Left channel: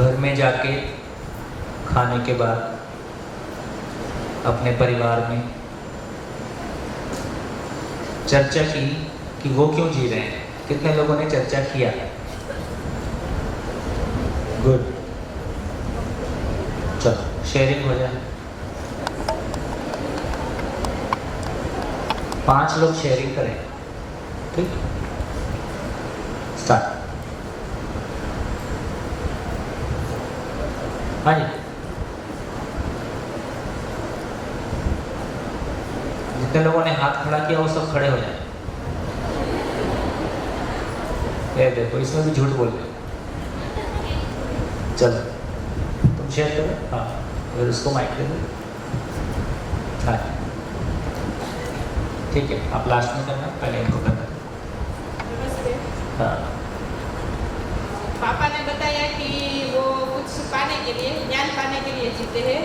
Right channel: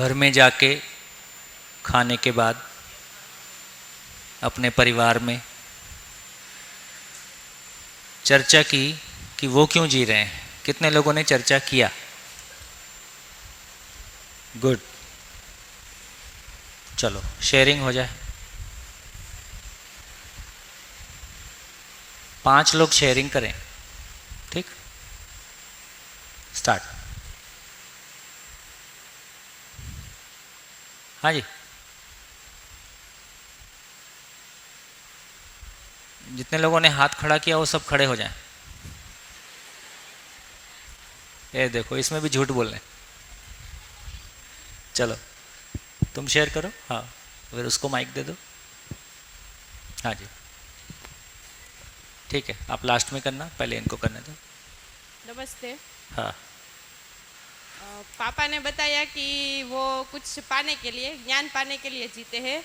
घर में जाके खाने के बाद अपने परिवार में चर्चा की कि वो क्यों जी रहे हैं? कितने लोगों ने चर्चा किया? गुड, चलो शेयरिंग हो जाए। 5 लोग शेयरिंग करें, ठीक है? स्टार्ट। आइए, जितने लोगों ने हाथ खड़ा किया वो सब खड़े हो जाए। ये देखो, इसमें भी झूठ बोल रहे। चलो तुम शेयर करो। हाँ, अगर उसको माइक दे दो। हाँ ठीक है, आप लास्ट में करना, पहले इनको करना दो। नमस्ते। हाँ, पापा ने बताया कि वो कुछ पाने के लिए, ज्ञान पाने के लिए जीते हैं,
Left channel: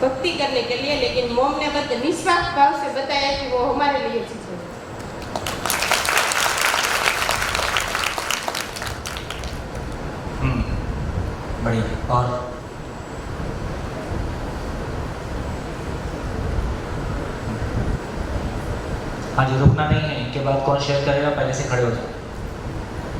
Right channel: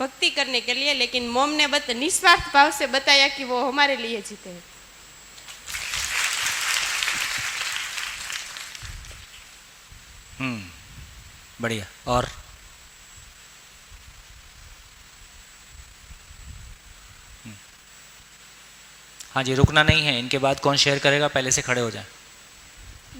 भक्ति करने के लिए, लेकिन मोम ने निस्वार्थ भाव से बताया कि वो हमारे लिए जीते हैं। बढ़िया। और हाँ जी, रुकना नहीं है। इनके बाद कौन शेयर करेगा? पहले से खड़े हो जाए।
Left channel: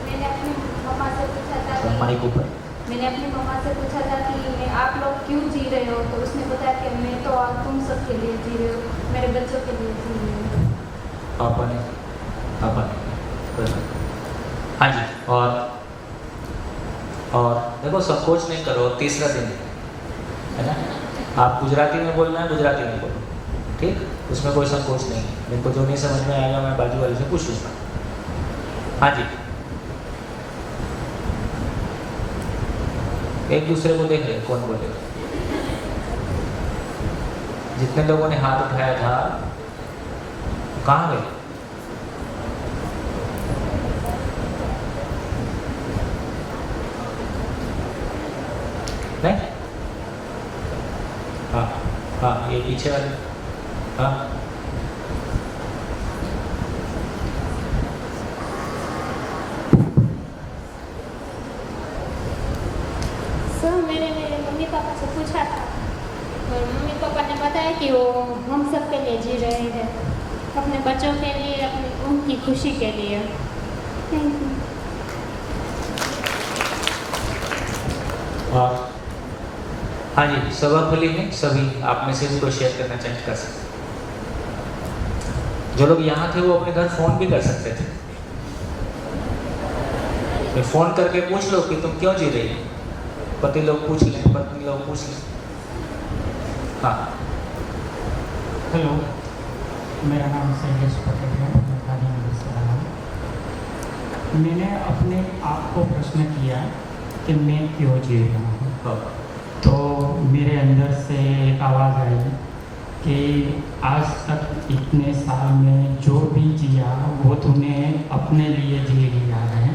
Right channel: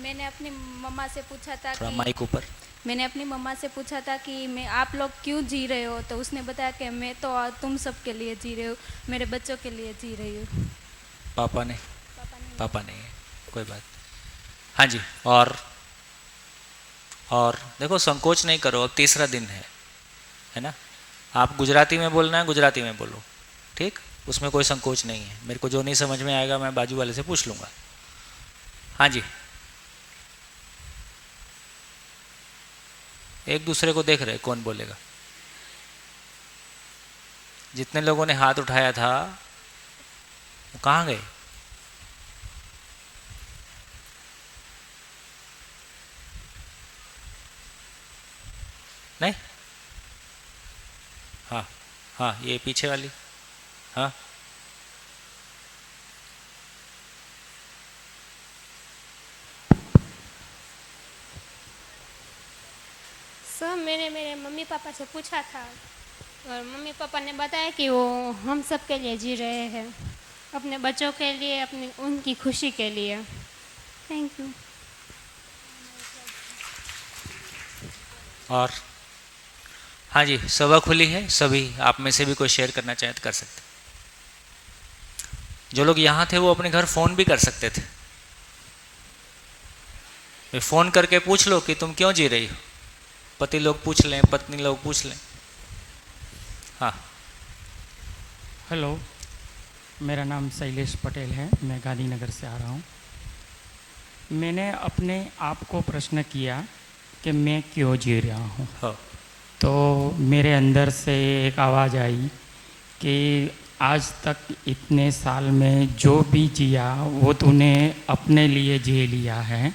मैंने अपनी मम्मा से पूछा था थोड़ा माइक ऊपर। मैंने अपनी मम्मा से पूछा था कि आप लोग क्यों जी रहे हो, तो उसने बताया कि मैं तो तुम सब के लिए जी रहे हो, मेरे बच्चों के लिए जी रही हूँ। पापा नहीं, पापा नहीं। हाँ जी। और देखो, संकोच नहीं करो, तीसरा दिन है ना? आप गुजराती में बोलना है, गुजराती में बोलो, ठीक? उसमें कोई संकोच नहीं है। मेरे को जो नहीं समझ में आएगा मैं बाजू वाले से पूछ लूँगा। हाँ जी, एक दूसरे को देख रहे कौन बोलेगा। जितने लोगों ने हाथ उठाया था कहाँ गए? नहीं? हाँ हाँ, ये पीछे वाले। हाँ, सर मैंने मेरे मम्मी पापा से पूछा था और मम्मी पापा ने बताया कि वो हम सब के लिए जी रहे हैं, अपने बच्चों के लिए, अपनी उनकी खुशी के लिए। Thank you. और हाँ जी, सभा खुली है, सभी आप में से भी कोई शेयर करना चाहे तो कर सकते हैं। जो लोग यहाँ थे वो अपने घर फ़ोन भी कर सकते थे। फ़ोन करके पूछ लो कि तुम क्यों जी रही हो। पति लोग पूछ लें, पत्नी लोग पूछ लें। हाँ, हेलो, मेरा नाम शैलेश पटेल है, मैं गांधीनगर से आया हूँ। मैंने अपने आप को प्रश्न किया कि मैं क्यों जी रहा हूँ। तो मेरे अंदर से एक आवाज़ आई कि आज तक इतने साल में जो भी जिया वो तूने अपने लिए जी लिया है,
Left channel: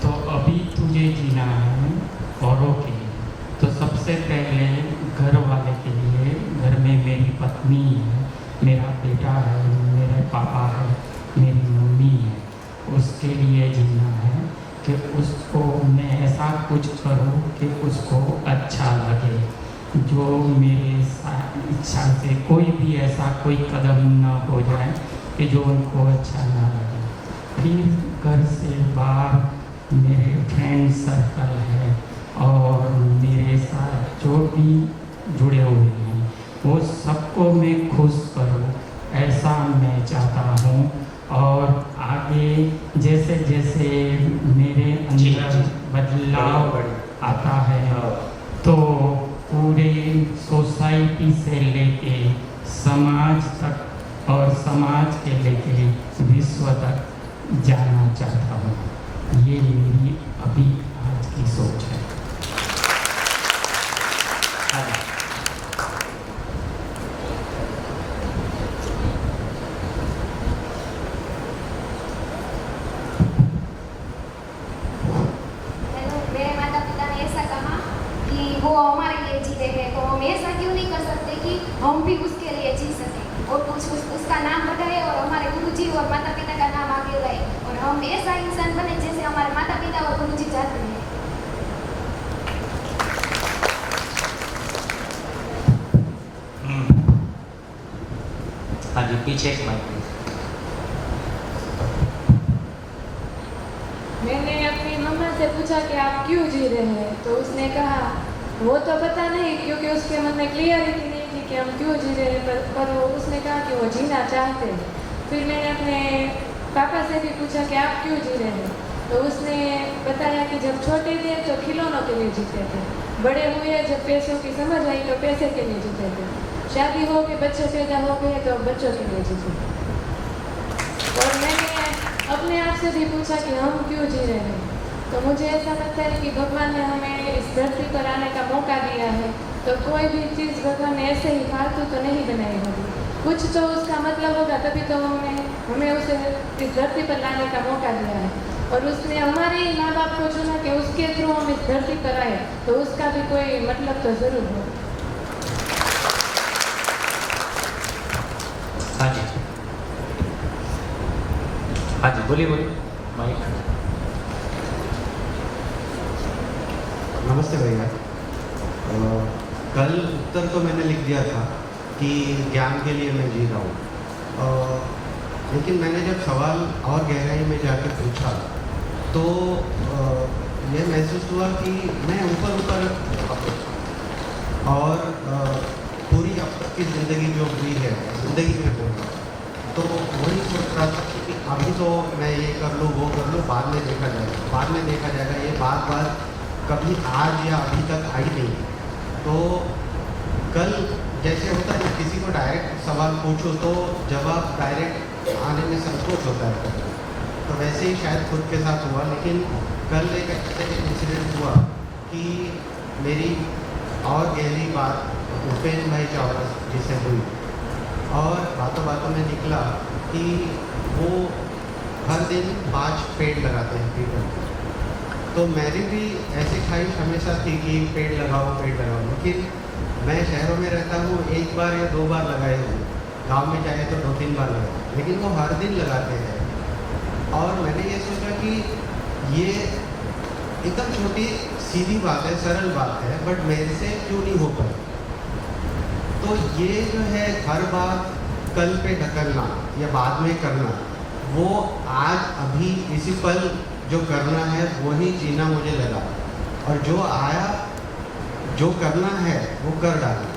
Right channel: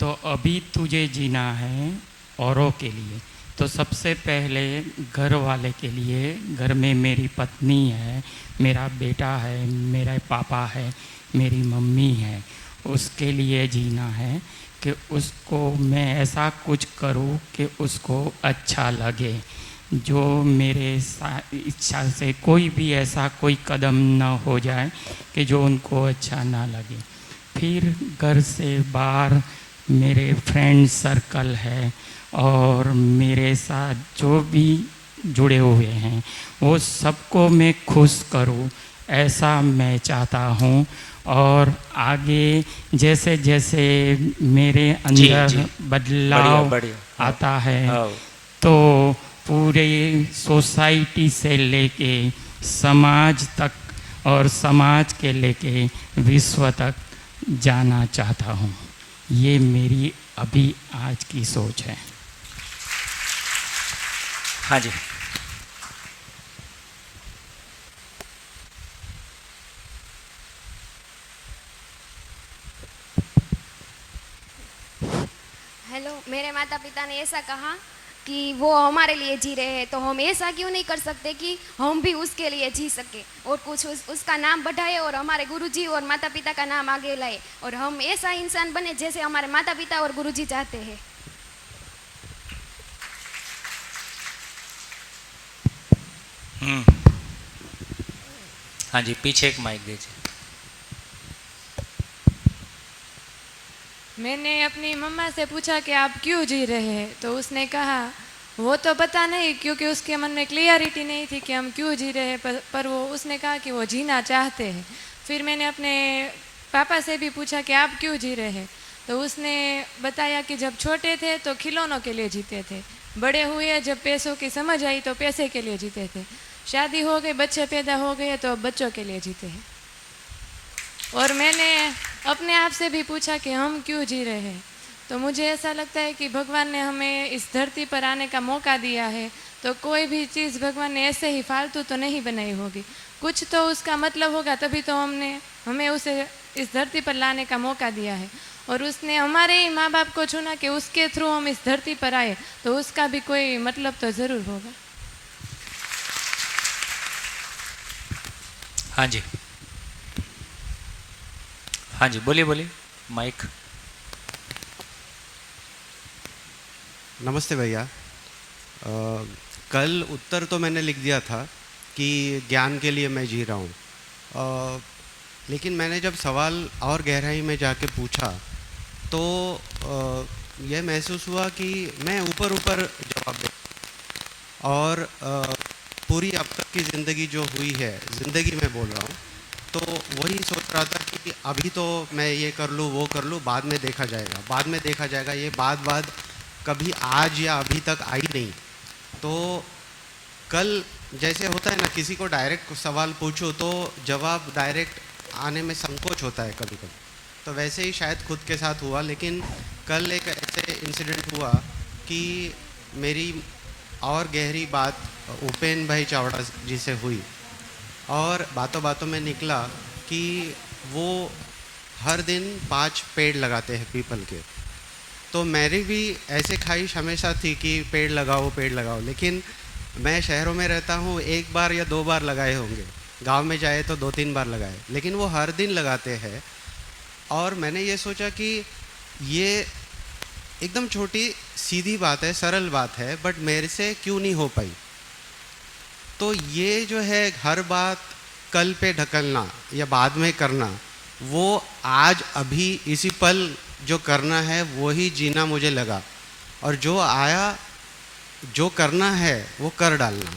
तो अभी तुझे जीना है औरों के लिए। तो सबसे पहले घर वाले के लिए, घर में मेरी पत्नी है, मेरा बेटा है, मेरे पापा है, मेरी मम्मी है, उसके लिए जीना है कि उसको मैं ऐसा कुछ करूं कि उसको अच्छा लगे। जो मेरे इच्छा से कोई भी ऐसा कोई कदम ना हो जाए कि जो उनको अच्छा ना लगे। फिर घर से बाहर मेरे फ्रेंड सर्कल है और मेरे साथ जो भी जुड़े हुए हैं वो सबको मैं खुश करूं, ऐसा मैं चाहता हूं। और आगे जैसे जैसे मेरे अंदर बदलाव आता है तो पूरे सोसाइटी से लेके समाज तक और समाज के लेके विश्व तक जाना चाहता हूँ। ये मेरी अभी आज की सोच है। हाँ जी। वो हमारे लिए जी रहे हैं, तो हम ऐसा क्यों नहीं कर सकते कि हम भी उसके लिए जी सकें और कुछ उसका नाम बढ़ाए और हमारे गुरुजी और माता पिता का नाम आगे लाए और हम ऐसा इंसान बने जैसे हमारे माता पिता और गुरुजी चाहते हैं। जी, पीछे एक माइक दीजिए। मैंने अपनी मम्मा से पूछा कि आप क्यों जी रहे हैं, तो उसने कहा वो तो पता नहीं, क्योंकि उसके मन में क्लियरिटी नहीं थी कि हम क्यों जी रहे हैं, पर वो उसने कहा कि वो जीना चाहते हैं। फिर मैंने अपने पापा से भी पूछा कि आप क्यों जी रहे हैं, तो उसने बताया कि जब छोटे थे तो खिलौनों के लिए जीते थे, बड़े हुए जब पैसों की समझ आई तो पैसे के लिए जीते थे, शादी हो गई, बच्चे पैदा हो गए तो बच्चों के लिए जीते। और मैंने अपने आप से भी पूछा कि हम क्यों जी रहे हैं, तो मुझे ऐसा लगता है कि भगवान ने हमें इस धरती पर आने का मौका दिया है, तो कोई भी चीज़ भगवान ने ऐसे ही फालतू तो नहीं बनाई होगी, कुछ तो उसका मतलब होगा, तभी तो हमें उसे इस धरती पर लाने का मौका दिया है। और उसने हमारे ही माँ बाप को चुना कि उसके थ्रू हम इस धरती पर आए, तो उसका भी कोई मतलब तो ज़रूर हो। हाँ जी, हाँ जी, बोलिए बोलिए, माइक। नमस्ते भैया। कल उत्तर तो मैंने लिख दिया था कि ज्ञान के लिए मैं जी रहा हूँ, लेकिन मैंने जब सवाल और गहराई में जाके पूछा तो यह महसूस हुआ कि मैं ऊपर ऊपर और पूरी अब तक की ज़िंदगी जो हुई है, ज़िंदगी में होता तो वही सोच रहा था कि अभी तो मैं ये कर लूँ वो कर लूँ, बाद में देखा जाएगा, बाद में देखा जाएगा, ये बात कभी आज या अभी तक आई नहीं। तो कल जैसे होता है ना, किसी को डायरेक्ट सवाल पूछो तो जवाब डायरेक्ट आने में संकोच होता है, तो वैसे ही शायद खुद के साथ हुआ। लेकिन कल एक ऐसे इंसिडेंट हुआ कि मेरी और गहरी बात उपेन भाई चावड़ा जी से हुई, और बातों बातों में निकला कि वो हर दिन 5 पेड़ लगाते हैं पीपल के। तो मेरी भी ऐसे ख्वाहिश हमेशा थी कि पेड़ लगाओ, लेकिन मैं शहरों में रहता हूँ, 1 बार या 2 बार लगाए होंगे, गांव में जाए तो 2-3 बार लगाए, लेकिन वो हर दिन लगाते हैं। और मैंने ये सोचा कि ये एकदम छोटी सीधी बात है, सरल बात है, बट मेरे से क्यों नहीं हो पाई। तो ये जो है हर बात कल पे ढकलना या बाद में करना, वो आज अभी इसी पल जो करना है वही जीना मुझे लगा, और जो आया जो करना है वो कर डालना,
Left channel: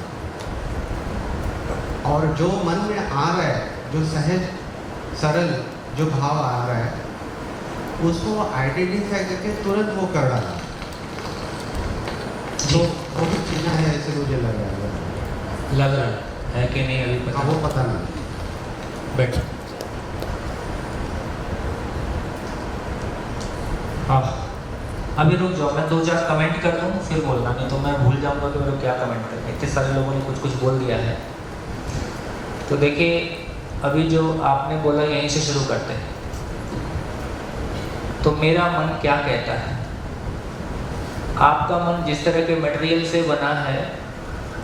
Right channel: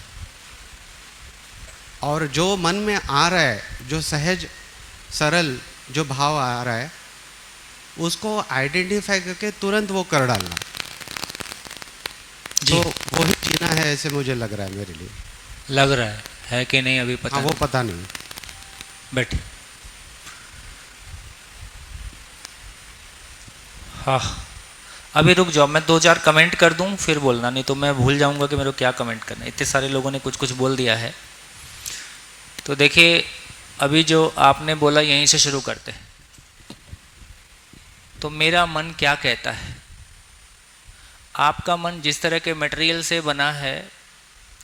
और जो मन में आ रहा है, जो सहज सरल जो भाव आ रहा है, उसको आइडेंटिफाई करके तुरंत वो कर डालना, तो वो भी जीना है, ऐसे मुझे लग रहा है। लग रहा है कि नहीं अभी पता? हाँ, वो पता नहीं। बैठो। हाँ, अभी रुक जाओ, मैं 2-4 कमेंट कर दूं फिर बोलना, नहीं तो मैं भूल जाऊंगा कि मेरे को क्या कमेंट करना है। इतने सारे लोगों ने कुछ कुछ बोल दिया है। तो देखिए, अभी जो आपने बोला यहीं से शुरू करते हैं। तो मेरा मन क्या कहता है? आपका मन जिस तरह के मटेरियल से बना है,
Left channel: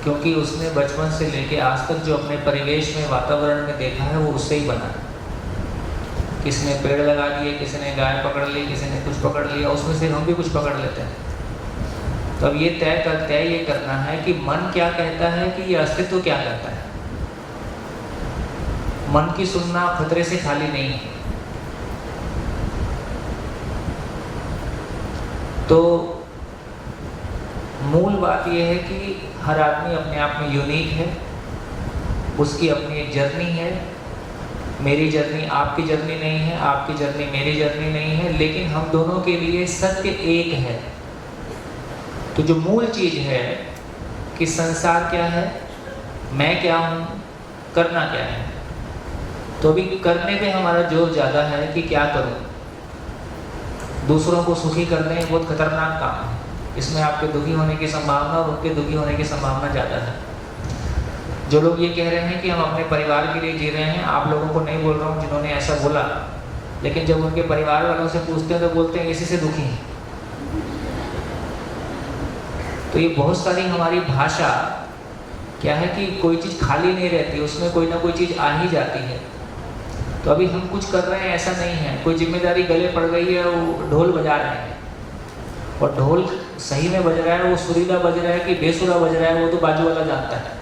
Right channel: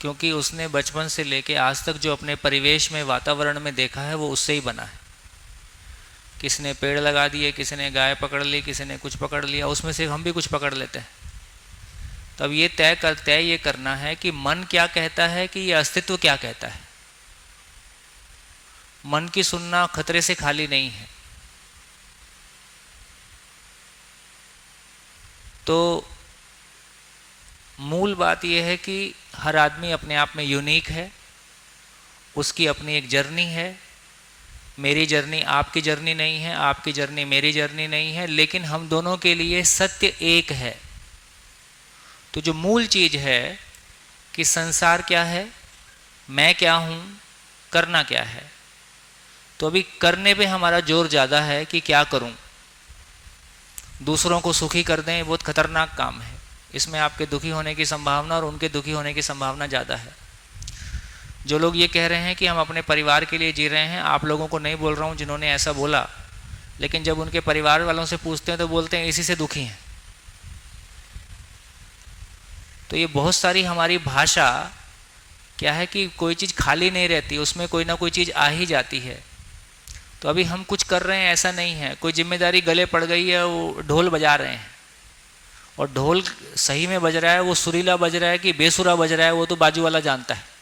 क्योंकि उसने बचपन से लेके आज तक जो अपने परिवेश में, वातावरण में देखा है, वो उससे ही बना है। किसी ने पेड़ लगा दिए, किसी ने गाय पकड़ ली, किसी ने कुछ पकड़ लिया, उसमें से हम भी कुछ पकड़ लेते हैं। तो अब ये तय करना है कि मन क्या कहता है, कि ये अस्तित्व क्या कहता है। मन की सुनना खतरे से खाली नहीं है। तो मूल बात यह है कि हर आदमी अपने आप में यूनिक है, उसकी अपनी एक जर्नी है। मेरी जर्नी आपकी जर्नी नहीं है, आपकी जर्नी मेरी जर्नी नहीं है, लेकिन हम दोनों के लिए सत्य एक है। तो जो मूल चीज है कि संसार क्या है, मैं क्या हूँ, करना क्या है। तो अभी करने पे हमारा जोर ज़्यादा है कि क्या करूँ। दूसरों को सुखी कर दें, बहुत खतरनाक काम है। इसमें आपके दुखी होने की संभावना और उनके दुखी होने की संभावना ज़्यादा है। जो लोग ये कह रहे हैं कि हम अपने परिवार के लिए जी रहे हैं, आप लोगों को नहीं बोल रहा हूँ जिन्होंने ऐसा बोला, लेकिन जब उनके परिवार वालों से पूछते हैं तो बोलते हैं इसी से दुखी हैं। तो ये बहुत सारी हमारी भाषा क्या है कि कोई चीज़ खाली नहीं रहती, उसमें कोई ना कोई चीज़ आ ही जाती है। तो अभी हम कुछ कर रहे हैं ऐसा नहीं है, कोई जिम्मेदारी गले पड़ गई है, वो ढोल बजा रहे हैं, और ढोल सही में बज रहा है, वो सुरीला बज रहा है कि बेसुरा बज रहा है, वो तो बाजू वाला जानता है,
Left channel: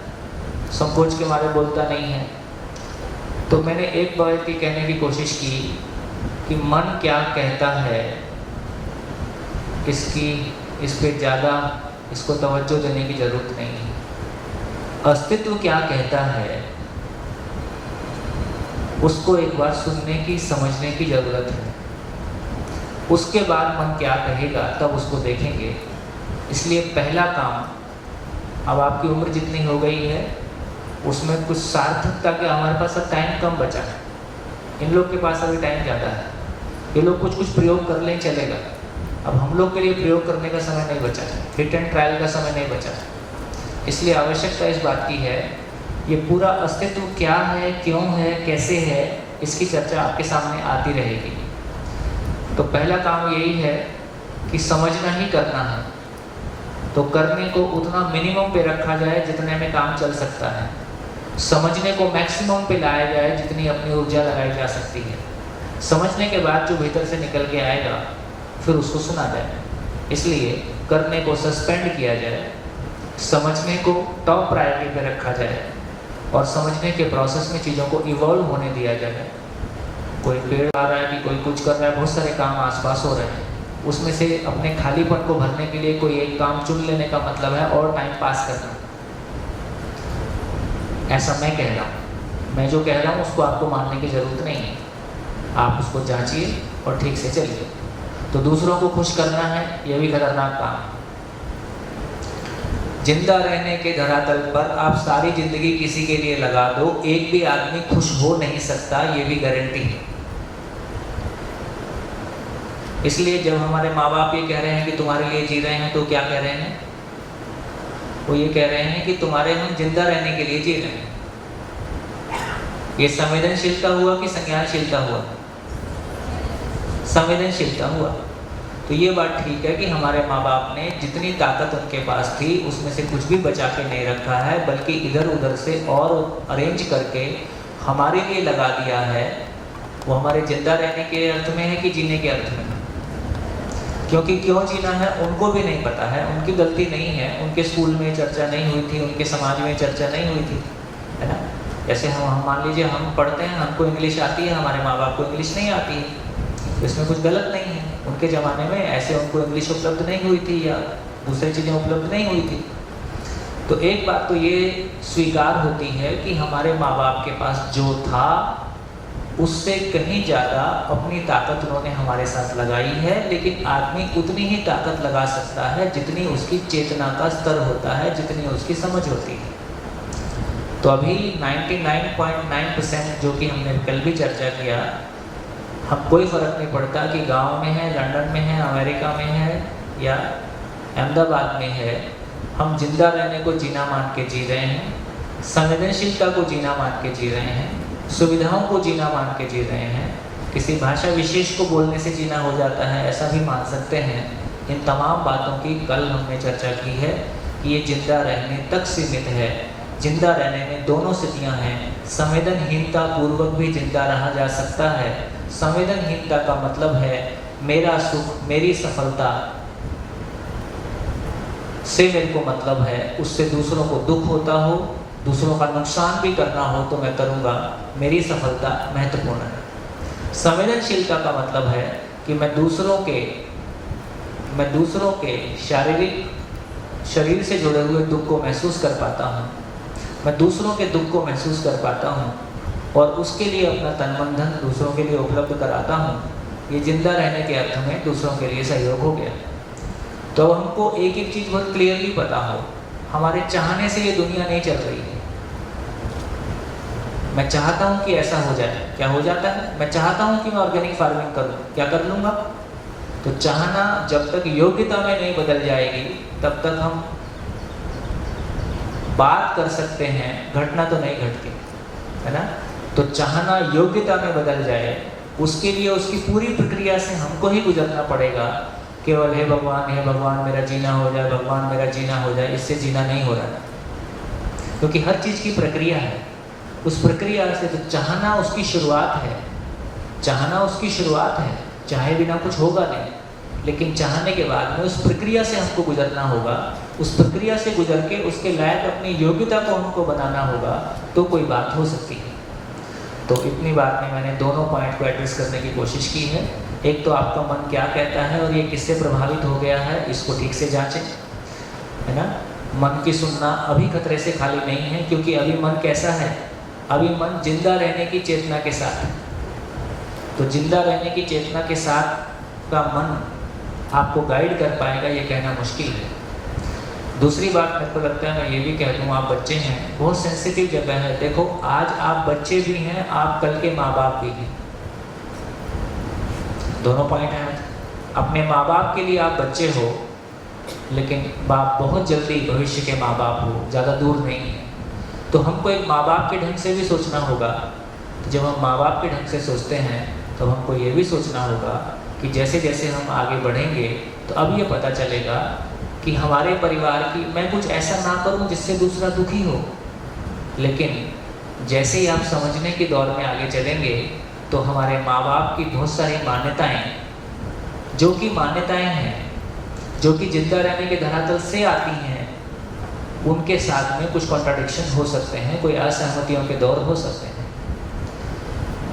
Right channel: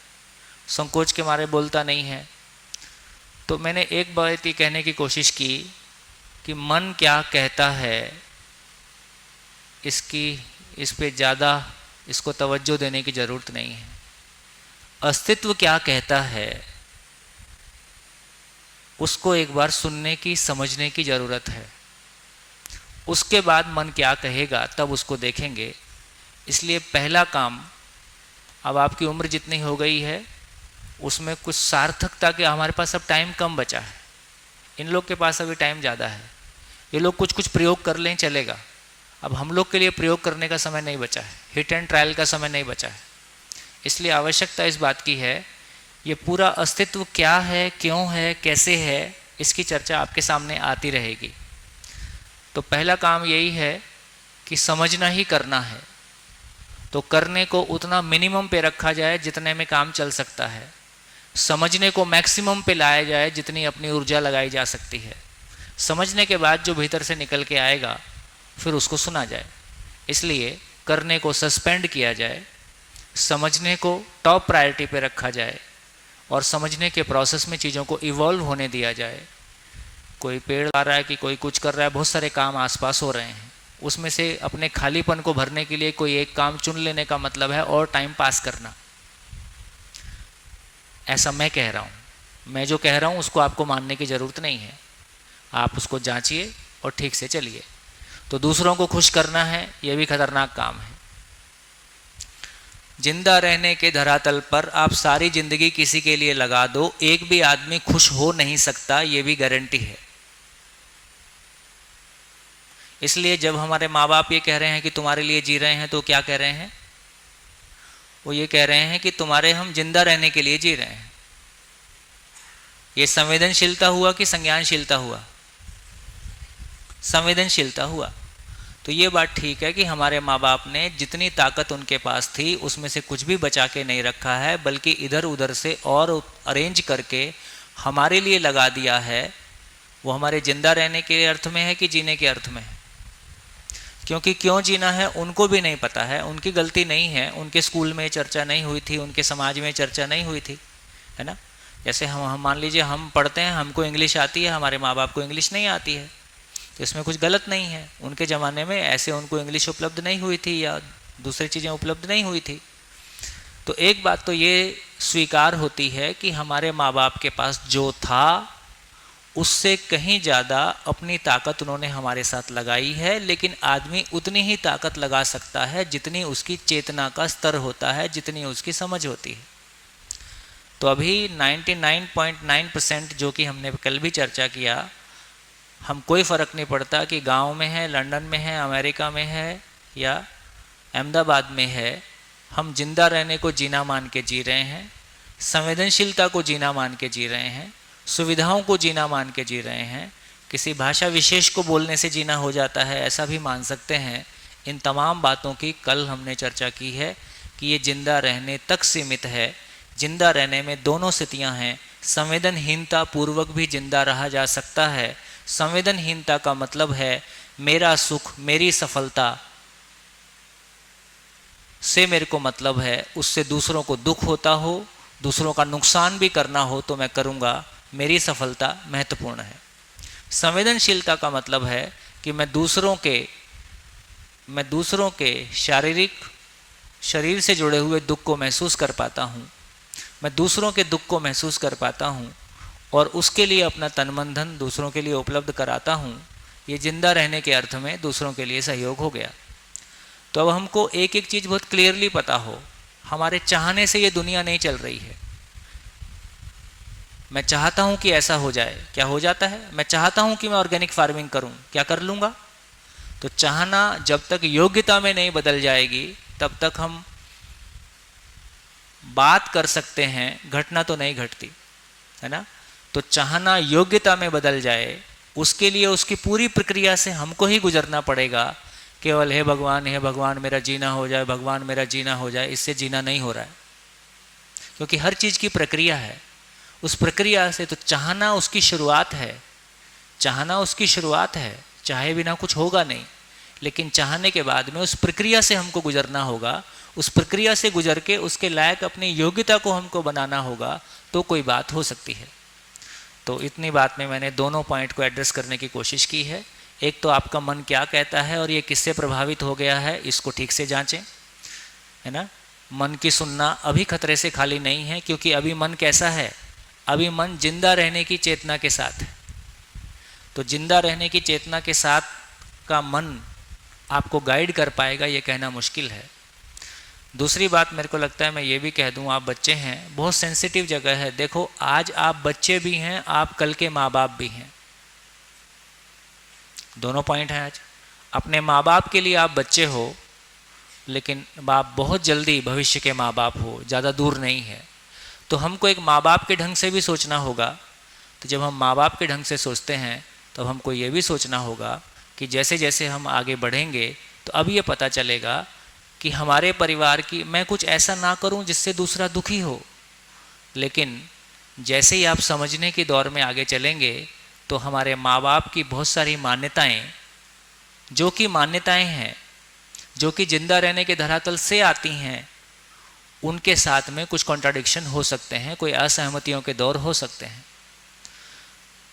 संकोच के मारे बोलता नहीं है। तो मैंने एक बात ये कहने की कोशिश की कि मन क्या कहता है, इस पे ज़्यादा इसको तवज्जो देने की ज़रूरत नहीं है। अस्तित्व क्या कहता है उसको एक बार सुनने की, समझने की ज़रूरत है। उसके बाद मन क्या कहेगा तब उसको देखेंगे। इसलिए पहला काम, अब आपकी उम्र जितनी हो गई है उसमें कुछ सार्थकता के, हमारे पास अब टाइम कम बचा है, इन लोग के पास अभी टाइम ज़्यादा है, ये लोग कुछ कुछ प्रयोग कर लें चलेगा। अब हम लोग के लिए प्रयोग करने का समय नहीं बचा है, हिट एंड ट्रायल का समय नहीं बचा है। इसलिए आवश्यकता इस बात की है, ये पूरा अस्तित्व क्या है, क्यों है, कैसे है, इसकी चर्चा आपके सामने आती रहेगी। तो पहला काम यही है कि समझना ही करना है, तो करने को उतना मिनिमम पे रखा जाए जितने में काम चल सकता है, समझने को मैक्सिमम पे लाया जाए जितनी अपनी ऊर्जा लगाई जा सकती है। समझने के बाद जो भीतर से निकल के आएगा फिर उसको सुना जाए। इसलिए करने को सस्पेंड किया जाए, समझने को टॉप प्रायोरिटी पे रखा जाए और समझने के प्रोसेस में चीज़ों को इवॉल्व होने दिया जाए। कोई पेड़ आ रहा है कि कोई कुछ कर रहा है, बहुत सारे काम आसपास हो रहे हैं, उसमें से अपने खालीपन को भरने के लिए कोई एक काम चुन लेने का मतलब है और टाइम पास करना। ऐसा मैं कह रहा हूँ, मैं जो कह रहा हूँ उसको आपको मानने की ज़रूरत नहीं है, आप उसको जांचिए और ठीक से चलिए। तो दूसरों को खुश करना है, यह भी खतरनाक काम है। जिंदा रहने के धरातल पर आप सारी जिंदगी किसी के लिए लगा दो, एक भी आदमी खुश हो नहीं सकता, ये भी गारंटी है। इसलिए जब हमारे माँ बाप ये कह रहे हैं कि तुम्हारे लिए जी रहे हैं, तो क्या कह रहे हैं? वो ये कह रहे हैं कि तुम्हारे हम जिंदा रहने के लिए जी रहे हैं। ये संवेदनशीलता हुआ कि संज्ञानशीलता हुआ? संवेदनशीलता हुआ। तो ये बात ठीक है कि हमारे माँ बाप ने जितनी ताकत उनके पास थी उसमें से कुछ भी बचा के नहीं रखा है, बल्कि इधर उधर से और अरेंज करके हमारे लिए लगा दिया है। वो हमारे जिंदा रहने के अर्थ में है कि जीने के अर्थ में है? क्योंकि क्यों जीना है उनको भी नहीं पता है, उनकी गलती नहीं है, उनके स्कूल में चर्चा नहीं हुई थी, उनके समाज में चर्चा नहीं हुई थी, है ना। जैसे हम मान लीजिए हम पढ़ते हैं, हमको इंग्लिश आती है, हमारे माँ बाप को इंग्लिश नहीं आती है, इसमें कुछ गलत नहीं है। उनके ज़माने में ऐसे उनको इंग्लिश उपलब्ध नहीं हुई थी या दूसरी चीज़ें उपलब्ध नहीं हुई थी। तो एक बात तो ये स्वीकार होती है कि हमारे माँ बाप के पास जो था उससे कहीं ज़्यादा अपनी ताकत उन्होंने हमारे साथ लगाई है, लेकिन आदमी उतनी ही ताकत लगा सकता है जितनी उसकी चेतना का स्तर होता है, जितनी उसकी समझ होती है। तो अभी 99.9% जो कि हमने कल भी चर्चा किया, हम कोई फ़र्क नहीं पड़ता कि गांव में है, लंदन में है, अमेरिका में है या अहमदाबाद में है, हम जिंदा रहने को जीना मान के जी रहे हैं, संवेदनशीलता को जीना मान के जी रहे हैं, सुविधाओं को जीना मान के जी रहे हैं, किसी भाषा विशेष को बोलने से जीना हो जाता है ऐसा भी मान सकते हैं। इन तमाम बातों की कल हमने चर्चा की है कि ये जिंदा रहने तक सीमित है। जिंदा रहने में दोनों स्थितियां हैं, संवेदनहीनता पूर्वक भी जिंदा रहा जा सकता है। संवेदनहीनता का मतलब है मेरा सुख, मेरी सफलता से मेरे को मतलब है, उससे दूसरों को दुख होता हो, दूसरों का नुकसान भी करना हो तो मैं करूँगा, मेरी सफलता महत्वपूर्ण है। संवेदनशीलता का मतलब है कि मैं दूसरों के शारीरिक शरीर से जुड़े हुए दुख को महसूस कर पाता हूँ, मैं दूसरों के दुख को महसूस कर पाता हूँ और उसके लिए अपना तन मन धन दूसरों के लिए उपलब्ध कराता हूँ। ये जिंदा रहने के अर्थ में दूसरों के लिए सहयोग हो गया। तो अब हमको एक एक चीज़ बहुत क्लियरली पता हो, हमारे चाहने से ये दुनिया नहीं चल रही है। मैं चाहता हूँ कि ऐसा हो जाए, क्या हो जाता है? मैं चाहता हूँ कि मैं ऑर्गेनिक फार्मिंग करूँ, क्या कर लूँगा? तो चाहना जब तक योग्यता में नहीं बदल जाएगी तब तक हम बात कर सकते हैं, घटना तो नहीं घटती, है ना। तो चाहना योग्यता में बदल जाए, उसके लिए उसकी पूरी प्रक्रिया से हमको ही गुजरना पड़ेगा। केवल हे भगवान मेरा जीना हो जाए, भगवान मेरा जीना हो जाए, इससे जीना नहीं हो रहा है, क्योंकि हर चीज़ की प्रक्रिया है। उस प्रक्रिया से तो चाहना उसकी शुरुआत है, चाहना उसकी शुरुआत है, चाहे बिना कुछ होगा नहीं, लेकिन चाहने के बाद में उस प्रक्रिया से हमको गुजरना होगा। उस प्रक्रिया से गुजर के उसके लायक अपनी योग्यता को हमको बनाना होगा, तो कोई बात हो सकती है। तो इतनी बात में मैंने दोनों पॉइंट को एड्रेस करने की कोशिश की है। एक तो आपका मन क्या कहता है और ये किससे प्रभावित हो गया है, इसको ठीक से जांचें, है ना। मन की सुनना अभी खतरे से खाली नहीं है, क्योंकि अभी मन कैसा है, अभी मन जिंदा रहने की चेतना के साथ है। तो जिंदा रहने की चेतना के साथ का मन आपको गाइड कर पाएगा, ये कहना मुश्किल है। दूसरी बात मेरे को लगता है मैं ये भी कह दूँ, आप बच्चे हैं, बहुत सेंसिटिव जगह है। देखो आज आप बच्चे भी हैं, आप कल के माँ बाप भी हैं, दोनों पॉइंट हैं। आज अपने माँ बाप के लिए आप बच्चे हो, लेकिन बाप बहुत जल्दी भविष्य के माँ बाप हो, ज़्यादा दूर नहीं है। तो हमको एक माँ बाप के ढंग से भी सोचना होगा। तो जब हम माँ बाप के ढंग से सोचते हैं तो हमको ये भी सोचना होगा कि जैसे जैसे हम आगे बढ़ेंगे तो अब ये पता चलेगा कि हमारे परिवार की, मैं कुछ ऐसा ना करूं जिससे दूसरा दुखी हो, लेकिन जैसे ही आप समझने के दौर में आगे चलेंगे तो हमारे माँ बाप की बहुत सारी मान्यताएं, जो कि मान्यताएं हैं, जो कि जिंदा रहने के धरातल से आती हैं, उनके साथ में कुछ कॉन्ट्राडिक्शन हो सकते हैं, कोई असहमतियों के दौर हो सकते हैं।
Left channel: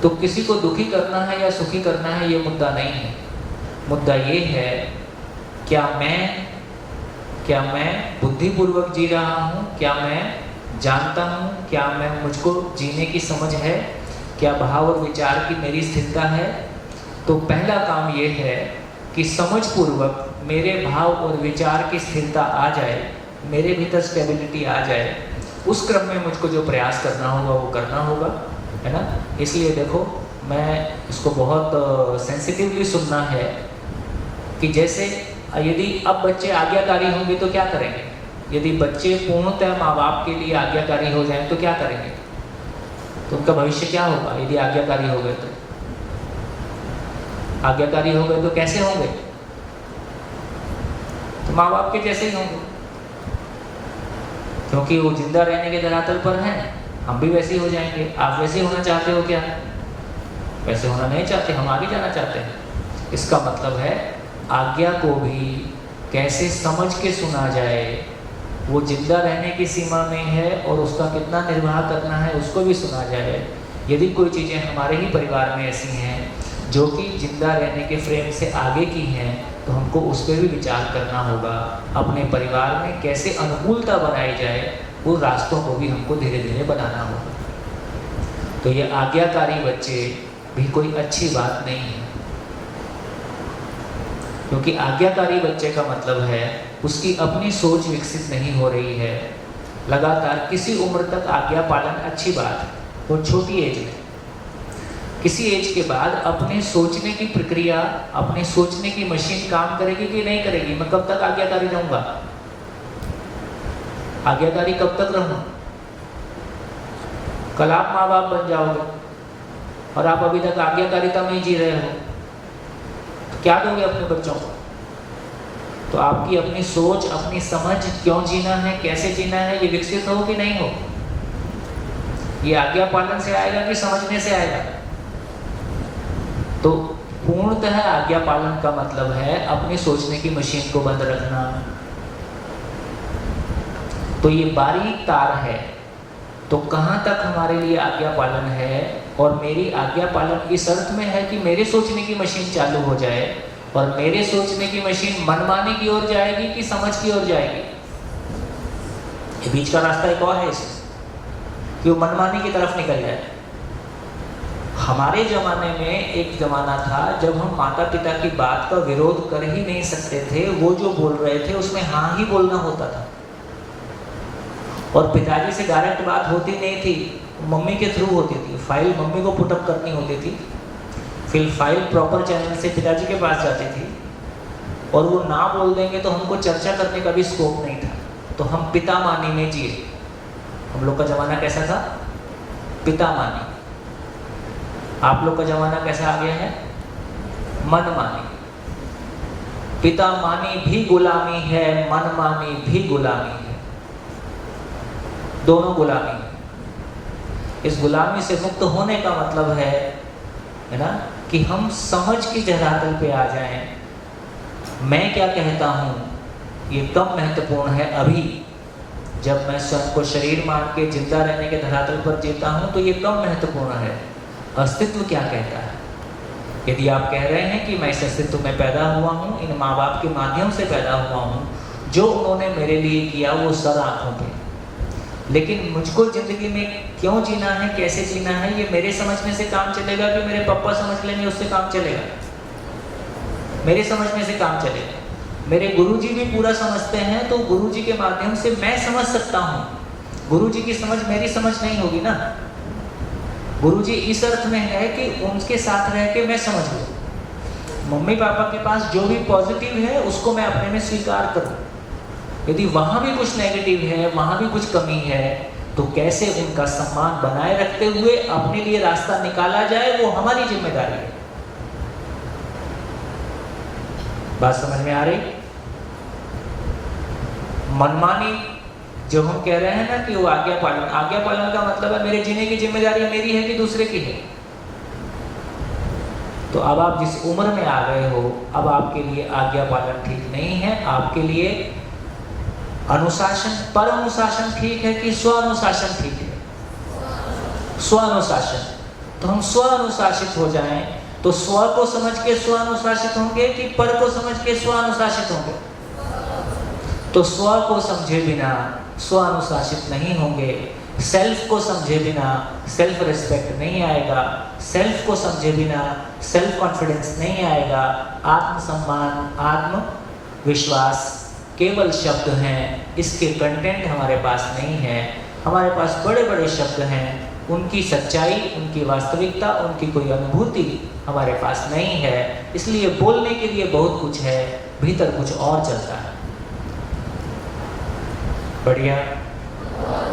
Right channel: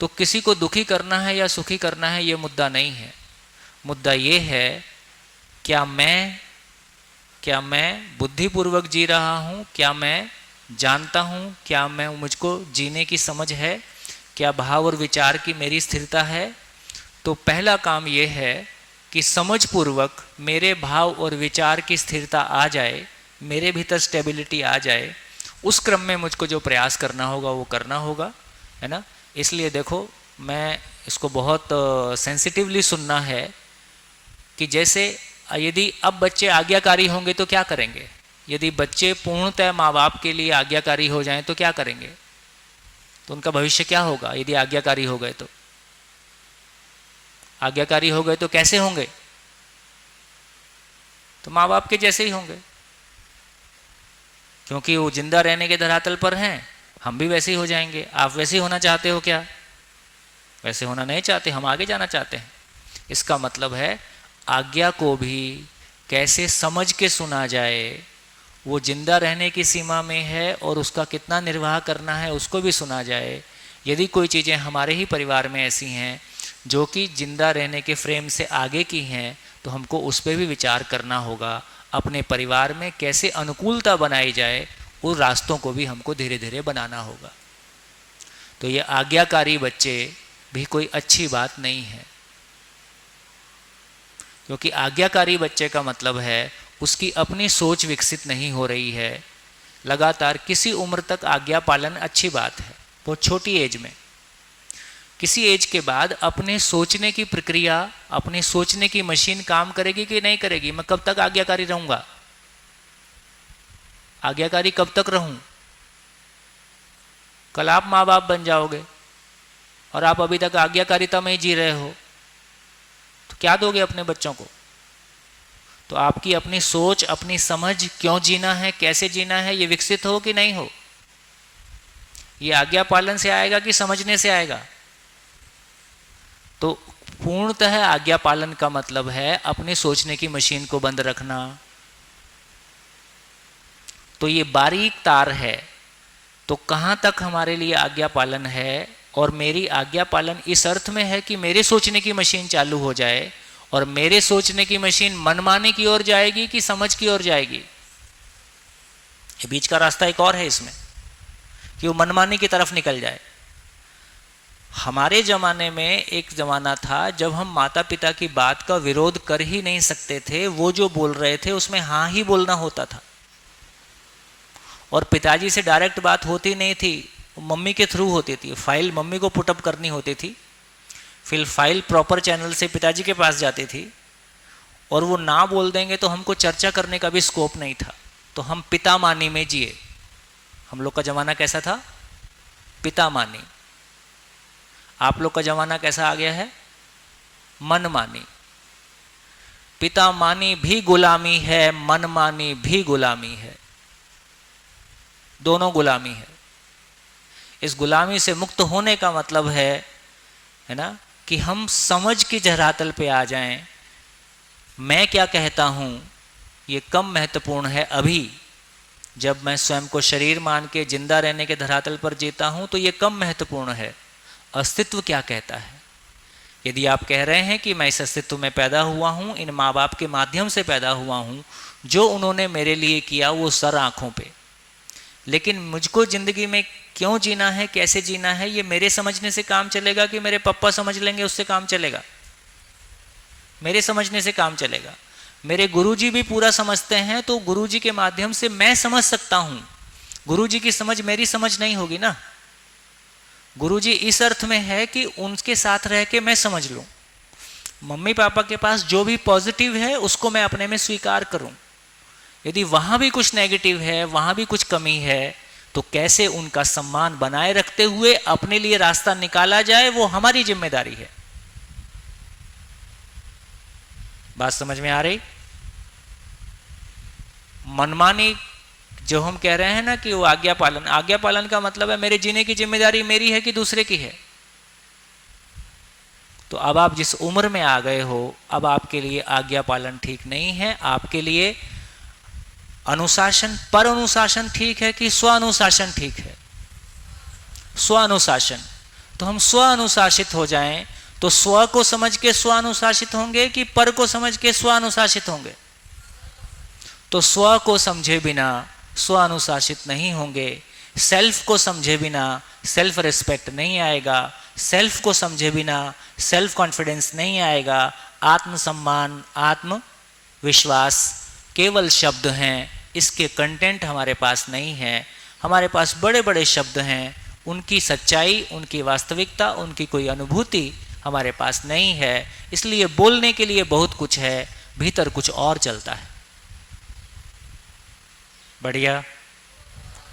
तो किसी को दुखी करना है या सुखी करना है, ये मुद्दा नहीं है। मुद्दा ये है, क्या मैं बुद्धिपूर्वक जी रहा हूँ, क्या मैं जानता हूँ, क्या मैं मुझको जीने की समझ है, क्या भाव और विचार की मेरी स्थिरता है। तो पहला काम ये है कि समझपूर्वक मेरे भाव और विचार की स्थिरता आ जाए, मेरे भीतर स्टेबिलिटी आ जाए। उस क्रम में मुझको जो प्रयास करना होगा वो करना होगा, है ना। इसलिए देखो, मैं इसको बहुत सेंसिटिवली सुनना है कि जैसे यदि अब बच्चे आज्ञाकारी होंगे तो क्या करेंगे, यदि बच्चे पूर्णतः माँ बाप के लिए आज्ञाकारी हो जाएं तो क्या करेंगे, तो उनका भविष्य क्या होगा। यदि आज्ञाकारी हो गए तो, आज्ञाकारी हो गए तो कैसे होंगे, तो माँ बाप के जैसे ही होंगे, क्योंकि वो जिंदा रहने के धरातल पर हैं। हम भी वैसे ही हो जाएंगे। आप वैसे ही होना चाहते हो क्या? वैसे होना नहीं चाहते, हम आगे जाना चाहते हैं। इसका मतलब है आज्ञा को भी कैसे समझ के सुना जाए, वो जिंदा रहने की सीमा में है और उसका कितना निर्वाह करना है उसको भी सुना जाए। यदि कोई चीज़ें हमारे ही परिवार में ऐसी हैं जो कि जिंदा रहने के फ्रेम से आगे की हैं, तो हमको उस पर भी विचार करना होगा। अपने परिवार में कैसे अनुकूलता बनाई जाए, उन रास्तों को भी हमको धीरे धीरे बनाना होगा। तो ये आज्ञाकारी बच्चे भी कोई अच्छी बात नहीं है, क्योंकि आज्ञाकारी बच्चे का मतलब है उसकी अपनी सोच विकसित नहीं हो रही है। लगातार किसी उम्र तक आज्ञा पालन अच्छी बात है, वो छोटी एज में। किसी एज के बाद अपने सोचने की प्रक्रिया, अपने सोचने की मशीन काम करेगी कि नहीं करेगी। मैं कब तक आज्ञाकारी रहूँगा, आज्ञाकारी कब तक रहूँ? कल आप माँ बाप बन जाओगे और आप अभी तक आज्ञाकारिता में ही जी रहे हो, तो क्या दोगे अपने बच्चों को? तो आपकी अपनी सोच, अपनी समझ, क्यों जीना है, कैसे जीना है, ये विकसित हो कि नहीं हो? ये आज्ञा पालन से आएगा कि समझने से आएगा? तो पूर्णतः आज्ञा पालन का मतलब है अपनी सोचने की मशीन को बंद रखना। तो ये बारीक तार है। तो कहाँ तक हमारे लिए आज्ञा पालन है? और मेरी आज्ञा पालन इस अर्थ में है कि मेरे सोचने की मशीन चालू हो जाए, और मेरे सोचने की मशीन मनमाने की ओर जाएगी कि समझ की ओर जाएगी। ये बीच का रास्ता एक और है इसमें, कि वो मनमाने की तरफ निकल जाए। हमारे ज़माने में एक ज़माना था जब हम माता पिता की बात का विरोध कर ही नहीं सकते थे। वो जो बोल रहे थे उसमें हाँ ही बोलना होता था, और पिताजी से डायरेक्ट बात होती नहीं थी, मम्मी के थ्रू होती थी। फाइल मम्मी को पुटअप करनी होती थी, फिर फाइल प्रॉपर चैनल से पिताजी के पास जाती थी, और वो ना बोल देंगे तो हमको चर्चा करने का भी स्कोप नहीं था। तो हम पिता मानी में जिए। हम लोग का ज़माना कैसा था? पिता मानी। आप लोग का ज़माना कैसा आ गया है? मन मानी। पिता मानी भी गुलामी है, मन मानी भी गुलामी है, दोनों गुलामी है। इस गुलामी से मुक्त होने का मतलब है ना, कि हम समझ की धरातल पे आ जाएं। मैं क्या कहता हूँ ये कम महत्वपूर्ण है। अभी जब मैं स्वयं को शरीर मान के जिंदा रहने के धरातल पर जीता हूँ तो ये कम महत्वपूर्ण है। अस्तित्व क्या कहता है। यदि आप कह रहे हैं कि मैं इस अस्तित्व में पैदा हुआ हूँ, इन माँ बाप के माध्यम से पैदा हुआ हूँ, जो उन्होंने मेरे लिए किया वो सर आँखों पे, लेकिन मुझको ज़िंदगी में क्यों जीना है, कैसे जीना है, ये मेरे समझने से काम चलेगा कि मेरे पापा समझ लेंगे उससे काम चलेगा? मेरे समझने से काम चलेगा। मेरे गुरुजी भी पूरा समझते हैं तो गुरुजी के माध्यम से मैं समझ सकता हूँ। गुरुजी की समझ मेरी समझ नहीं होगी ना। गुरुजी इस अर्थ में है कि उनके साथ रह के मैं समझ लूँ। मम्मी पापा के पास जो भी पॉजिटिव है उसको मैं अपने में स्वीकार करूँ। यदि वहाँ भी कुछ नेगेटिव है, वहाँ भी कुछ कमी है, तो कैसे उनका सम्मान बनाए रखते हुए अपने लिए रास्ता निकाला जाए, वो हमारी जिम्मेदारी है। बात समझ में आ रही? मनमानी जो हम कह रहे हैं ना कि वो आज्ञा पालन, आज्ञा पालन का मतलब है मेरे जीने की जिम्मेदारी मेरी है कि दूसरे की है। तो अब आप जिस उम्र में आ गए हो, अब आपके लिए आज्ञा पालन ठीक नहीं है, आपके लिए अनुशासन, पर अनुशासन ठीक है कि स्व अनुशासन ठीक है? स्व अनुशासन। तो हम स्व अनुशासित हो जाएं तो स्व को समझ के स्व अनुशासित होंगे कि पर को समझ के स्व अनुशासित होंगे? तो स्व को समझे बिना स्व अनुशासित नहीं होंगे, सेल्फ को समझे बिना सेल्फ रिस्पेक्ट नहीं आएगा, सेल्फ को समझे बिना सेल्फ कॉन्फिडेंस नहीं आएगा। आत्मसम्मान, आत्मविश्वास केवल शब्द हैं, इसके कंटेंट हमारे पास नहीं है। हमारे पास बड़े बड़े शब्द हैं, उनकी सच्चाई, उनकी वास्तविकता, उनकी कोई अनुभूति हमारे पास नहीं है। इसलिए बोलने के लिए बहुत कुछ है, भीतर कुछ और चलता है। बढ़िया,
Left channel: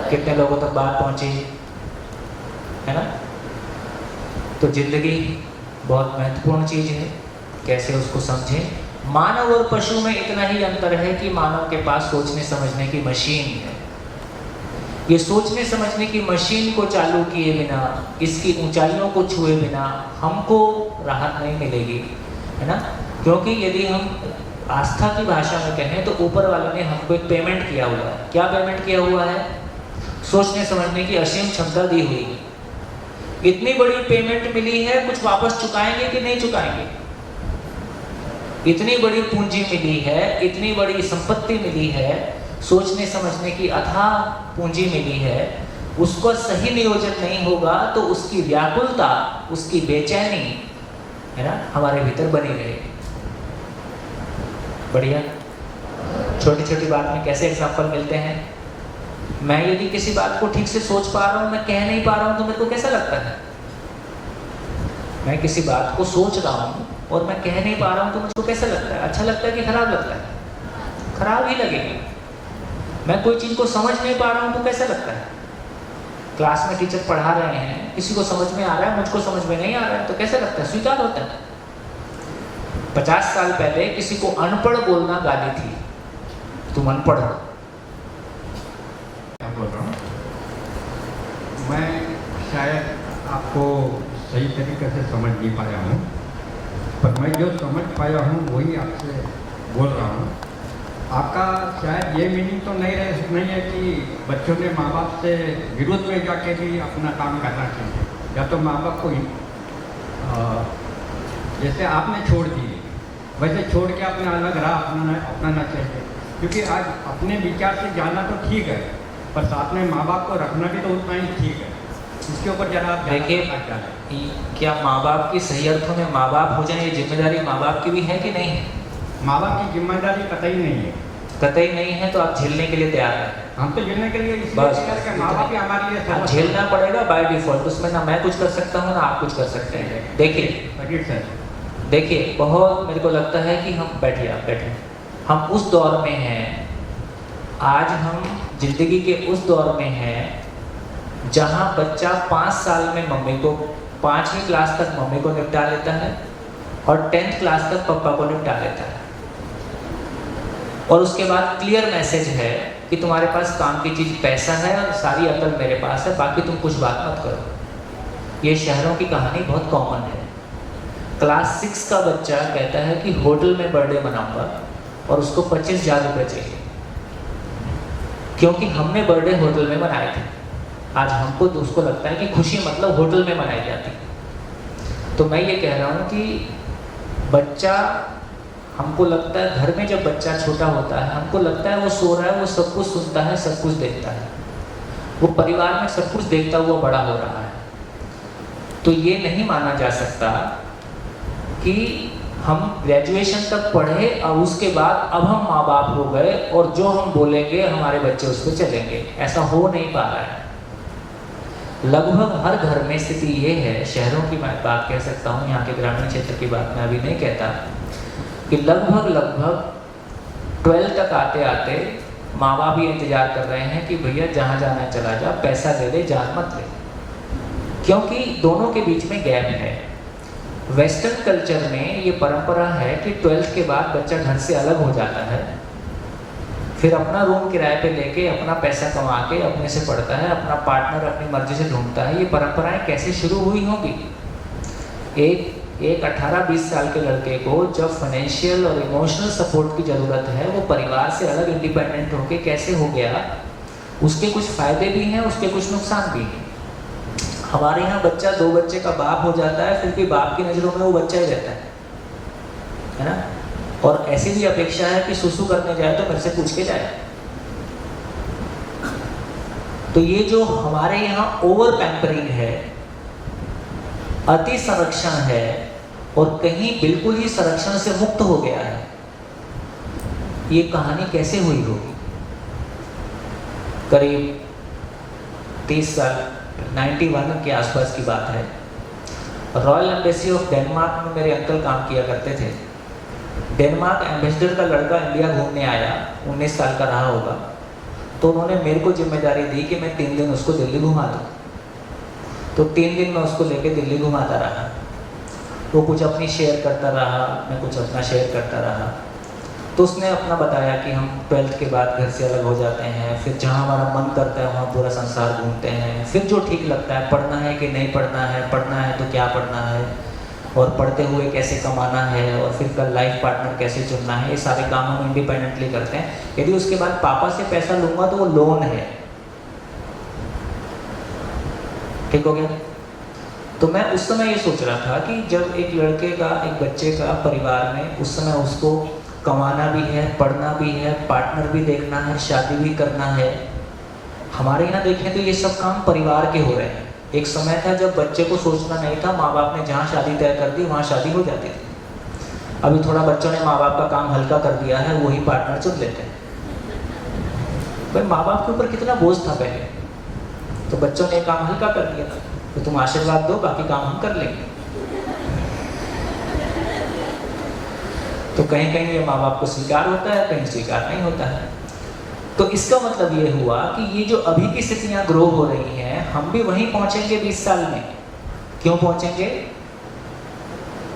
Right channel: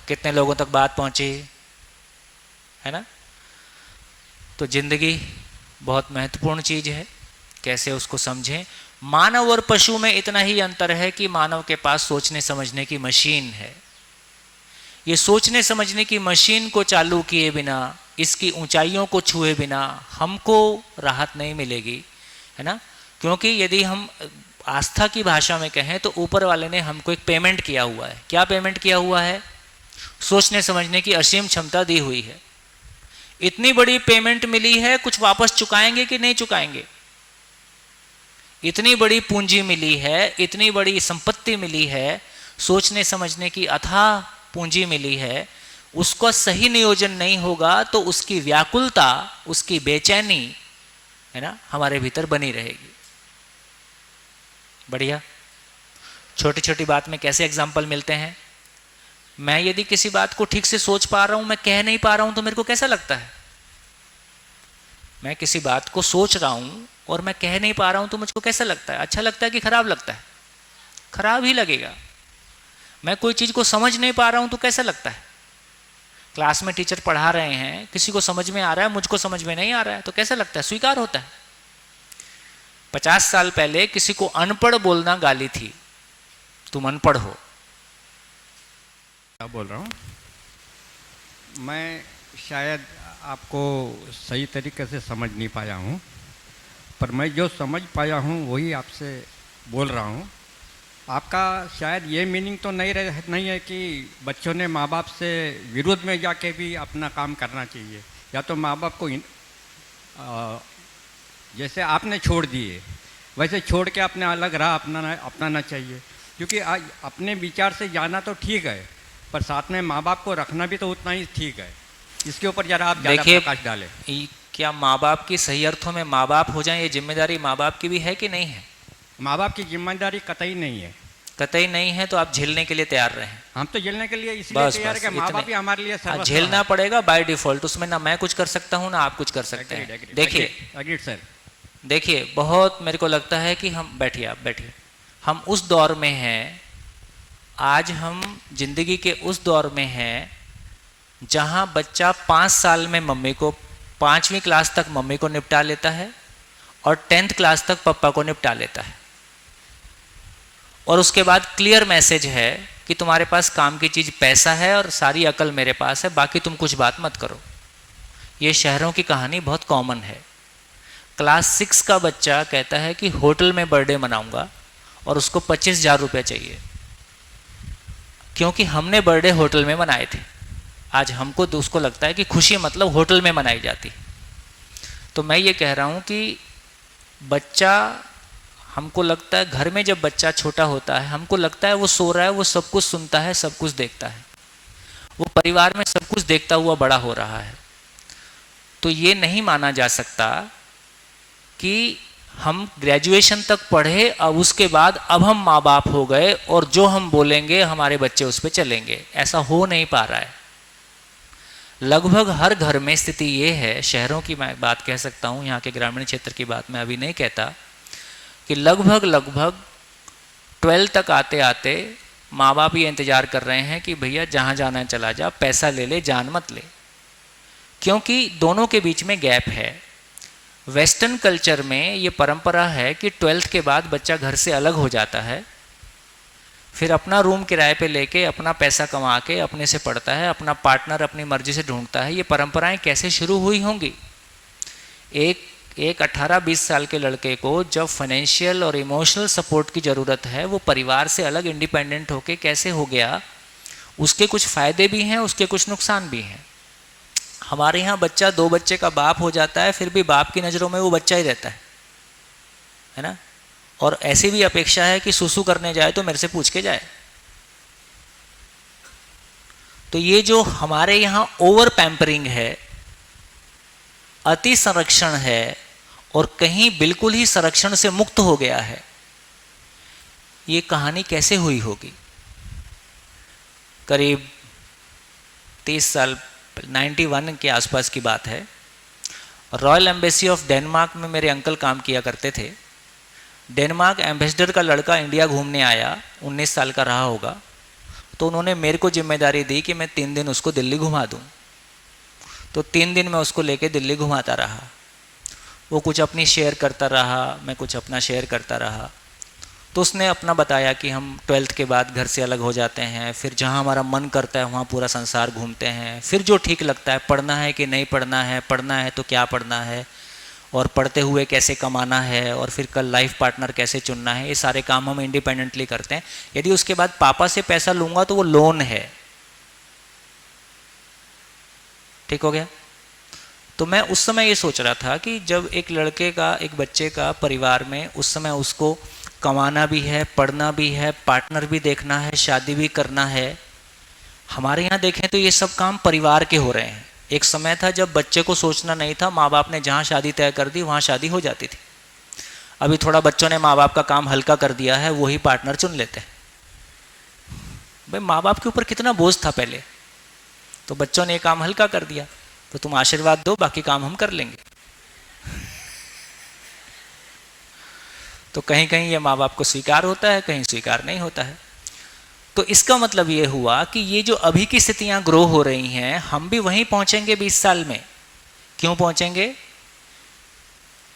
कितने लोगों तक बात पहुंची है ना? तो जिंदगी बहुत महत्वपूर्ण चीज है, कैसे उसको समझें। मानव और पशु में इतना ही अंतर है कि मानव के पास सोचने समझने की मशीन है। ये सोचने समझने की मशीन को चालू किए बिना, इसकी ऊंचाइयों को छुए बिना हमको राहत नहीं मिलेगी, है ना? क्योंकि यदि हम आस्था की भाषा में कहें तो ऊपर वाले ने हमको एक पेमेंट किया हुआ है। क्या पेमेंट किया हुआ है? सोचने समझने की असीम क्षमता दी हुई है। इतनी बड़ी पेमेंट मिली है, कुछ वापस चुकाएंगे कि नहीं चुकाएंगे? इतनी बड़ी पूंजी मिली है, इतनी बड़ी संपत्ति मिली है, सोचने समझने की अथाह पूंजी मिली है, उसको सही नियोजन नहीं होगा तो उसकी व्याकुलता, उसकी बेचैनी, है ना, हमारे भीतर बनी रहेगी। बढ़िया। छोटी छोटी बात में कैसे एग्जाम्पल मिलते हैं। मैं यदि किसी बात को ठीक से सोच पा रहा हूँ, मैं कह नहीं पा रहा हूँ, तो मेरे को कैसा लगता है? मैं किसी बात को सोच रहा हूँ और मैं कह नहीं पा रहा हूँ तो मुझको कैसा लगता है? अच्छा लगता है कि खराब लगता है? खराब ही लगेगा। मैं कोई चीज़ को समझ नहीं पा रहा हूँ तो कैसा लगता है? क्लास में टीचर पढ़ा रहे हैं, किसी को समझ में आ रहा है, मुझको समझ में नहीं आ रहा है, तो कैसा लगता है? स्वीकार होता है। 50 साल पहले किसी को अनपढ़ बोलना गाली थी, तुम अनपढ़ हो। बोल रहा हूँ मैं, शायद आपको सही तरीके से समझ नहीं पाया हूँ, पर मैं जो समझ पाया हूँ वही आपसे बोल रहा हूँ। आपका शायद ये मीनिंग तो नहीं है कि बच्चों ने माँ बाप से विरोध में जाके भी अपना काम करना चाहिए, या तो माँ बाप को जैसे आपने छोड़ दिए वैसे छोड़ के अपने अलग राह अपनाना चाहिए। क्योंकि आज अपने विचार से जाना तो ठीक है, पर साथ में माँ बाप को रखना भी तो उतना ही ठीक है। इसके ऊपर जरा आप देखिए, डालें। क्या माँ बाप की सही अर्थों में माँ बाप हो जाए, ये जिम्मेदारी माँ बाप की भी है कि नहीं है? माँ बाप की जिम्मेदारी कतई नहीं है। कतई नहीं है तो आप झेलने के लिए तैयार रहें। हम तो झेलने के लिए इसलिए बस तैयार है कि माँ बाप ही हमारे लिए सब झेलना पड़ेगा बाय डिफॉल्ट। उसमें ना मैं कुछ कर सकता हूँ ना आप कुछ कर सकते हैं। देखिए देखिए, बहुत मेरे को लगता है कि हम बैठे हम उस दौर में हैं, आज हम जिंदगी के उस दौर में हैं जहाँ बच्चा 5 साल में मम्मी को 5वीं क्लास तक मम्मी को निपटा लेता है और 10th क्लास तक पापा को निपटा लेता है, और उसके बाद क्लियर मैसेज है कि तुम्हारे पास काम की चीज़ पैसा है और सारी अकल मेरे पास है, बाकी तुम कुछ बात मत करो। ये शहरों की कहानी बहुत कॉमन है। क्लास 6 का बच्चा कहता है कि होटल में बर्थडे मनाऊंगा और उसको 25,000 रुपये चाहिए, क्योंकि हमने बर्थडे होटल में मनाए थे। आज हमको तो उसको लगता है कि खुशी मतलब होटल में मनाई जाती। तो मैं ये कह रहा हूँ कि बच्चा, हमको लगता है घर में जब बच्चा छोटा होता है हमको लगता है वो सो रहा है, वो सब कुछ सुनता है, सब कुछ देखता है, वो परिवार में सब कुछ देखता हुआ बड़ा हो रहा है। तो ये नहीं माना जा सकता कि हम ग्रेजुएशन तक पढ़े, अब उसके बाद अब हम माँ बाप हो गए और जो हम बोलेंगे हमारे बच्चे उस पर चलेंगे। ऐसा हो नहीं पा रहा है। लगभग हर घर में स्थिति ये है, शहरों की मैं बात कह सकता हूँ, यहाँ के ग्रामीण क्षेत्र की बात मैं अभी नहीं कहता, कि लगभग 12 तक आते आते माँ बाप ये इंतज़ार कर रहे हैं कि भैया जहाँ जाना है चला जा, पैसा ले ले, जान मत ले, क्योंकि दोनों के बीच में गैप है। वेस्टर्न कल्चर में ये परंपरा है कि 12th के बाद बच्चा घर से अलग हो जाता है, फिर अपना रूम किराए पे लेके अपना पैसा कमा के अपने से पढ़ता है, अपना पार्टनर अपनी मर्जी से ढूंढता है। ये परंपराएं कैसे शुरू हुई होंगी? एक 18-20 साल के लड़के को जब फाइनेंशियल और इमोशनल सपोर्ट की ज़रूरत है, वो परिवार से अलग इंडिपेंडेंट होके कैसे हो गया? उसके कुछ फ़ायदे भी हैं, उसके कुछ नुकसान भी हैं। हमारे यहाँ बच्चा 2 बच्चे का बाप हो जाता है, फिर भी बाप की नज़रों में वो बच्चा ही रहता है ना? और ऐसी भी अपेक्षा है कि सुसु करने जाए तो मेरे से पूछ के जाए। तो ये जो हमारे यहाँ ओवर पैम्परिंग है, अति संरक्षण है, और कहीं बिल्कुल ही संरक्षण से मुक्त हो गया है, ये कहानी कैसे हुई होगी? करीब 30 साल 91 के आसपास की बात है। रॉयल एम्बेसी ऑफ डेनमार्क में मेरे अंकल काम किया करते थे। डेनमार्क एम्बेसडर का लड़का इंडिया घूमने आया, 19 साल का रहा होगा, तो उन्होंने मेरे को जिम्मेदारी दी कि मैं 3 दिन उसको दिल्ली घुमा दूँ। तो 3 दिन मैं उसको लेके दिल्ली घुमाता रहा। वो कुछ अपनी शेयर करता रहा, मैं कुछ अपना शेयर करता रहा। तो उसने अपना बताया कि हम 12th के बाद घर से अलग हो जाते हैं, फिर जहाँ हमारा मन करता है वहाँ पूरा संसार घूमते हैं, फिर जो ठीक लगता है, पढ़ना है कि नहीं पढ़ना है, पढ़ना है तो क्या पढ़ना है, और पढ़ते हुए कैसे कमाना है, और फिर कल लाइफ पार्टनर कैसे चुनना है, ये सारे काम हम इंडिपेंडेंटली करते हैं। यदि उसके बाद पापा से पैसा लूँगा तो वो लोन है। ठीक हो गया? तो मैं उस समय ये सोच रहा था कि जब एक लड़के का, एक बच्चे का परिवार में उस समय उसको कमाना भी है, पढ़ना भी है, पार्टनर भी देखना है, शादी भी करना है। हमारे यहाँ देखें तो ये सब काम परिवार के हो रहे हैं। एक समय था जब बच्चे को सोचना नहीं था, माँ बाप ने जहाँ शादी तय कर दी वहाँ शादी हो जाती थी। अभी थोड़ा बच्चों ने माँ बाप का काम हल्का कर दिया है, वही पार्टनर चुन लेते हैं। भाई माँ बाप के ऊपर कितना बोझ था पहले, तो बच्चों ने ये काम हल्का कर दिया, तो तुम आशीर्वाद दो, बाकी काम हम कर लेंगे। तो कहीं कहीं ये माँ बाप को स्वीकार होता है, कहीं स्वीकार नहीं होता है। तो इसका मतलब ये हुआ कि ये जो अभी की स्थितियाँ ग्रो हो रही हैं, हम भी वहीं पहुँचेंगे 20 साल में। क्यों पहुँचेंगे?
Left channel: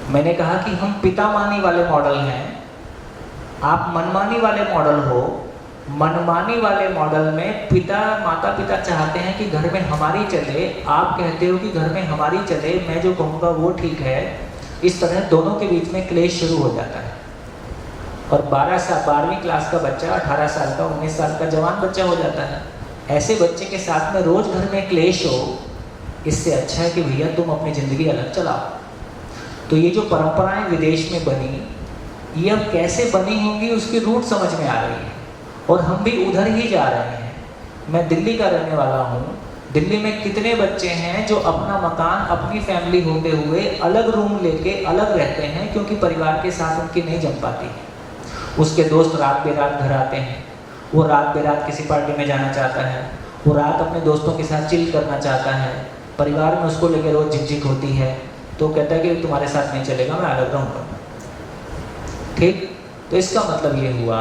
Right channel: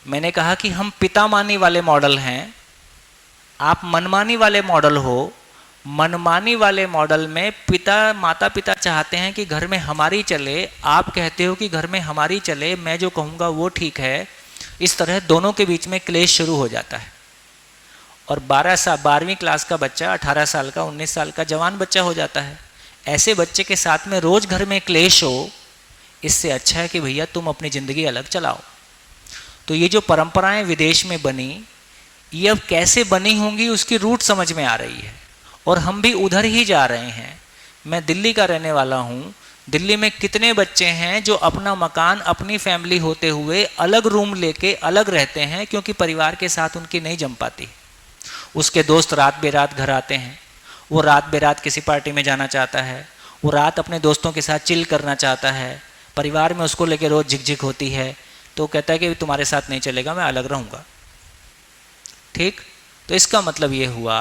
मैंने कहा कि हम पिता मानी वाले मॉडल हैं, आप मनमानी वाले मॉडल हो। मनमानी वाले मॉडल में माता पिता चाहते हैं कि घर में हमारी चले, आप कहते हो कि घर में हमारी चले, मैं जो कहूँगा वो ठीक है। इस तरह दोनों के बीच में क्लेश शुरू हो जाता है। और 12वीं क्लास का बच्चा 18 साल का, 19 साल का जवान बच्चा हो जाता है। ऐसे बच्चे के साथ में रोज़ घर में क्लेश हो, इससे अच्छा है कि भैया तुम अपनी ज़िंदगी अलग चलाओ। तो ये जो परंपराएं विदेश में बनी, ये अब कैसे बनी होंगी उसकी रूट समझ में आ रही है, और हम भी उधर ही जा रहे हैं। मैं दिल्ली का रहने वाला हूँ। दिल्ली में कितने बच्चे हैं जो अपना मकान, अपनी फैमिली होते हुए अलग रूम लेके अलग रहते हैं, क्योंकि परिवार के साथ उनकी नहीं जम पाती। उसके दोस्त रात बेरात घर आते हैं, वो रात बेरात किसी पार्टी में जाना चाहता है, वो रात अपने दोस्तों के साथ चिल करना चाहता है, परिवार में उसको लेकर रोज़ झिकझिक होती है, तो कहता है कि तुम्हारे साथ नहीं चलेगा, मैं अलग रहूँगा। ठीक? तो इसका मतलब ये हुआ,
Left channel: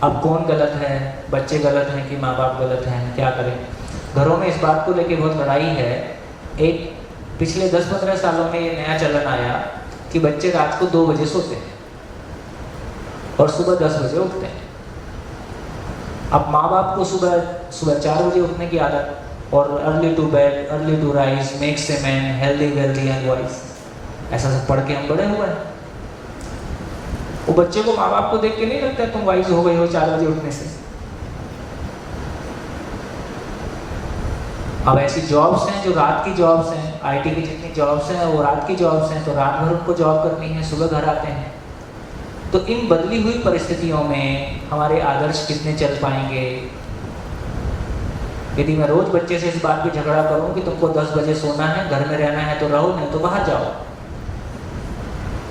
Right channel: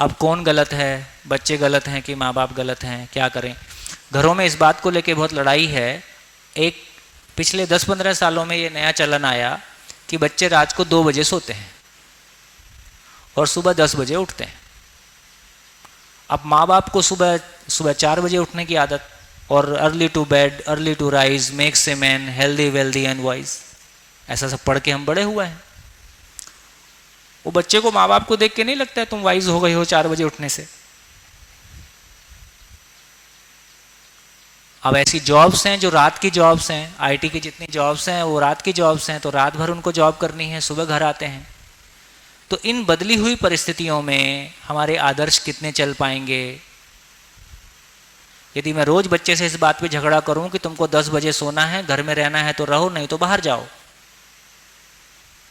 अब कौन गलत है? बच्चे गलत हैं कि माँ बाप गलत हैं? क्या करें? घरों में इस बात को लेके बहुत लड़ाई है। एक पिछले 10-15 सालों में ये नया चलन आया कि बच्चे रात को 2 बजे सोते हैं और सुबह 10 बजे उठते हैं। अब माँ बाप को सुबह 4 बजे उठने की आदत, और early to bed, early to rise makes a man healthy wealthy and wise, ऐसा सब पढ़ के हम बड़े हुए हैं। वो बच्चे को माँ बाप को देख के नहीं लगता है तुम वाइज हो गए हो 4 बजे उठने से। अब ऐसी जॉब्स हैं जो रात की जॉब्स हैं, आईटी की जितनी जॉब्स हैं वो रात की जॉब्स हैं, तो रात भर उनको जॉब करनी है, सुबह घर आते हैं। तो इन बदली हुई परिस्थितियों में हमारे आदर्श कितने चल पाएंगे? यदि मैं रोज बच्चे से इस बात पे झगड़ा करूं कि तुमको 10 बजे सोना है, घर में रहना है तो रहो, नहीं तो बाहर जाओ,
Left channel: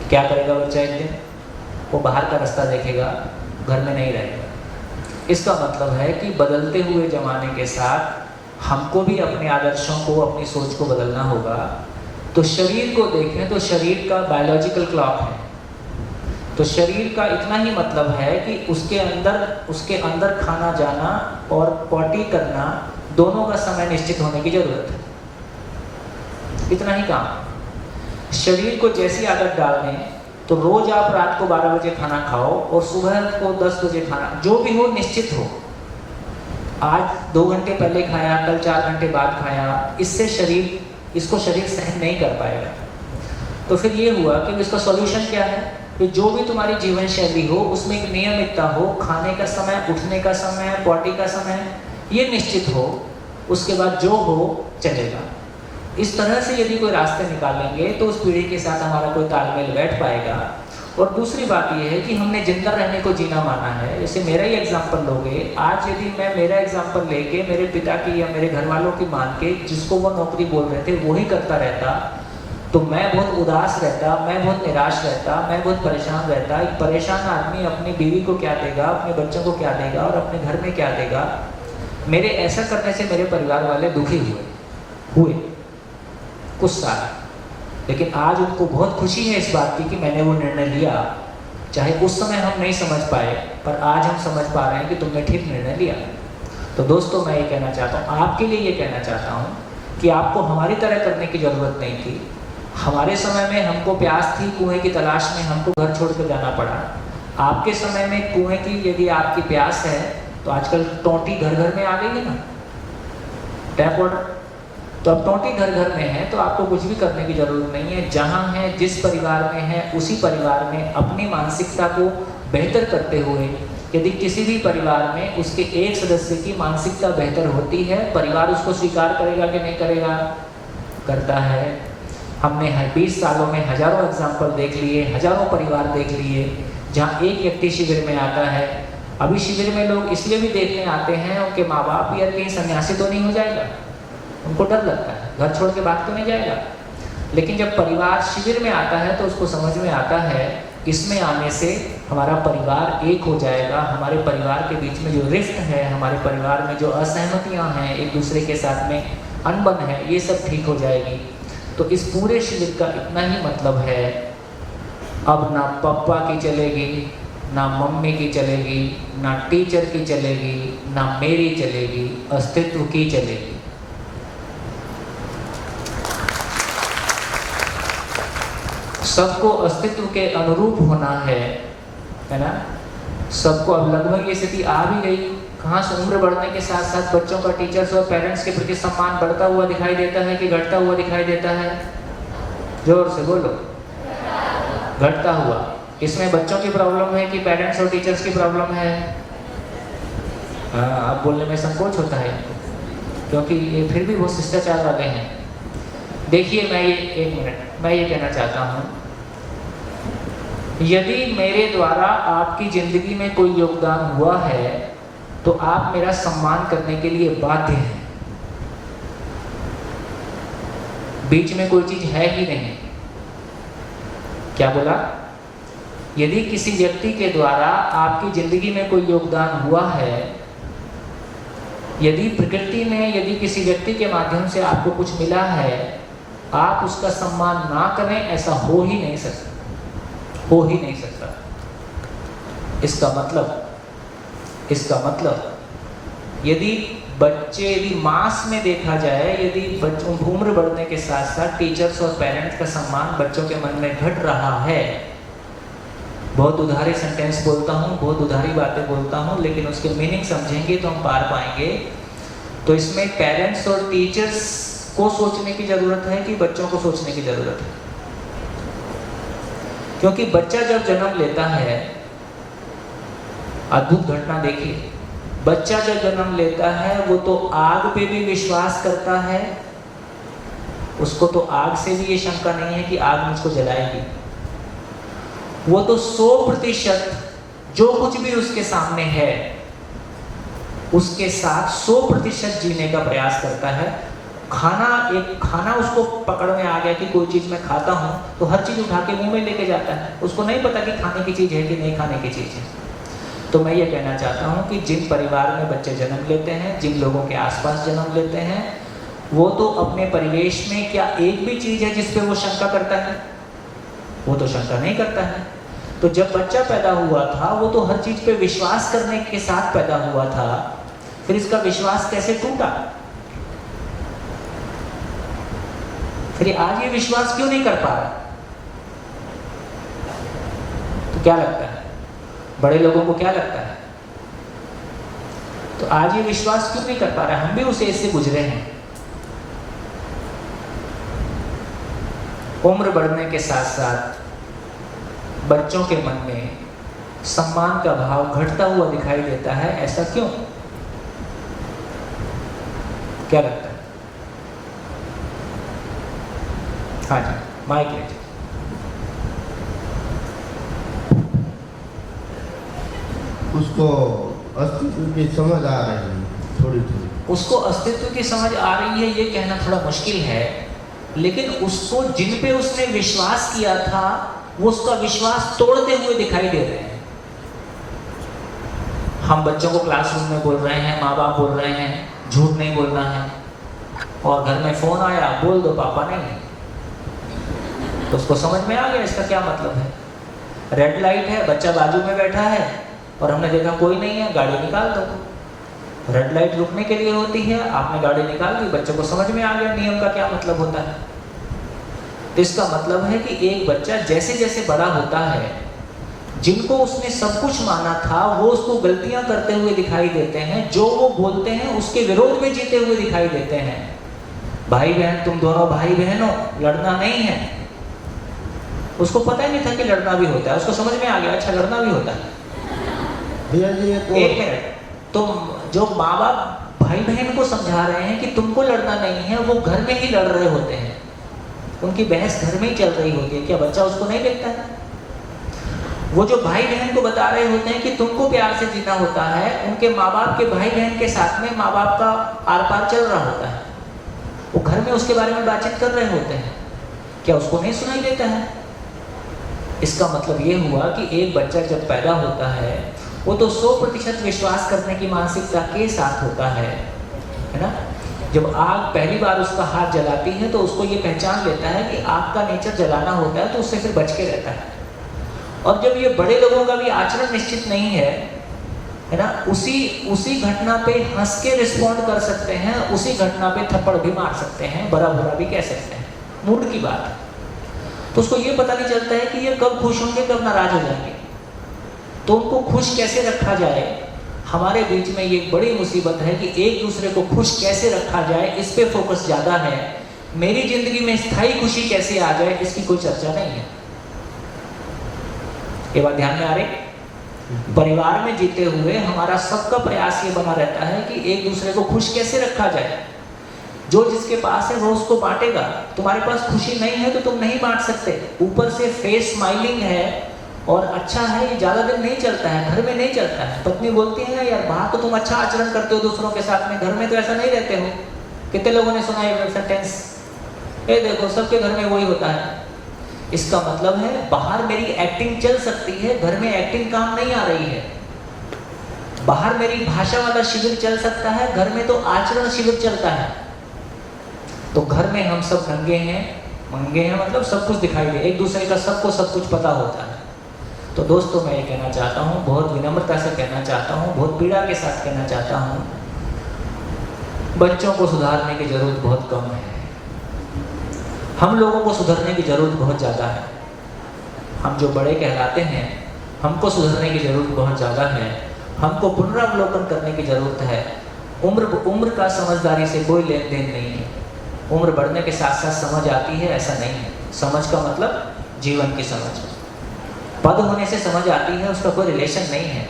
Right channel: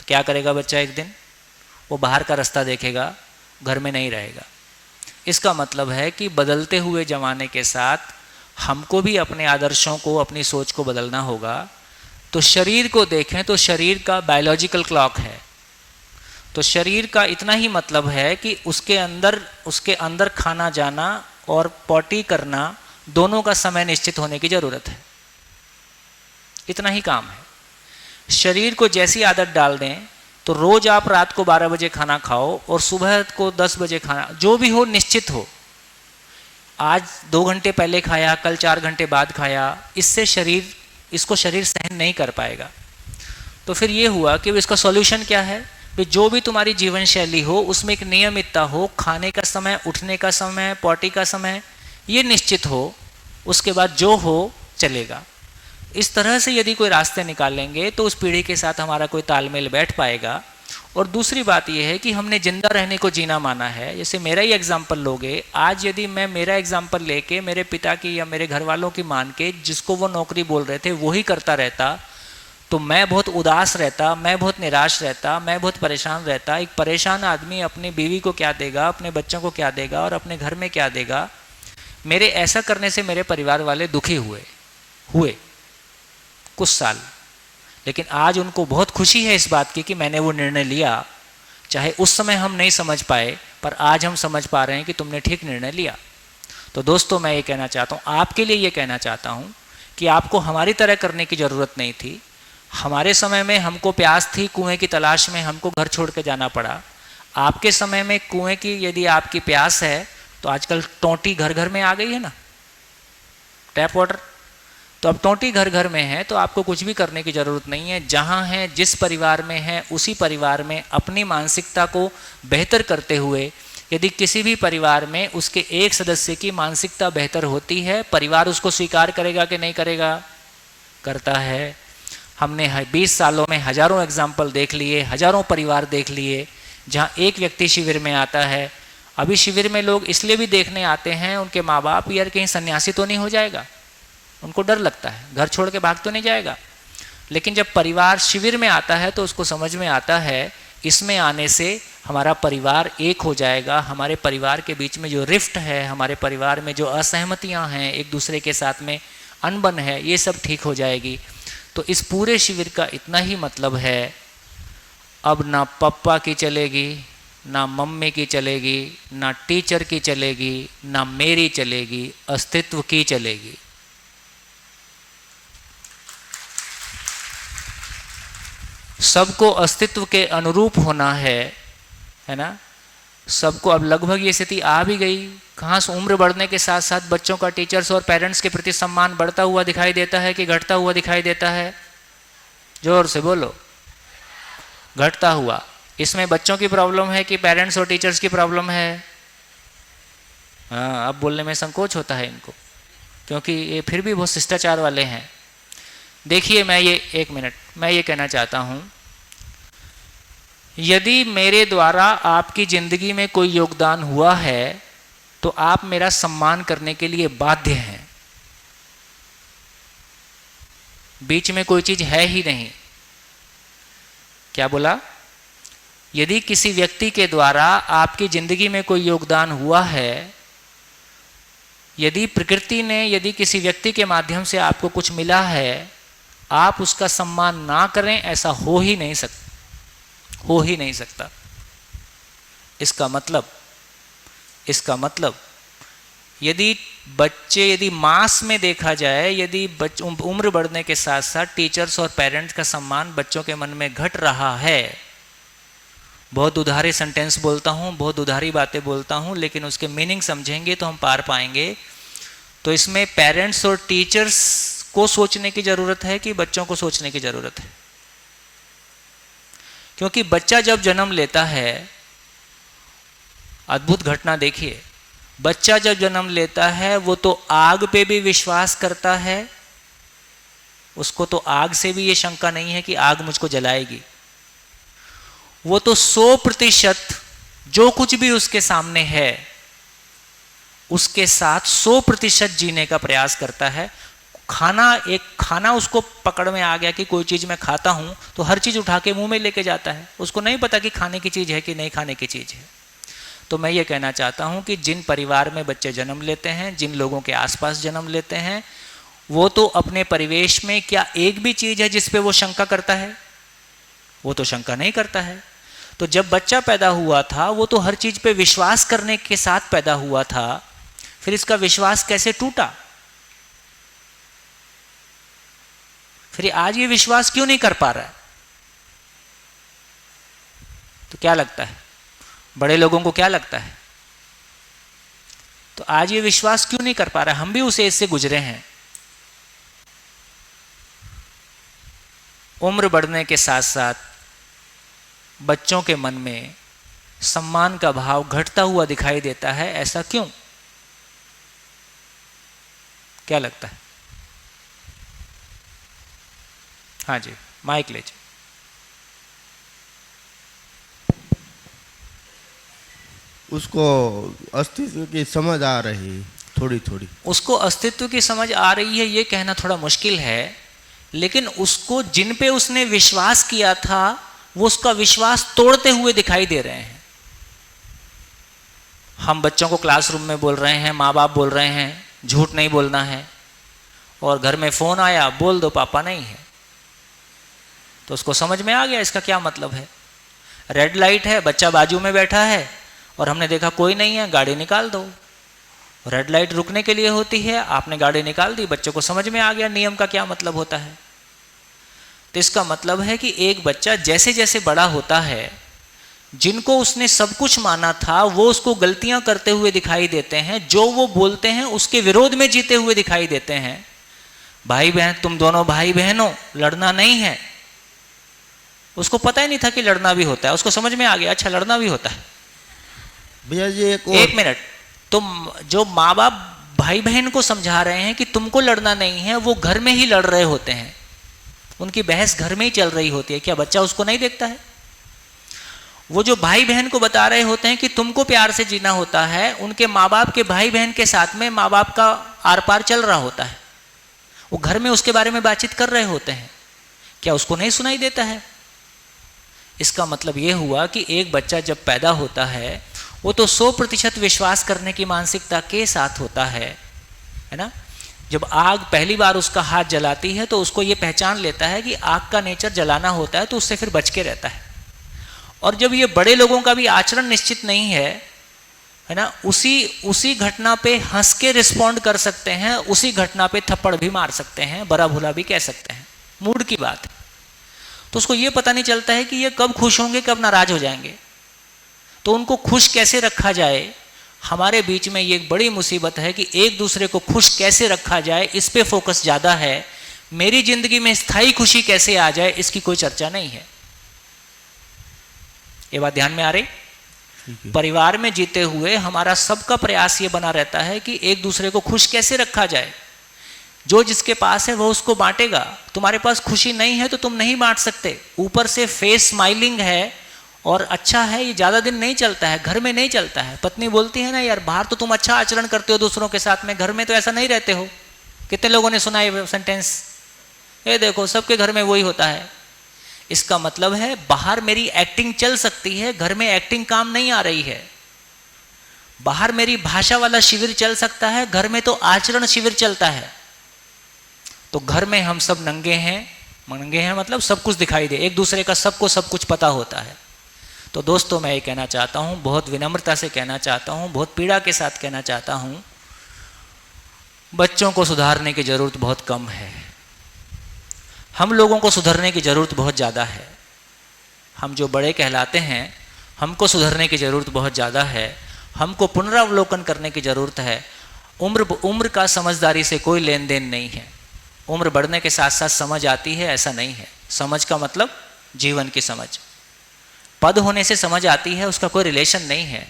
क्या करेगा बच्चा? एक दिन वो बाहर का रास्ता देखेगा, घर में नहीं रहेगा। इसका मतलब है कि बदलते हुए ज़माने के साथ हमको भी अपने आदर्शों को, अपनी सोच को बदलना होगा। तो शरीर को देखें तो शरीर का बायोलॉजिकल क्लॉक है, तो शरीर का इतना ही मतलब है कि उसके अंदर खाना जाना और पॉटी करना दोनों का समय निश्चित होने की ज़रूरत है, इतना ही काम है। शरीर को जैसी आदत डाल दें तो रोज़ आप रात को 12 बजे खाना खाओ और सुबह को 10 बजे खाना, जो भी हो निश्चित हो। आज 2 घंटे पहले खाया, कल 4 घंटे बाद खाया, इससे इसको शरीर सहन नहीं कर पाएगा। तो फिर ये हुआ कि इसका सॉल्यूशन क्या है कि जो भी तुम्हारी जीवन शैली हो उसमें एक नियमितता हो, खाने का समय, उठने का समय, पॉटी का समय ये निश्चित हो, उसके बाद जो हो चलेगा। इस तरह से यदि कोई रास्ते निकालेंगे तो उस पीढ़ी के साथ हमारा कोई तालमेल बैठ पाएगा। और दूसरी बात यह है कि हमने जिंदा रहने को जीना माना है। जैसे मेरा ही एग्जाम्पल लोगे, आज यदि मैं मेरा एग्जाम्पल लेके मेरे पिता की या मेरे घर वालों की मान के जिसको वो नौकरी बोल रहे थे वही करता रहता तो मैं बहुत उदास रहता, मैं बहुत निराश रहता, मैं बहुत परेशान रहता। एक परेशान आदमी अपनी बीवी को क्या देगा, अपने बच्चों को क्या देगा और अपने घर में क्या देगा। मेरे ऐसा करने से मेरे परिवार वाले दुखी हुए कुछ साल, लेकिन आज उनको बहुत खुशी है इस बात की कि मैंने वो निर्णय लिया। चाहे उस समय हम नहीं समझ पाए, पर आज हम समझ पा रहे हैं कि तुमने ठीक निर्णय लिया। तो दोस्तों, मैं ये कहना चाहता हूँ, आपके लिए ये कहना चाहता हूँ कि आपको हमारी तरह करने की ज़रूरत नहीं थी। हमारे समय में हमको प्यास थी, कुएं की तलाश में हमको घर छोड़ के जाना पड़ा। आपके समय में कुएं की यदि आपकी प्यास है तो आजकल टोंटी घर घर में आ गई है ना, टैप वाटर। तो अब टोंटी घर घर में है तो आपको कुछ भी करने की ज़रूरत नहीं है। जहाँ है, जिस परिवार में है, उसी परिवार में अपनी मानसिकता को बेहतर करते हुए, यदि किसी भी परिवार में उसके एक सदस्य की मानसिकता बेहतर होती है, परिवार उसको स्वीकार करेगा कि नहीं करेगा? करता है। हमने 20 सालों में हज़ारों एग्जाम्पल देख लिए, हज़ारों परिवार देख लिए जहाँ एक व्यक्ति शिविर में आता है। अभी शिविर में लोग इसलिए भी देखने आते हैं, उनके माँ बाप यार कहीं सन्यासी तो नहीं हो जाएगा, उनको डर लगता है, घर छोड़ के भाग तो नहीं जाएगा। लेकिन जब परिवार शिविर में आता है तो उसको समझ में आता है इसमें आने से हमारा परिवार एक हो जाएगा। हमारे परिवार के बीच में जो रिफ्ट है, हमारे परिवार में जो असहमतियाँ हैं, एक दूसरे के साथ में अनबन है, ये सब ठीक हो जाएगी। तो इस पूरे शिविर का इतना ही मतलब है, अब ना पापा की चलेगी, ना मम्मी की चलेगी, ना टीचर की चलेगी, ना मेरी चलेगी, अस्तित्व की चलेगी। सबको अस्तित्व के अनुरूप होना है ना। सबको अब लगभग ये स्थिति आ भी गई। कहाँ से उम्र बढ़ने के साथ साथ बच्चों का टीचर्स और पेरेंट्स के प्रति सम्मान बढ़ता हुआ दिखाई देता है कि घटता हुआ दिखाई देता है? जोर से बोलो। घटता हुआ। इसमें बच्चों की प्रॉब्लम है कि पेरेंट्स और टीचर्स की प्रॉब्लम है? अब बोलने में संकोच होता है क्योंकि ये फिर भी बहुत शिष्टाचार वाले हैं। देखिए, मैं ये कहना चाहता हूँ, यदि मेरे द्वारा आपकी जिंदगी में कोई योगदान हुआ है तो आप मेरा सम्मान करने के लिए बाध्य हैं। बीच में कोई चीज है ही नहीं। क्या बोला? यदि किसी व्यक्ति के द्वारा आपकी जिंदगी में कोई योगदान हुआ है, यदि प्रकृति ने, यदि किसी व्यक्ति के माध्यम से आपको कुछ मिला है, आप उसका सम्मान ना करें, ऐसा हो ही नहीं सकता। इसका मतलब यदि मास में देखा जाए, यदि बच्चों उम्र बढ़ने के साथ साथ टीचर्स और पेरेंट्स का सम्मान बच्चों के मन में घट रहा है, बहुत उधारी सेंटेंस बोलता हूँ, बहुत उधारी बातें बोलता हूँ, लेकिन उसके मीनिंग समझेंगे तो हम पार पाएंगे। तो इसमें पेरेंट्स और टीचर्स को सोचने की ज़रूरत है कि बच्चों को सोचने की ज़रूरत है? क्योंकि बच्चा जब जन्म लेता है, अद्भुत घटना देखिए, बच्चा जब जन्म लेता है वो तो आग पे भी विश्वास करता है, उसको तो आग से भी ये शंका नहीं है कि आग मुझको जलाएगी। वो तो 100% जो कुछ भी उसके सामने है उसके साथ 100% जीने का प्रयास करता है। खाना उसको पकड़ में आ गया कि कोई चीज़ मैं खाता हूँ तो हर चीज़ उठा के मुंह में लेके जाता है, उसको नहीं पता कि खाने की चीज़ है कि नहीं खाने की चीज़ है। तो मैं ये कहना चाहता हूँ कि जिन परिवार में बच्चे जन्म लेते हैं, जिन लोगों के आसपास जन्म लेते हैं, वो तो अपने परिवेश में क्या एक भी चीज़ है जिस पे वो शंका करता है? वो तो शंका नहीं करता है। तो जब बच्चा पैदा हुआ था वो तो हर चीज़ पे विश्वास करने के साथ पैदा हुआ था, फिर इसका विश्वास कैसे टूटा? फिर आज ये विश्वास क्यों नहीं कर पा रहा? तो क्या लगता है, बड़े लोगों को क्या लगता है? तो आज ये विश्वास क्यों नहीं कर पा रहा? हम भी उस एज से गुजरे हैं। उम्र बढ़ने के साथ साथ बच्चों के मन में सम्मान का भाव घटता हुआ दिखाई देता है। ऐसा क्यों? क्या लगता है? हाँ जी, माइक लीजिए। उसको अस्तित्व की समझ आ रही है थोड़ी थोड़ी। उसको अस्तित्व की समझ आ रही है ये कहना थोड़ा मुश्किल है, लेकिन उसको जिन पे उसने विश्वास किया था वो उसका विश्वास तोड़ते हुए दिखाई दे रहे हैं। हम बच्चों को क्लासरूम में बोल रहे हैं, माँ बाप बोल रहे हैं झूठ नहीं बोलना है, और घर में फ़ोन आया बोल दो पापा नहीं है, तो उसको समझ में आ गया इसका क्या मतलब है। रेड लाइट है, बच्चा बाजू में बैठा है और हमने देखा कोई नहीं है, गाड़ी निकाल दो। रेड लाइट रुकने के लिए होती है, आपने गाड़ी निकाल दी, बच्चे को समझ में आ गया नियम का क्या मतलब होता है। तो इसका मतलब है कि एक बच्चा जैसे जैसे बड़ा होता है, जिनको उसने सब कुछ माना था वो उसको गलतियां करते हुए दिखाई देते हैं, जो वो बोलते हैं उसके विरोध में जीते हुए दिखाई देते हैं। भाई बहन, तुम दोनों भाई बहन हो, लड़ना नहीं है। उसको पता ही नहीं था कि लड़ना भी होता है, उसको समझ में आ गया अच्छा लड़ना भी होता है। भैया जी एक मिनट, तुम जो माँ बाप भाई बहन को समझा रहे हैं कि तुमको लड़ना नहीं है, वो घर में ही लड़ रहे होते हैं, उनकी बहस घर में ही चल रही होती है। क्या बच्चा उसको नहीं देखता है? वो जो भाई बहन को बता रहे होते हैं कि तुमको प्यार से जीना होता है, उनके माँ बाप के भाई बहन के साथ में माँ बाप का आर पार चल रहा होता है, वो घर में उसके बारे में बातचीत कर रहे होते हैं। क्या उसको नहीं सुनाई देता है? इसका मतलब ये हुआ कि एक बच्चा जब पैदा होता है वो तो 100% विश्वास करने की मानसिकता के साथ होता है ना। जब आग पहली बार उसका हाथ जलाती है तो उसको ये पहचान लेता है कि आग का नेचर जलाना होता है, तो उससे फिर बच के रहता है। और जब ये बड़े लोगों का भी आचरण निश्चित नहीं है ना, उसी घटना पे हंस के रिस्पॉन्ड कर सकते हैं, उसी घटना पे थप्पड़ भी मार सकते हैं, बड़ा बुरा भी कह सकते हैं, मूड की बात। तो उसको ये पता नहीं चलता है कि ये कब खुश होंगे कब नाराज हो जाएंगे। तो उनको खुश कैसे रखा जाए, हमारे बीच में ये एक बड़ी मुसीबत है कि एक दूसरे को खुश कैसे रखा जाए इस पे फोकस ज़्यादा है। मेरी जिंदगी में स्थायी खुशी कैसे आ जाए इसकी कोई चर्चा नहीं है। ये बात ध्यान में आ रही? परिवार में जीते हुए हमारा सबका प्रयास ये बना रहता है कि एक दूसरे को खुश कैसे रखा जाए। जो जिसके पास है वो उसको बांटेगा। तुम्हारे पास खुशी नहीं है तो तुम नहीं बांट सकते। ऊपर से फेस स्माइलिंग है और अच्छा है, ये ज़्यादा दिन नहीं चलता है, घर में नहीं चलता है। पत्नी बोलती है ना, यार बाहर तो तुम अच्छा आचरण करते हो दूसरों के साथ में, घर में तो ऐसा नहीं रहते हो। कितने लोगों ने सुना है सेंटेंस, ये देखो सबके घर में वही होता है। इसका मतलब है बाहर मेरी एक्टिंग चल सकती है, घर में एक्टिंग काम नहीं आ रही है। बाहर मेरी भाषा वाला शिविर चल सकता है, घर में तो आचरण शिविर चलता है। तो घर में हम सब नंगे हैं मतलब सब कुछ दिखाई दे, एक दूसरे का सबको सब कुछ पता होता है। तो दोस्तों मैं ये कहना चाहता हूँ, बहुत विनम्रता से कहना चाहता हूँ, बहुत पीड़ा के साथ कहना चाहता हूँ, बच्चों को सुधारने की ज़रूरत बहुत कम है। हम लोगों को सुधरने की ज़रूरत बहुत ज़्यादा है। हम जो बड़े कहलाते हैं हमको सुधरने की ज़रूरत बहुत ज़्यादा है। हमको पुनरावलोकन करने की ज़रूरत है। उम्र का समझदारी से कोई लेन देन नहीं है। उम्र बढ़ने के साथ साथ समझ आती है, ऐसा नहीं है। समझ का मतलब जीवन की समझ। पद होने से समझ आती है, उसका कोई रिलेशन नहीं है।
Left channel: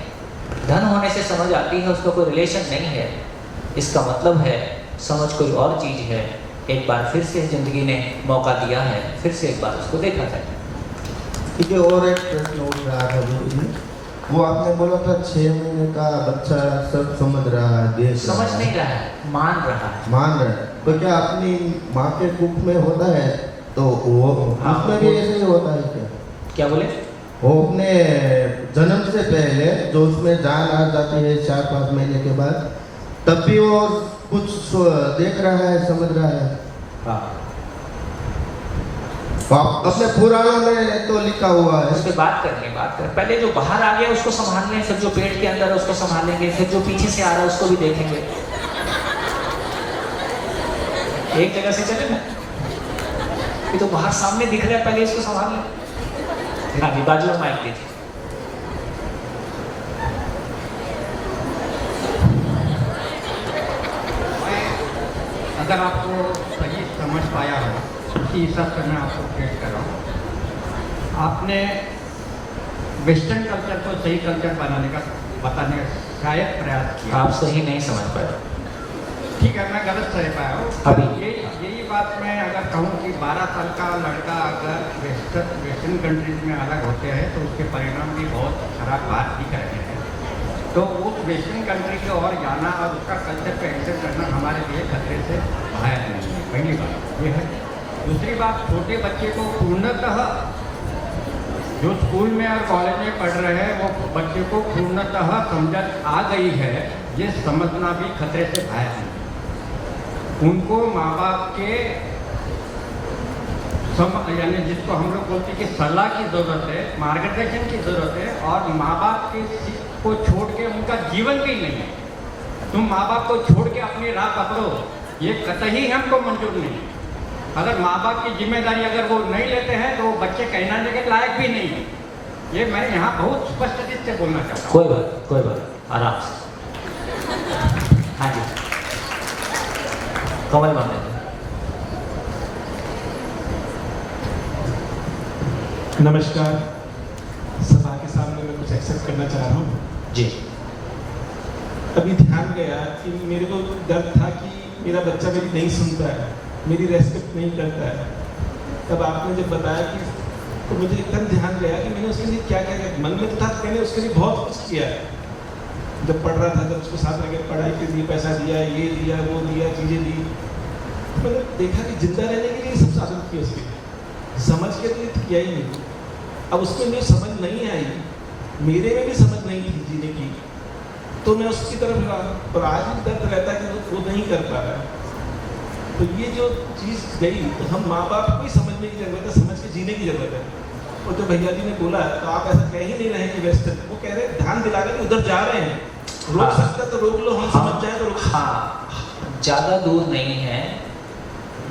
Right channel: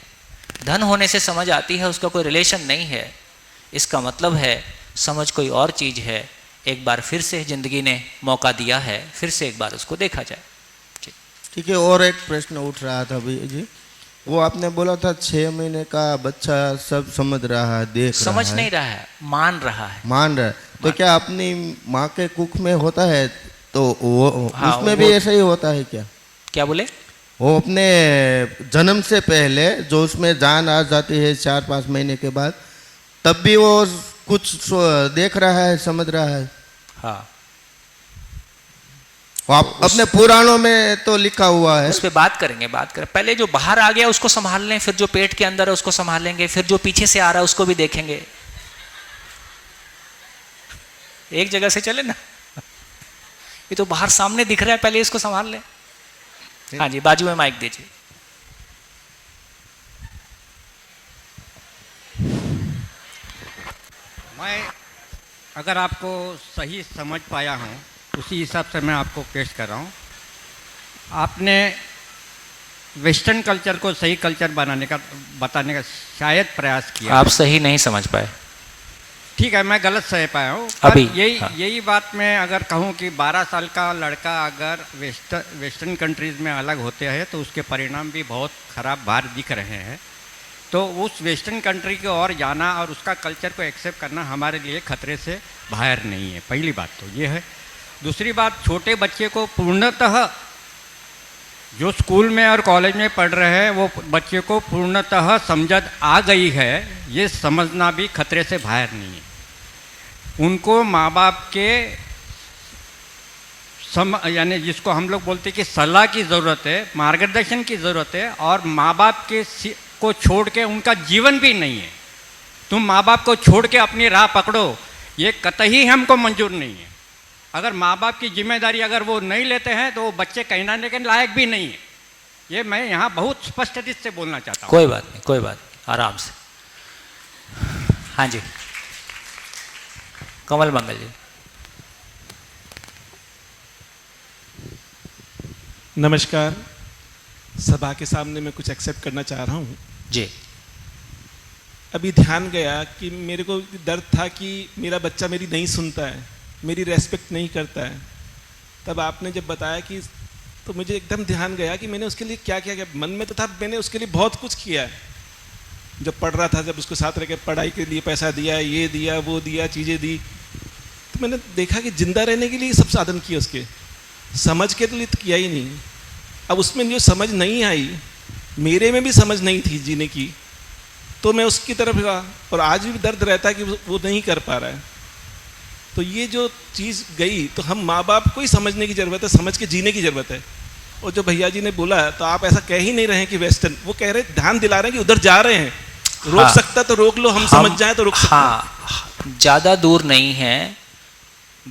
धन होने से समझ आती है, उसका कोई रिलेशन नहीं है, इसका मतलब है समझ कोई और चीज़ है। एक बार फिर से ज़िंदगी ने मौका दिया है, फिर से एक बार उसको देखा जाए। ठीक है, और एक प्रश्न उठ रहा था बीबी जी, वो आपने बोला था 6 महीने का बच्चा सब समझ रहा है, देख समझ रहा नहीं रहा है, मान रहा है। मान रहा है। तो क्या अपनी माँ के कुख में होता है तो वो हाँ, उसमें भी ऐसा ही होता है क्या? क्या बोले? वो अपने जन्म से पहले जो उसमें जान आ जाती है 4-5 महीने के बाद, तब भी वो कुछ देख रहा है, समझ रहा है? हाँ, अपने पुराणों में तो लिखा हुआ है। उस पर बात करेंगे, बात करें। पहले जो बाहर आ गया उसको संभाल लें, फिर जो पेट के अंदर है उसको संभालेंगे, फिर जो पीछे से आ रहा है उसको भी देखेंगे। एक जगह से चले ना, ये तो बाहर सामने दिख रहा है, पहले इसको संभाल लें। हाँ जी, बाजू में माइक दीजिए। मैं अगर आपको सही समझ पाया हो, उसी हिसाब से मैं आपको पेश कर रहा हूँ। आपने वेस्टर्न कल्चर को सही कल्चर बताने का शायद प्रयास किया। आप सही नहीं समझ पाए। ठीक है, मैं गलत सही पाया हूँ। अभी यही बात मैं अगर कहूँ कि 12 साल का लड़का अगर वेस्टर्न कंट्रीज में अलग होते हैं तो उसके परिणाम भी बहुत खराब बात दिख रहे हैं। तो उस वेस्टर्न कंट्री की ओर जाना और उसका कल्चर को एक्सेप्ट करना हमारे लिए खतरे से बाहर नहीं है, पहली बात ये है। दूसरी बात, छोटे बच्चे को पूर्णतः जो स्कूल में और कॉलेज में पढ़ रहे हैं वो बच्चे को पूर्णतः समझ आ गई है, ये समझना भी खतरे से बाहर नहीं है। उनको माँ बाप के यानी जिसको हम लोग बोलते हैं कि सलाह की ज़रूरत है, मार्गदर्शन की ज़रूरत है, और माँ बाप के को छोड़ के उनका जीवन भी नहीं है। तुम माँ बाप को छोड़ के अपनी राह पकड़ो, ये कतई हमको मंजूर नहीं है। अगर माँ बाप की जिम्मेदारी अगर वो नहीं लेते हैं तो वो बच्चे कहलाने के लायक भी नहीं है। ये मैं यहाँ बहुत स्पष्ट रूप से बोलना चाहता हूँ। कोई बात नहीं, कोई बात नहीं, आराम से। हाँ जी, कमल मंगल जी। नमस्कार, सभा के सामने मैं कुछ एक्सेप्ट करना चाह रहा हूँ जी। अभी ध्यान गया कि मेरे को डर था कि मेरा बच्चा मेरी नहीं सुनता है, मेरी रेस्पेक्ट नहीं करता है। तब आपने जब बताया कि, तो मुझे एकदम ध्यान गया कि मैंने उसके लिए क्या क्या किया। मन में तो था, मैंने उसके लिए बहुत कुछ किया है। जब पढ़ रहा था, जब उसको साथ रह कर पढ़ाई के लिए पैसा दिया, ये दिया, वो दिया, चीज़ें दी, तो मैंने देखा कि जिंदा रहने के लिए सब साधन किए, उसके समझ के तो लिए तो किया ही नहीं। अब उसमें जो समझ नहीं आई, मेरे में भी समझ नहीं थी जीने की, तो मैं उसकी तरफ गया, और आज भी दर्द रहता है कि वो नहीं कर पा रहा है। तो ये जो चीज़ गई, तो हम माँ बाप को ही समझने की ज़रूरत है, समझ के जीने की ज़रूरत है। और जो भैया जी ने बोला, तो आप ऐसा कह ही नहीं रहे हैं कि वेस्टर्न, वो कह रहे हैं, ध्यान दिला रहे हैं कि उधर जा रहे हैं, रोक सकता तो रोक लो, हम समझ जाए तो रोक सकते। हाँ, ज़्यादा दूर नहीं है,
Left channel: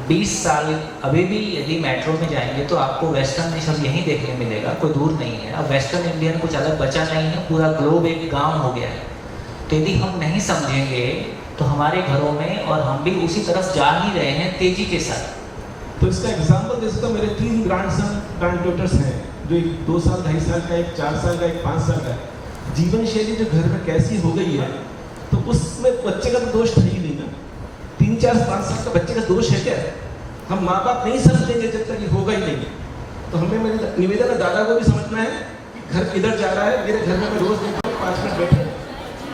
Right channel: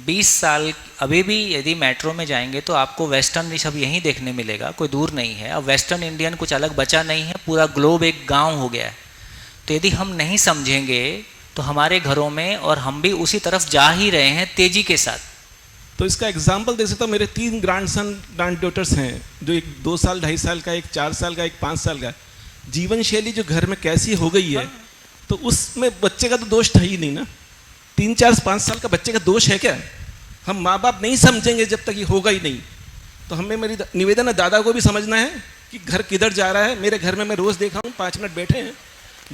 20 साल अभी भी यदि मेट्रो में जाएंगे तो आपको वेस्टर्न भी सब यहीं देखने मिलेगा, कोई दूर नहीं है। और वेस्टर्न इंडियन कुछ अलग बचा नहीं है, पूरा ग्लोब एक गांव हो गया है। तो यदि हम नहीं समझेंगे तो हमारे घरों में, और हम भी उसी तरफ जा ही रहे हैं तेजी के साथ। तो इसका एग्जाम्पल दे सकता हूँ, मेरे 3 ग्रैंडसन ग्रैंड डॉटर्स हैं, जो एक 2 साल 2.5 साल का, एक 4 साल का, एक 5 साल का। जीवन शैली जो घर में कैसी हो गई है, तो उसमें बच्चे का तो दोष था ही नहीं ना। 3, 4, 5 साल का बच्चे का दोष है क्या? हम माँ बाप नहीं समझेंगे जब तक ये होगा ही नहीं। तो हमें, मेरी निवेदन है, दादा को भी समझना है कि घर किधर जा रहा है। मेरे घर में मैं रोज़ देखता हूँ 5 मिनट बैठे हैं,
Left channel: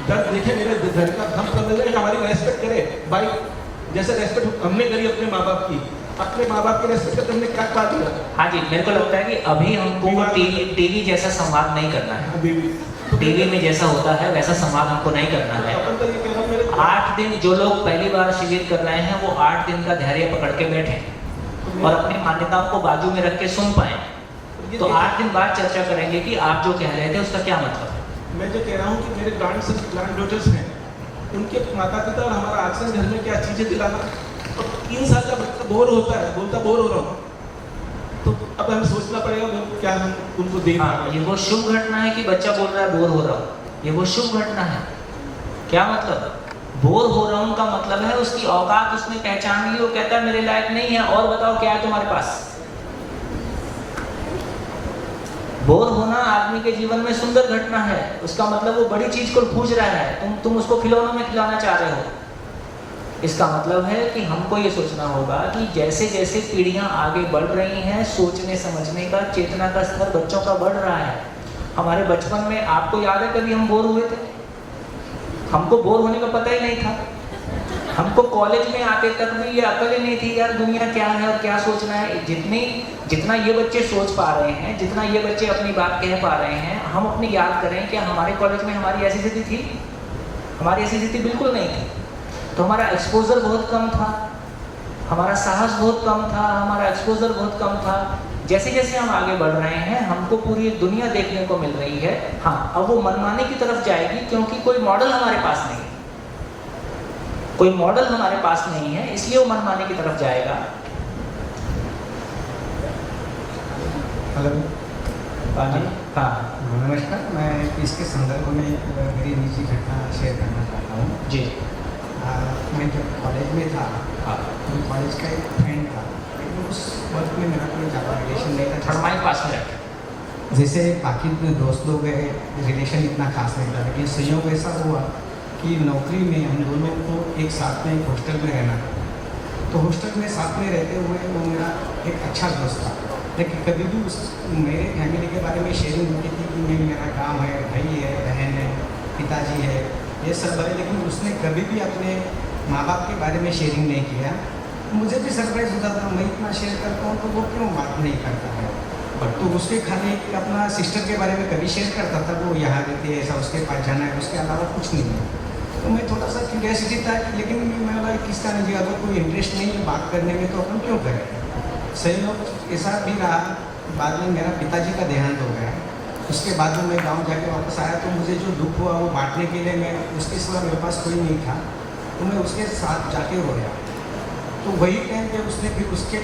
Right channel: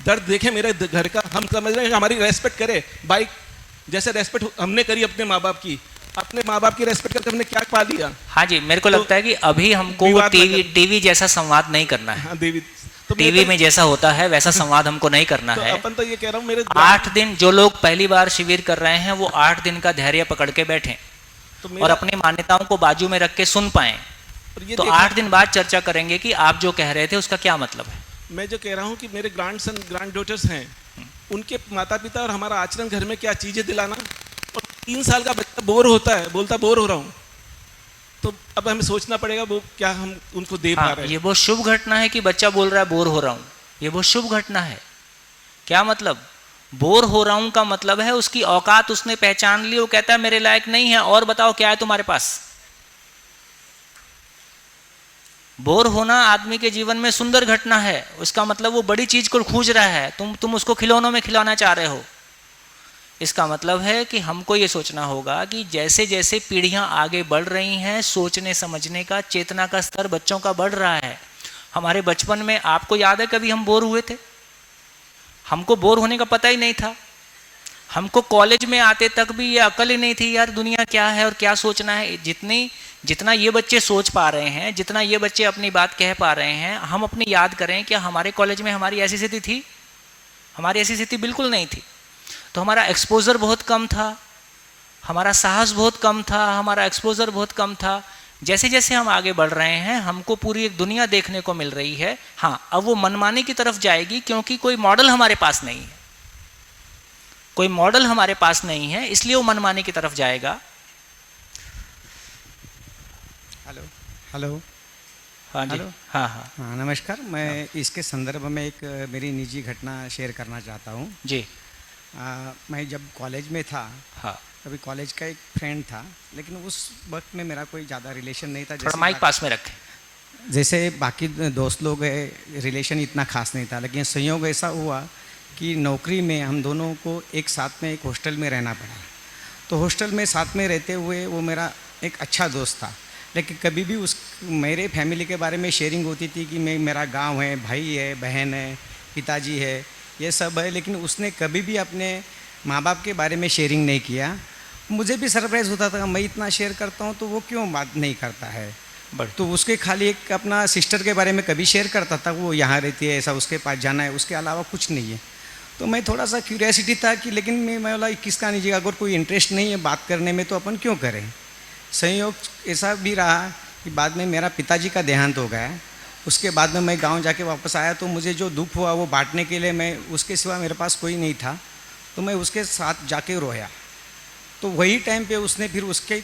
दर्द देखे मेरे घर का, हम समझ रहे हैं हमारी रेस्पेक्ट करे। भाई जैसे रेस्पेक्ट हमने करी अपने माँ बाप की, अपने माँ बाप की रेस्पेक्ट करके हमने क्या पा दिया? हाँ जी, मेरे को लगता है कि अभी हमको टीवी जैसा संवाद नहीं करना है। टीवी में जैसा होता है वैसा संवाद हमको नहीं करना है। अपन तो ये कह रहा हूँ, मेरे 8 दिन जो लोग पहली बार शिविर कर रहे हैं, वो 8 दिन का धैर्य पकड़ के बैठे और अपनी मान्यताओं को बाजू में रख के सुन पाए। तो 8 दिन बाद चर्चा करेंगे कि आप जो कह रहे थे उसका क्या मतलब है। मैं जो कह रहा हूँ कि मेरे ग्रैंड डॉटर्स हैं, उनके माता पिता और हमारा आचरण घर में क्या चीज़ें दिलाना। तो 3 साल का बच्चा बोर होता है, बोलता बोर हो रहा हूँ, तो अब हमें सोचना पड़ेगा वो क्या हम उनको दे पा रहे हैं। ये बहुत शुभ घटना है कि बच्चा बोल रहा है बोर हो रहा हूँ, ये बहुत शुभ घटना है। क्या मतलब? बोर हो रहा हूँ का मतलब है उसकी औकात उसने पहचान ली, वो कहता है मेरे लायक नहीं है, और बताओ क्या है तुम्हारे पास। बोर होना आदमी के जीवन में सुंदर घटना है, उसका मतलब वो बड़ी चीज को खोज रहा है, तुम उसको खिलौनों में खिलाना चाह रहे हो। इसका मतलब है कि हमको ये सोचना होगा कि जैसे जैसे पीढ़ियां आगे बढ़ रही हैं, सोचने समझने का, चेतना का स्तर बच्चों का बढ़ रहा है। हमारे बचपन में आपको याद है कभी हम बोर हुए थे? हमको बोर होने का पता ही नहीं था। हमको कॉलेज में आते तक भी ये अकल ही नहीं थी यार दुनिया क्या है और क्या सोचना है। जितना ये बच्चे सोच पा रहे हैं, जितना ये बच्चे अपनी बात कह पा रहे हैं, हम अपनी याद करें कि हमारे कॉलेज में हमारी ऐसी स्थिति थी? हमारी ऐसी स्थिति बिल्कुल नहीं थी। तो हमारा एक्सपोजर बहुत कम था, हमारा साहस बहुत कम था, हमारा एक्सपोजर बहुत कम था। जैसे जैसे हम आगे बढ़ रहे हैं हमको पूरी दुनिया देखने को मिल रही है। हाँ, अब वो मनमाने की तरफ जाएगी क्योंकि कोई मॉडल हमारे पास नहीं है, कोई मॉडल हमारे पास नहीं है, इसलिए वो मनमाने की तरफ जाएगा। हेलो हाँ, नमस्कार। मैं इसके संदर्भ में एक मेरी निजी घटना शेयर करना चाहता हूँ जी। मैं जब कॉलेज में था, हाँ, तो कॉलेज का एक फ्रेंड था, लेकिन उस वक्त में मेरा कोई ज़्यादा रिलेशन नहीं था। माइक पास में रखें। जैसे बाकी दोस्त लोग रिलेशन इतना खास नहीं था, लेकिन संयोग ऐसा हुआ कि नौकरी में हम दोनों को एक साथ में एक हॉस्टल में रहना पड़ा। तो हॉस्टल में साथ में रहते हुए वो मेरा एक अच्छा दोस्त था, लेकिन कभी भी मेरे फैमिली के बारे में शेयरिंग होती थी कि मेरा गांव है, भाई है, बहन है, पिताजी है, ये सब है, लेकिन उसने कभी भी अपने माँ बाप के बारे में शेयरिंग नहीं किया। मुझे भी सरप्राइज़ होता था, मैं इतना शेयर करता हूँ तो वो क्यों बात नहीं करता है। तो उसके खाली एक अपना सिस्टर के बारे में कभी शेयर करता था, वो यहाँ रहती है, ऐसा उसके पास जाना है, उसके अलावा कुछ नहीं है। तो मैं थोड़ा सा क्यूरियोसिटी था कि लेकिन मैं बोला किसका नहीं, अगर कोई इंटरेस्ट नहीं है बात करने में तो अपन क्यों करें। संयोग ऐसा भी रहा कि बाद में मेरा पिताजी का देहांत हो गया। उसके बाद में मैं गांव जाके वापस आया तो मुझे जो दुख हुआ वो बांटने के लिए मैं उसके सिवा मेरे पास कोई नहीं था, तो मैं उसके साथ जाके रोया। तो वही टाइम पे उसने फिर उसके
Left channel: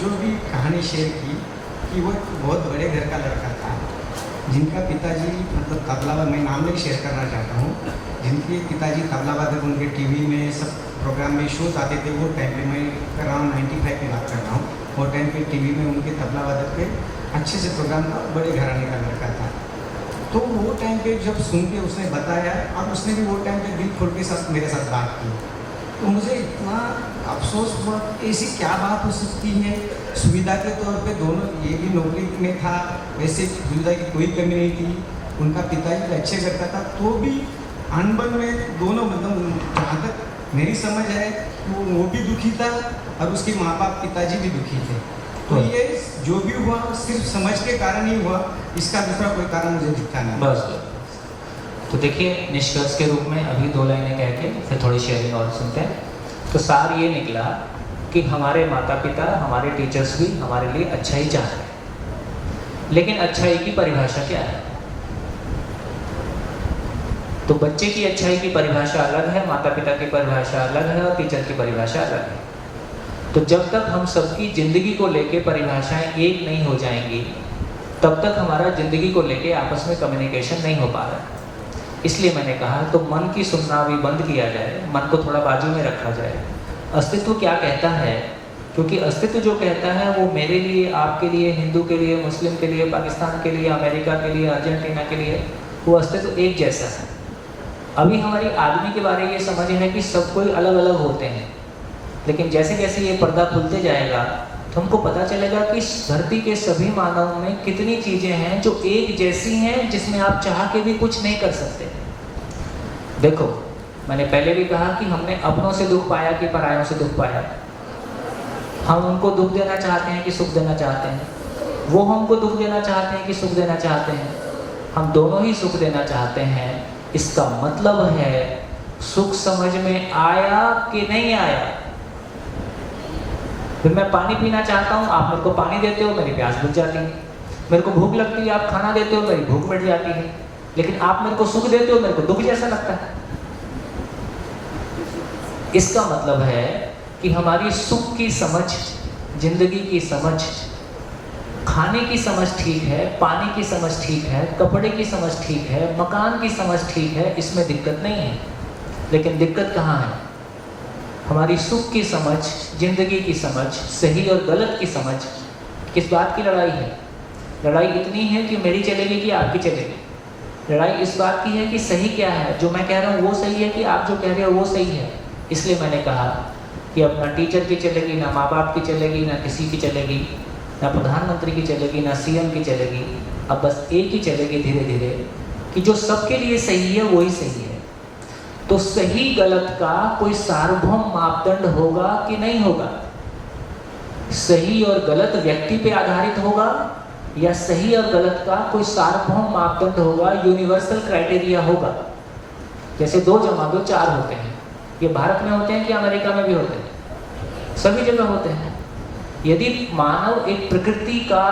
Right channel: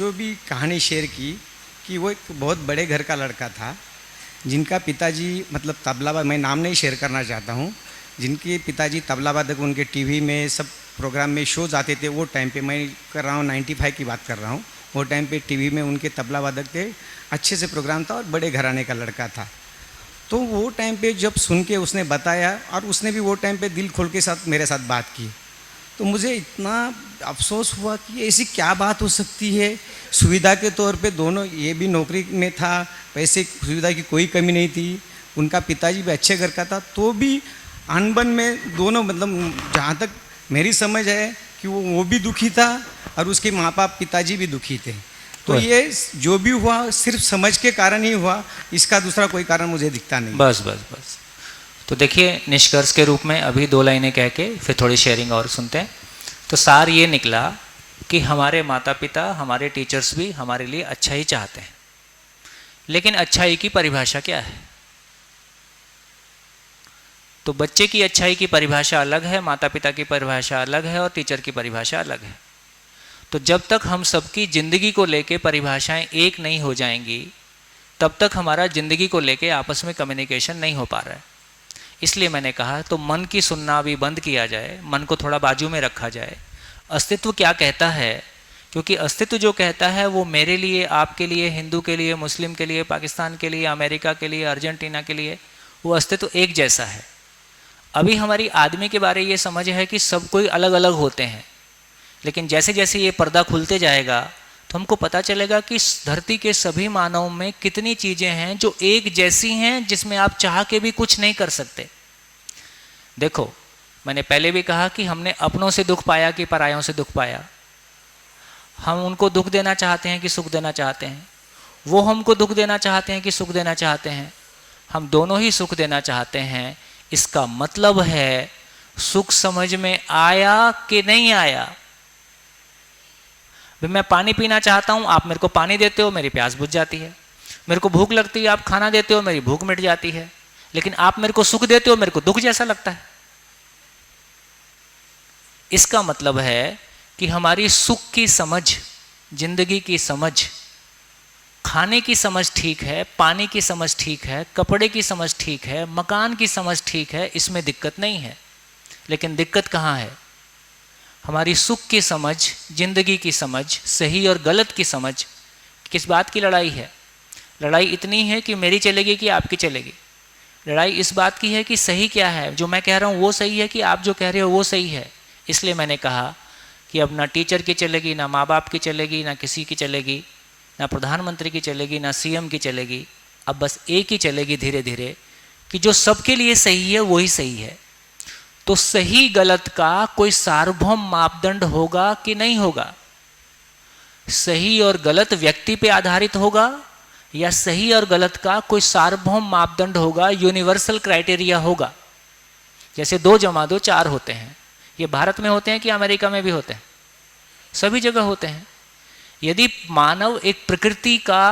जो भी कहानी शेयर की कि वो एक बहुत बड़े घर का लड़का था जिनका पिताजी मतलब तबला, मैं नाम नहीं शेयर करना चाहता हूँ, जिनके पिताजी तबला वादक, उनके टीवी में सब प्रोग्राम में शोज आते थे। वो टाइम पे मैं कर रहा हूँ 95 की बात कर रहा हूँ। वो टाइम पे टीवी में उनके तबला वादक के अच्छे से प्रोग्राम था और बड़े घराने का लड़का था। तो वो टाइम पे जब सुन के उसने बताया और उसने भी वो टाइम पे दिल खोल के साथ मेरे साथ बात की, तो मुझे इतना अफसोस हुआ कि ऐसी क्या बात हो सकती है। सुविधा के तौर पे दोनों, ये भी नौकरी में था, वैसे सुविधा की कोई कमी नहीं थी, उनका पिताजी भी अच्छे घर का था, तो भी अनबन में दोनों, मतलब जहाँ तक मेरी समझ है कि वो भी दुखी था और उसके माँ बाप पिताजी भी दुखी थे। तो ये जो भी हुआ सिर्फ समझ के कारण ही हुआ, इसका दूसरा कोई कारण मुझे दिखता नहीं। बस बस बस। तो देखिए, निष्कर्ष के रूप में अभी 2 लाइनें कह के फिर थोड़ी शेयरिंग और सुनते हैं। तो सार ये निकला कि हमारे माता पिता, हमारे टीचर्स भी हमारे लिए अच्छा ही चाहते हैं, लेकिन अच्छाई की परिभाषा क्या है? तो बच्चे की अच्छाई की परिभाषा अलग है, माता पिता की परिभाषा अलग है और टीचर की परिभाषा अलग है। तो जब तक हम सबकी ज़िंदगी को लेके परिभाषाएं एक नहीं हो जाएंगी, तब तक हमारा ज़िंदगी को लेके आपस में कम्युनिकेशन नहीं हो पा रहा है। इसलिए मैंने कहा तो मन की सुनना भी बंद किया जाए, मन को थोड़ा बाजू में रखा जाए। अस्तित्व क्या कहता है, क्योंकि अस्तित्व जो कहता है वो मेरे लिए, आपके लिए, हिंदू के लिए, मुस्लिम के लिए, पाकिस्तान के लिए, अमेरिका के लिए, अर्जेंटीना के लिए, वो अस्तित्व एक जैसा है। अभी हमारी आदमी के बारे में ये समझ है कि सब कोई अलग अलग होते हैं, लेकिन जैसे जैसे ये पर्दा खुलते जाएगा तो हमको पता चलेगा कि धरती के सभी मानव में कितनी चीज़ें हैं जो एक जैसी हैं, जिसमें आप चाह के भी कुछ नहीं कर सकते। देखो, मैंने पहले भी कहा कि हमने अपनों से दुख पाया कि परायों से दुख पाया। हम उनको दुख देना चाहते हैं कि सुख देना चाहते हैं, वो हमको दुख देना चाहते हैं कि सुख देना चाहते हैं, हम दोनों ही सुख देना चाहते हैं। इसका मतलब है सुख समझ में आया कि नहीं आया। मैं पानी पीना चाहता हूँ, आप मेरे को पानी देते हो, मेरी प्यास बुझ जाती है। मेरे को भूख लगती है, आप खाना देते हो, मेरी भूख मिट जाती है। लेकिन आप मेरे को सुख देते हो, मेरे को दुख जैसा लगता है। इसका मतलब है कि हमारी सुख की समझ, जिंदगी की समझ, खाने की समझ ठीक है, पानी की समझ ठीक है, कपड़े की समझ ठीक है, मकान की समझ ठीक है, इसमें दिक्कत नहीं है। लेकिन दिक्कत कहाँ है? हमारी सुख की समझ, जिंदगी की समझ, सही और गलत की समझ। किस बात की लड़ाई है? लड़ाई इतनी है कि मेरी चलेगी कि आपकी चलेगी। लड़ाई इस बात की है कि सही क्या है, जो मैं कह रहा हूँ वो सही है कि आप जो कह रहे हो वो सही है। इसलिए मैंने कहा कि अब ना टीचर की चलेगी, ना माँ बाप की चलेगी, ना किसी की चलेगी, ना प्रधानमंत्री की चलेगी, ना सीएम की चलेगी। अब बस एक ही चलेगी धीरे धीरे, कि जो सबके लिए सही है वही सही है। तो सही गलत का कोई सार्वभौम मापदंड होगा कि नहीं होगा? सही और गलत व्यक्ति पे आधारित होगा या सही और गलत का कोई सार्वभौम मापदंड होगा, यूनिवर्सल क्राइटेरिया होगा? जैसे 2 + 2 4 होते हैं। ये भारत में होते हैं कि अमेरिका में भी होते हैं? सभी जगह होते हैं। यदि मानव एक प्रकृति का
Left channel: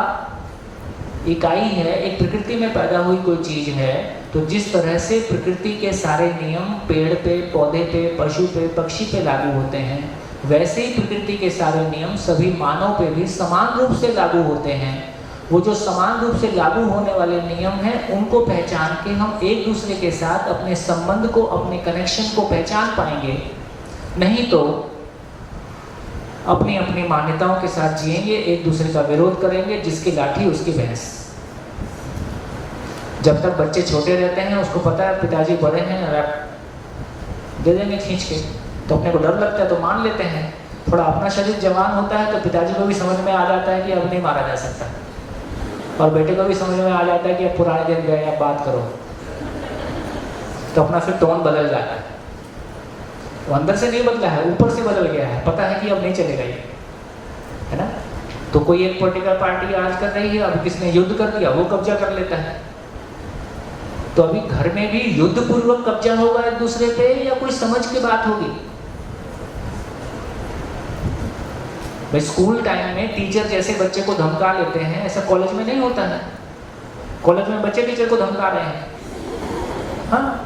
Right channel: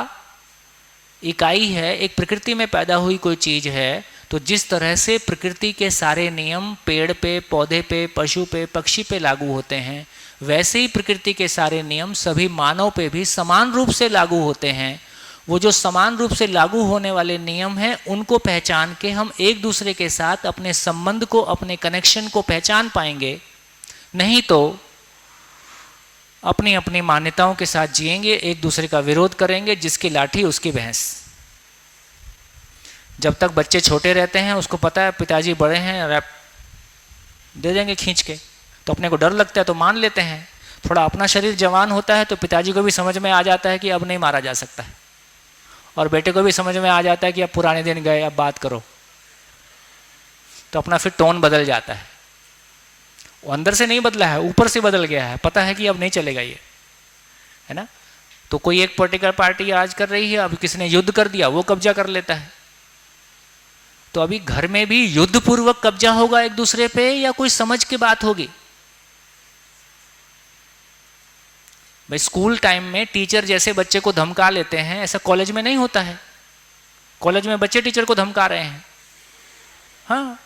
इकाई है, एक प्रकृति में पैदा हुई कोई चीज है, तो जिस तरह से प्रकृति के सारे नियम पेड़ पे, पौधे पे, पशु पे, पक्षी पे लागू होते हैं, वैसे ही प्रकृति के सारे नियम सभी मानव पे भी समान रूप से लागू होते हैं। वो जो समान रूप से लागू होने वाले नियम हैं, उनको पहचान के हम एक दूसरे के साथ अपने संबंध को, अपने कनेक्शन को पहचान पाएंगे। नहीं तो अपनी अपनी मान्यताओं के साथ जिएंगे, एक दूसरे का विरोध करेंगे, जिसकी लाठी उसकी भैंस। जब तक बच्चे छोटे रहते हैं, उसको पता है पिताजी बड़े हैं, रैप दे देंगे खींच के, तो अपने को डर लगता है तो मान लेते हैं। थोड़ा अपना शरीर जवान होता है तो पिताजी को भी समझ में आ जाता है कि अब नहीं मारा जा सकता, और बेटे को भी समझ में आ जाता है कि अब पुराने दिन गए, अब बात करो। तो अपना फिर टोन बदल जाता है। वो अंदर से नहीं बदला है, ऊपर से बदल गया है, पता है कि अब नहीं चलेगा ये, है ना। तो कोई एक पॉलिटिकल पार्टी आज कर रही है, अब किसने युद्ध कर दिया, वो कब्जा कर लेता है। तो अभी घर में भी युद्ध पूर्वक कब्जा होगा एक दूसरे पे, या कोई समझ की बात होगी? स्कूल टाइम में टीचर जैसे बच्चे को धमका लेते हैं, ऐसा कॉलेज में नहीं होता है। कॉलेज में बच्चे टीचर को धमका रहे हैं, हाँ।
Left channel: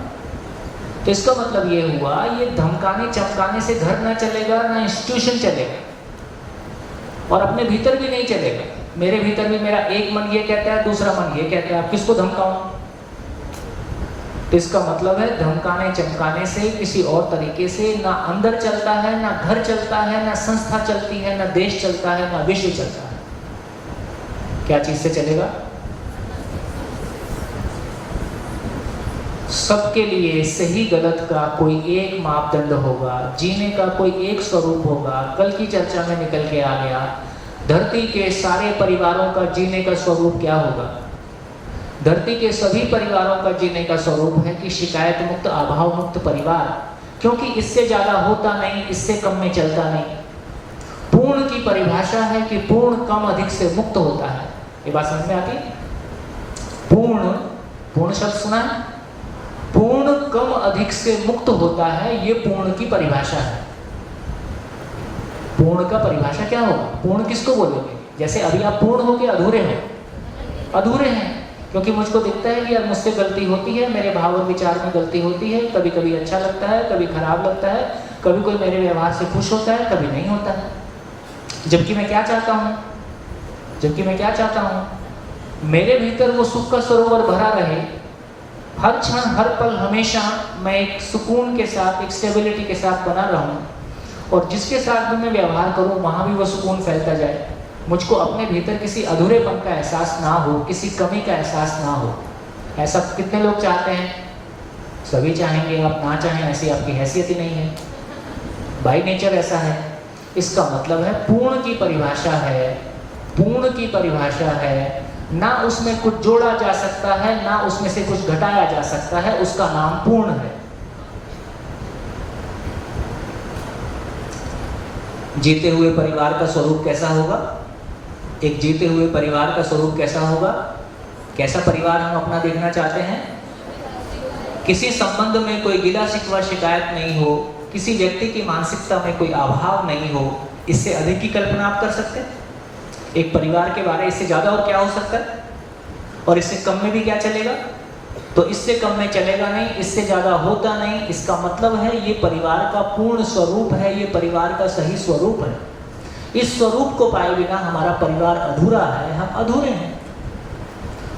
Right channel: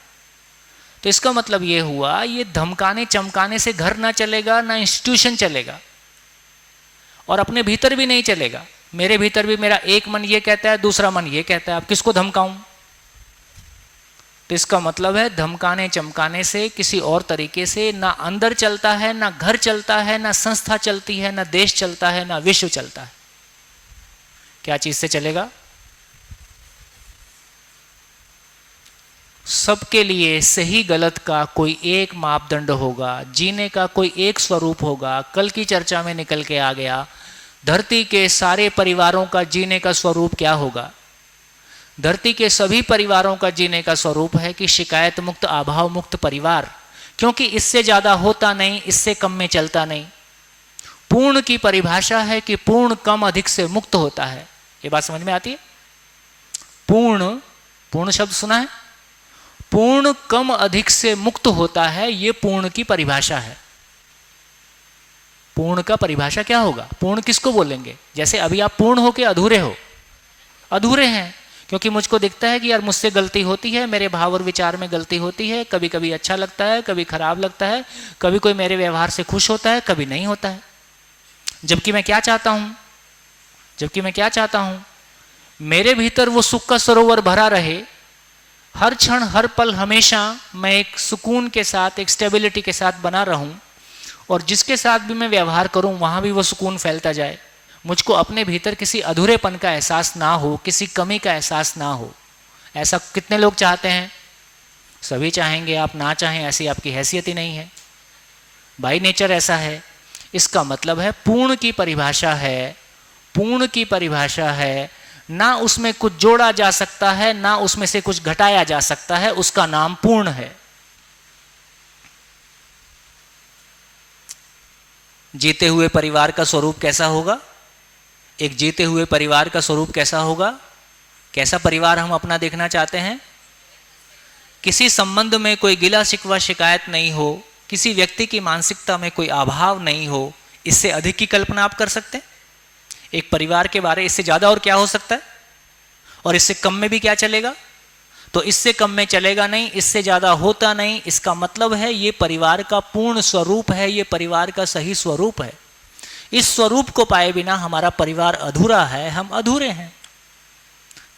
तो इसका मतलब ये हुआ, ये धमकाने चमकाने से घर ना चलेगा, ना इंस्टीट्यूशन चलेगा, और अपने भीतर भी नहीं चलेगा। मेरे भीतर भी मेरा एक मन ये कहता है, दूसरा मन ये कहता है, अब किसको धमकाऊं? तो इसका मतलब है धमकाने चमकाने से, किसी और तरीके से ना अंदर चलता है, ना घर चलता है, ना संस्था चलती है, ना देश चलता है, ना विश्व चलता है। क्या चीज से चलेगा? सबके लिए सही गलत का कोई एक मापदंड होगा, जीने का कोई एक स्वरूप होगा। कल की चर्चा में निकल के आ गया, धरती के सारे परिवारों का जीने का स्वरूप क्या होगा? धरती के सभी परिवारों का जीने का स्वरूप है कि शिकायत मुक्त, अभाव मुक्त परिवार, क्योंकि इससे ज्यादा होता नहीं, इससे कम में चलता नहीं। पूर्ण की परिभाषा है कि पूर्ण कम अधिक से मुक्त होता है। ये बात समझ में आती है? पूर्ण, पूर्ण शब्द सुना है? पूर्ण कम अधिक से मुक्त होता है, ये पूर्ण की परिभाषा है। पूर्ण का परिभाषा क्या होगा? पूर्ण किसको बोलेंगे? जैसे अभी आप पूर्ण हो के अधूरे हो, अधूरे हैं, क्योंकि मुझको दिखता है कि यार मुझसे गलती होती है, मेरे भाव और विचार में गलती होती है, कभी कभी अच्छा लगता है, कभी खराब लगता है, कभी कोई मेरे व्यवहार से खुश होता है, कभी नहीं होता है। जबकि मैं क्या चाहता हूँ? जबकि मैं क्या चाहता हूँ? मेरे भीतर वो सुख का सरोवर भरा रहे, हर क्षण हर पल हमेशा मैं एक सुकून के साथ, एक स्टेबिलिटी के साथ बना रहूं, और जिसके साथ भी मैं व्यवहार करूं वहां भी वो सुकून फैलता जाए। मुझको अपने भीतर किसी अधूरेपन का एहसास ना हो, किसी कमी का एहसास ना हो। ऐसा कितने लोग चाहते हैं? सभी चाहेंगे। आप ना चाहें ऐसी आपकी हैसियत ही नहीं है, बाय नेचर ऐसा है। इसका मतलब है पूर्ण की परिभाषा है, पूर्ण की परिभाषा है, ना उसमें कुछ जोड़ा जा सकता है, ना उसमें से कुछ घटाया जा सकता है, उसका नाम पूर्ण है। जीते हुए परिवार का स्वरूप कैसा होगा? एक जीते हुए परिवार का स्वरूप कैसा होगा? कैसा परिवार हम अपना देखना चाहते हैं? किसी संबंध में कोई गिला शिकवा शिकायत नहीं हो, किसी व्यक्ति की मानसिकता में कोई अभाव नहीं हो। इससे अधिक की कल्पना आप कर सकते हैं? एक परिवार के बारे इससे ज़्यादा और क्या हो सकता है? और इससे कम में भी क्या चलेगा? तो इससे कम में चलेगा नहीं, इससे ज़्यादा होता नहीं। इसका मतलब है ये परिवार का पूर्ण स्वरूप है, ये परिवार का सही स्वरूप है। इस स्वरूप को पाए बिना हमारा परिवार अधूरा है, हम अधूरे हैं।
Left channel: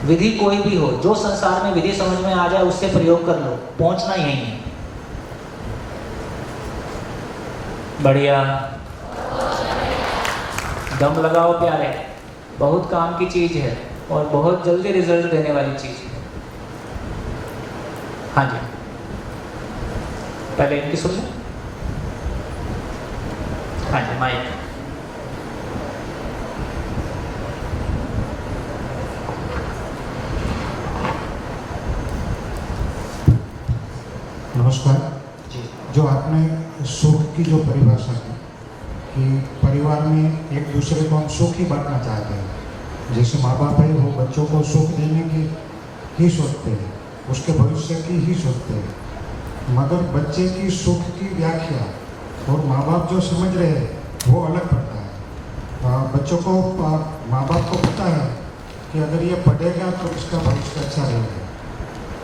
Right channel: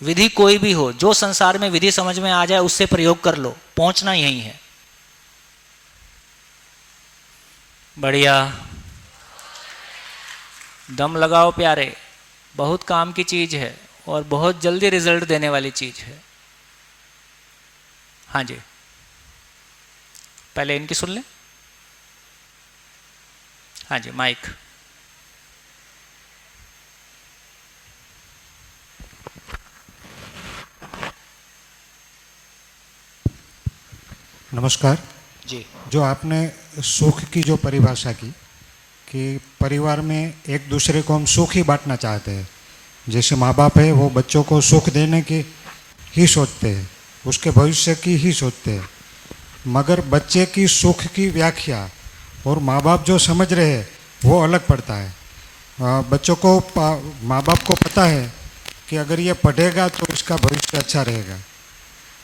विधि कोई भी हो, जो संसार में विधि समझ में आ जाए उससे प्रयोग कर लो, पहुंचना यही है। बढ़िया, दम लगाओ प्यारे, बहुत काम की चीज है। और बहुत जल्दी रिजल्ट देने वाली चीज़ है। हाँ जी, पहले इनकी सुन लें। हाँ जी, माइक। नमस्कार जी। जो आपने सुख की जो परिभाषा की कि परिवार में एक दूसरे को हम सुख ही बांटना चाहते हैं, जैसे माँ बाप है वो बच्चों को सुख देने की ही सोचते हैं, उसके भविष्य की ही सोचते हैं, मगर बच्चे की सुख की व्याख्या और माँ बाप जो समझ रहे हैं वो अलग पड़ता है। बच्चों को माँ बाप को पता है कि अगर ये पढ़ेगा तो इसका भविष्य अच्छा रहेगा,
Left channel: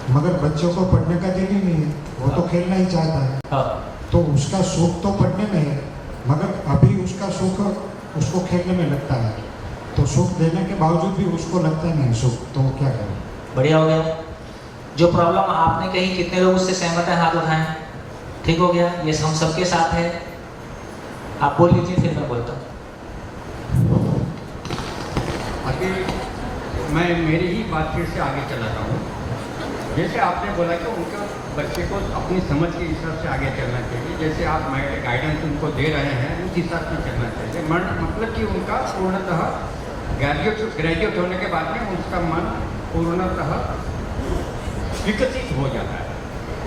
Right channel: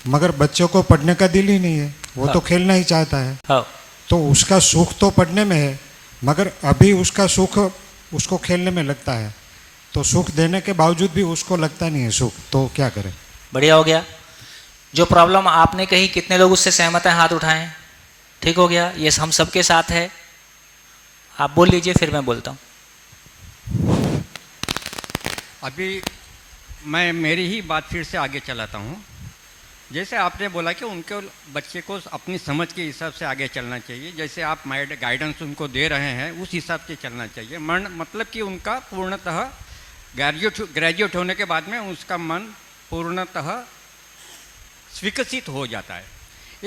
मगर बच्चों को पढ़ने का दिल ही नहीं है, वो तो खेलना ही चाहता है। तो उसका सुख तो पढ़ने में है, मगर अभी उसका सुख उसको खेलने में लगता है, तो सुख देने के बावजूद भी उसको लगता नहीं है सुख, तो क्या करें? बढ़िया हो गया। जो प्रॉब्लम आपने कही, कितने लोग उससे सहमत हैं? हाथ उठाएं। ठीक हो गया, ये हम सबके साथ है। आप बोल लीजिए, फिर मैं बोलता हूँ। अभी मैं मेरी ही बात फिर से आगे चलाता हूँ। जैसे आपने बोला कि उनके बच्चे को अपनी समझ के हिसाब से आगे चलना चाहिए, जैसे आप गाइडेंस उनको दे रहे हैं उस हिसाब से चलना चाहिए। मतलब कि उनका पूर्णतः ग्रेजुएट होने के बाद में उसका मन पूर्णतः विकसित हो जाता है।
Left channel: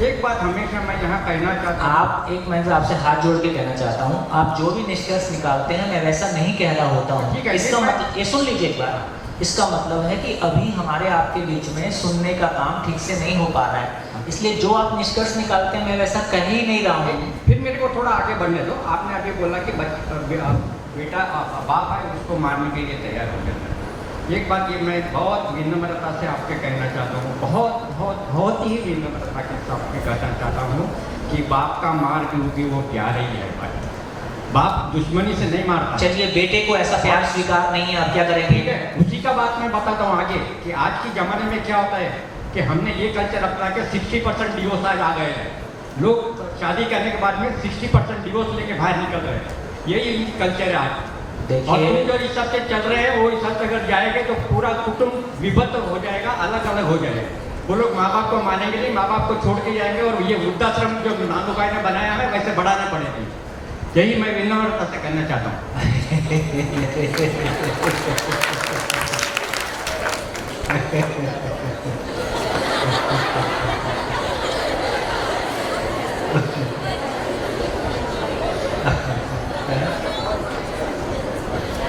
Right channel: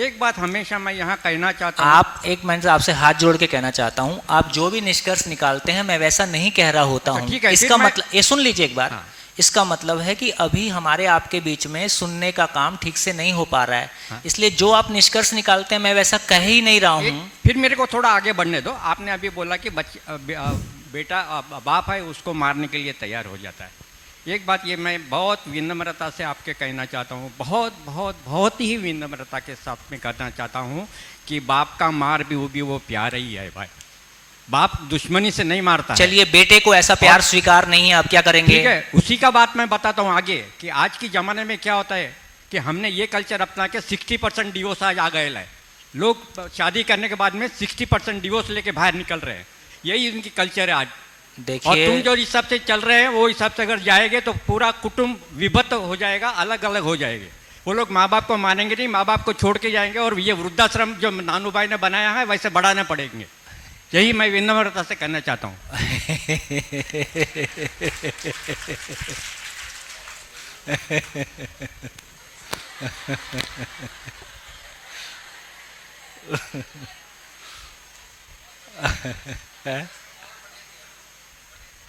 एक बात हमेशा मैं यहाँ कहना चाहता हूँ, आप एक मिनट आपसे हाथ जोड़ के कहना चाहता हूँ, आप जो भी निष्कर्ष निकालते हैं मैं वैसा नहीं कह रहा होता हूँ। इसका मतलब, ये सुन लीजिए एक बार, इसका मतलब है कि अभी हमारे आपके बीच में सुनने का काम ठीक से नहीं हो पा रहा है, इसलिए जो आप निष्कर्ष निकालते हैं मैं वैसा कह ही नहीं रहा हूँ। फिर मेरे को थोड़ा आगे बढ़ने दो। आपने अभी बोला कि बेटा बाप है उसको मारने के लिए तैयार हो जाना है। एक बात ये मैं बहुत विनम्रता से आपके कहना चाहता हूँ, बहुत बहुत बहुत ही विनम्रता के साथ में कहना चाहता हूँ कि बाप का मार भी वो प्यार ही है भाई। बाप दुश्मनी से नहीं मारता। चलिए, बेटे को ऐसा प्यार स्वीकार नहीं है, अब क्या करेंगे? ठीक है, उसी का बात मैं बताता हूँ आगे कि आज के ज़माने में क्या होता है कि हमने ये कल्चर अपना के 60% डिवोर्स आज आ गए हैं। लोग शादी करने के बाद में 60% डिवोर्स लेके बाहर निकल रहे हैं, यही उनकी कल्चर है आज। देखिए, और तुम जो हिसाब से चल रहे हैं वो हिसाब से अगर जाएंगे तो पूरा कुटुंब विभक्त हो जाएगा, अलग अलग हो जाएगा। वो लोग माँ बाप को मानेंगे नहीं, माँ बाप को छोड़ के जाएंगे और ये वृद्धाश्रम जो नानू भाई ने बनाया है वैसे बढ़ाना पड़ेगा। यही मैं विनम्रता से कहना चाहता हूँ।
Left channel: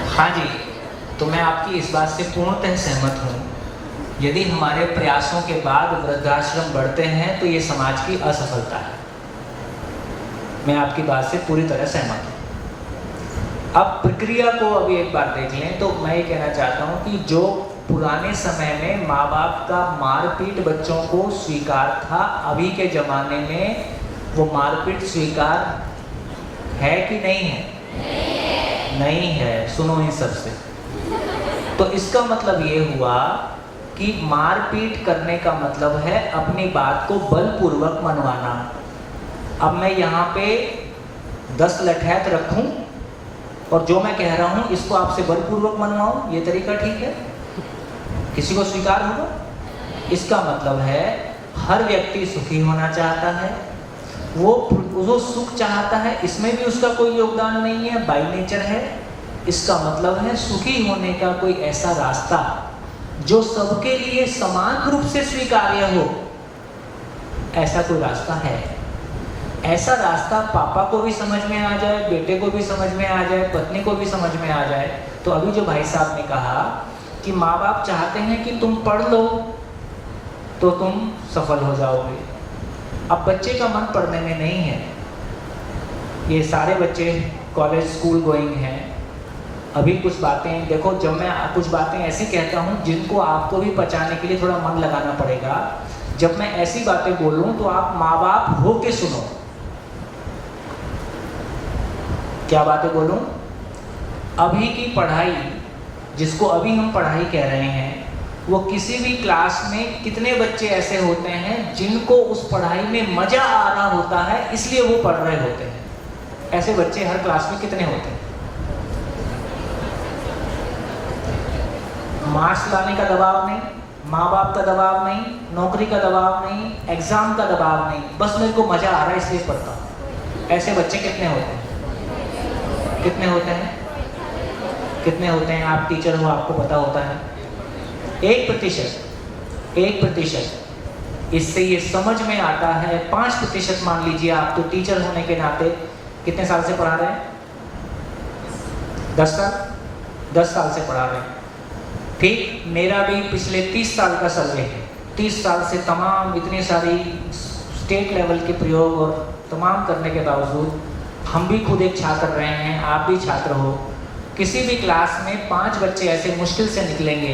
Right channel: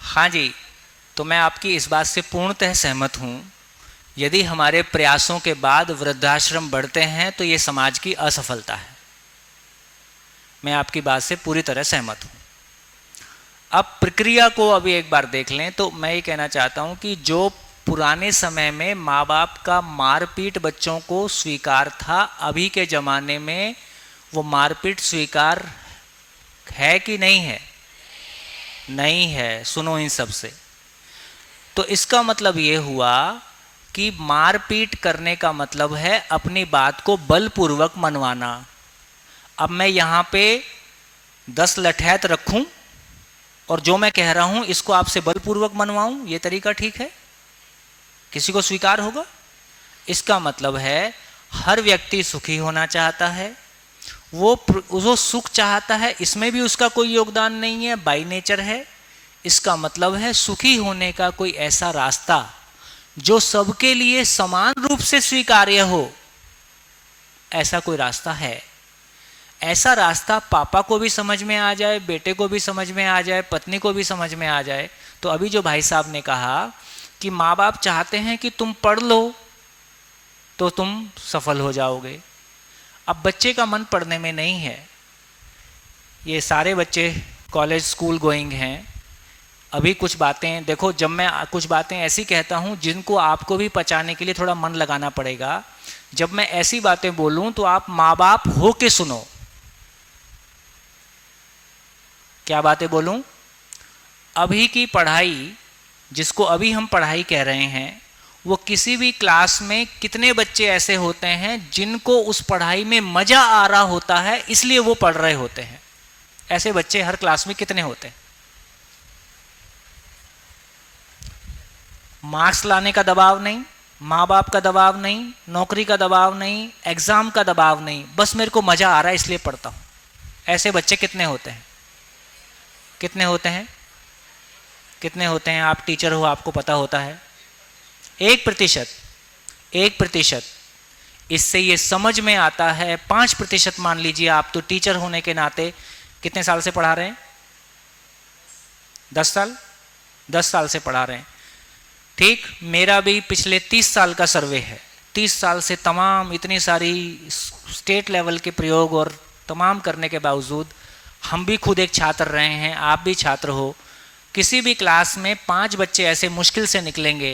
हाँ जी, तो मैं आपकी इस बात से पूर्णतः सहमत हूँ। यदि हमारे प्रयासों के बाद वृद्धाश्रम बढ़ते हैं तो ये समाज की असफलता है। मैं आपकी बात से पूरी तरह सहमत हूँ। अब प्रक्रिया को अभी एक बार देख लें तो मैं ये कहना चाहता हूँ कि जो पुराने समय में माँ बाप का मारपीट बच्चों को स्वीकार था, अभी के ज़माने में वो मारपीट स्वीकार है कि नहीं है? नहीं है। सुनो इन सब से। तो इसका मतलब ये हुआ कि मारपीट करने का मतलब है अपनी बात को बलपूर्वक मनवाना। अब मैं यहाँ पे 10 लठैत रखूं और जो मैं कह रहा हूँ इसको आपसे बलपूर्वक मनवाऊं, ये तरीका ठीक है? किसी को स्वीकार होगा? इसका मतलब है हर व्यक्ति सुखी होना चाहता है, वो सुख चाहता है, इसमें भी उसका कोई योगदान नहीं है, बाय नेचर है। इसका मतलब है सुखी होने का कोई ऐसा रास्ता जो सबके लिए समान रूप से स्वीकार्य हो, ऐसा कोई रास्ता है। ऐसा रास्ता पापा को भी समझ में आ जाए, बेटे को भी समझ में आ जाए, पत्नी को भी समझ में आ जाए। तो अभी जो भाई साहब ने कहा कि माँ बाप चाहते हैं कि तुम पढ़ लो तो तुम सफल हो जाओगे। अब बच्चे का मन पढ़ने में नहीं है। ये सारे बच्चे कॉलेज स्कूल गोइंग हैं। अभी कुछ बातें देखो, जब मैं कुछ बातें ऐसी कहता हूँ जिनको आपको भी पचाने के लिए थोड़ा मन लगाना पड़ेगा। जब मैं ऐसी बातें बोलूँ तो आप माँ बाप हो के सुनो। क्या बातें बोलूँ? अभी की पढ़ाई, जिसको अभी हम पढ़ाई कह रहे हैं, वो किसी भी क्लास में कितने बच्चे ऐसे होते हैं जिनको उस पढ़ाई में मज़ा आ रहा होता है इसलिए वो पढ़ रहे होते हैं? ऐसे बच्चे हर क्लास में कितने होते हैं? मार्क्स लाने का दबाव नहीं, माँ बाप का दबाव नहीं, नौकरी का दबाव नहीं, एग्ज़ाम का दबाव नहीं, बस मेरे को मज़ा आ रहा है इसलिए पढ़ता हूँ। ऐसे बच्चे कितने होते हैं? कितने होते हैं? कितने होते हैं? आप टीचर हो, आपको पता होता है। 1%, 1%। इससे ये समझ में आता है। 5% मान लीजिए आप, तो टीचर होने के नाते कितने साल से पढ़ा रहे हैं? 10 साल, 10 साल से पढ़ा रहे हैं। ठीक, मेरा भी पिछले 30 साल का सर्वे है। 30 साल से तमाम इतनी सारी स्टेट लेवल के प्रयोग और तमाम करने के बावजूद हम भी खुद एक छात्र रहे हैं, आप भी छात्र हो। किसी भी क्लास में 5 बच्चे ऐसे मुश्किल से निकलेंगे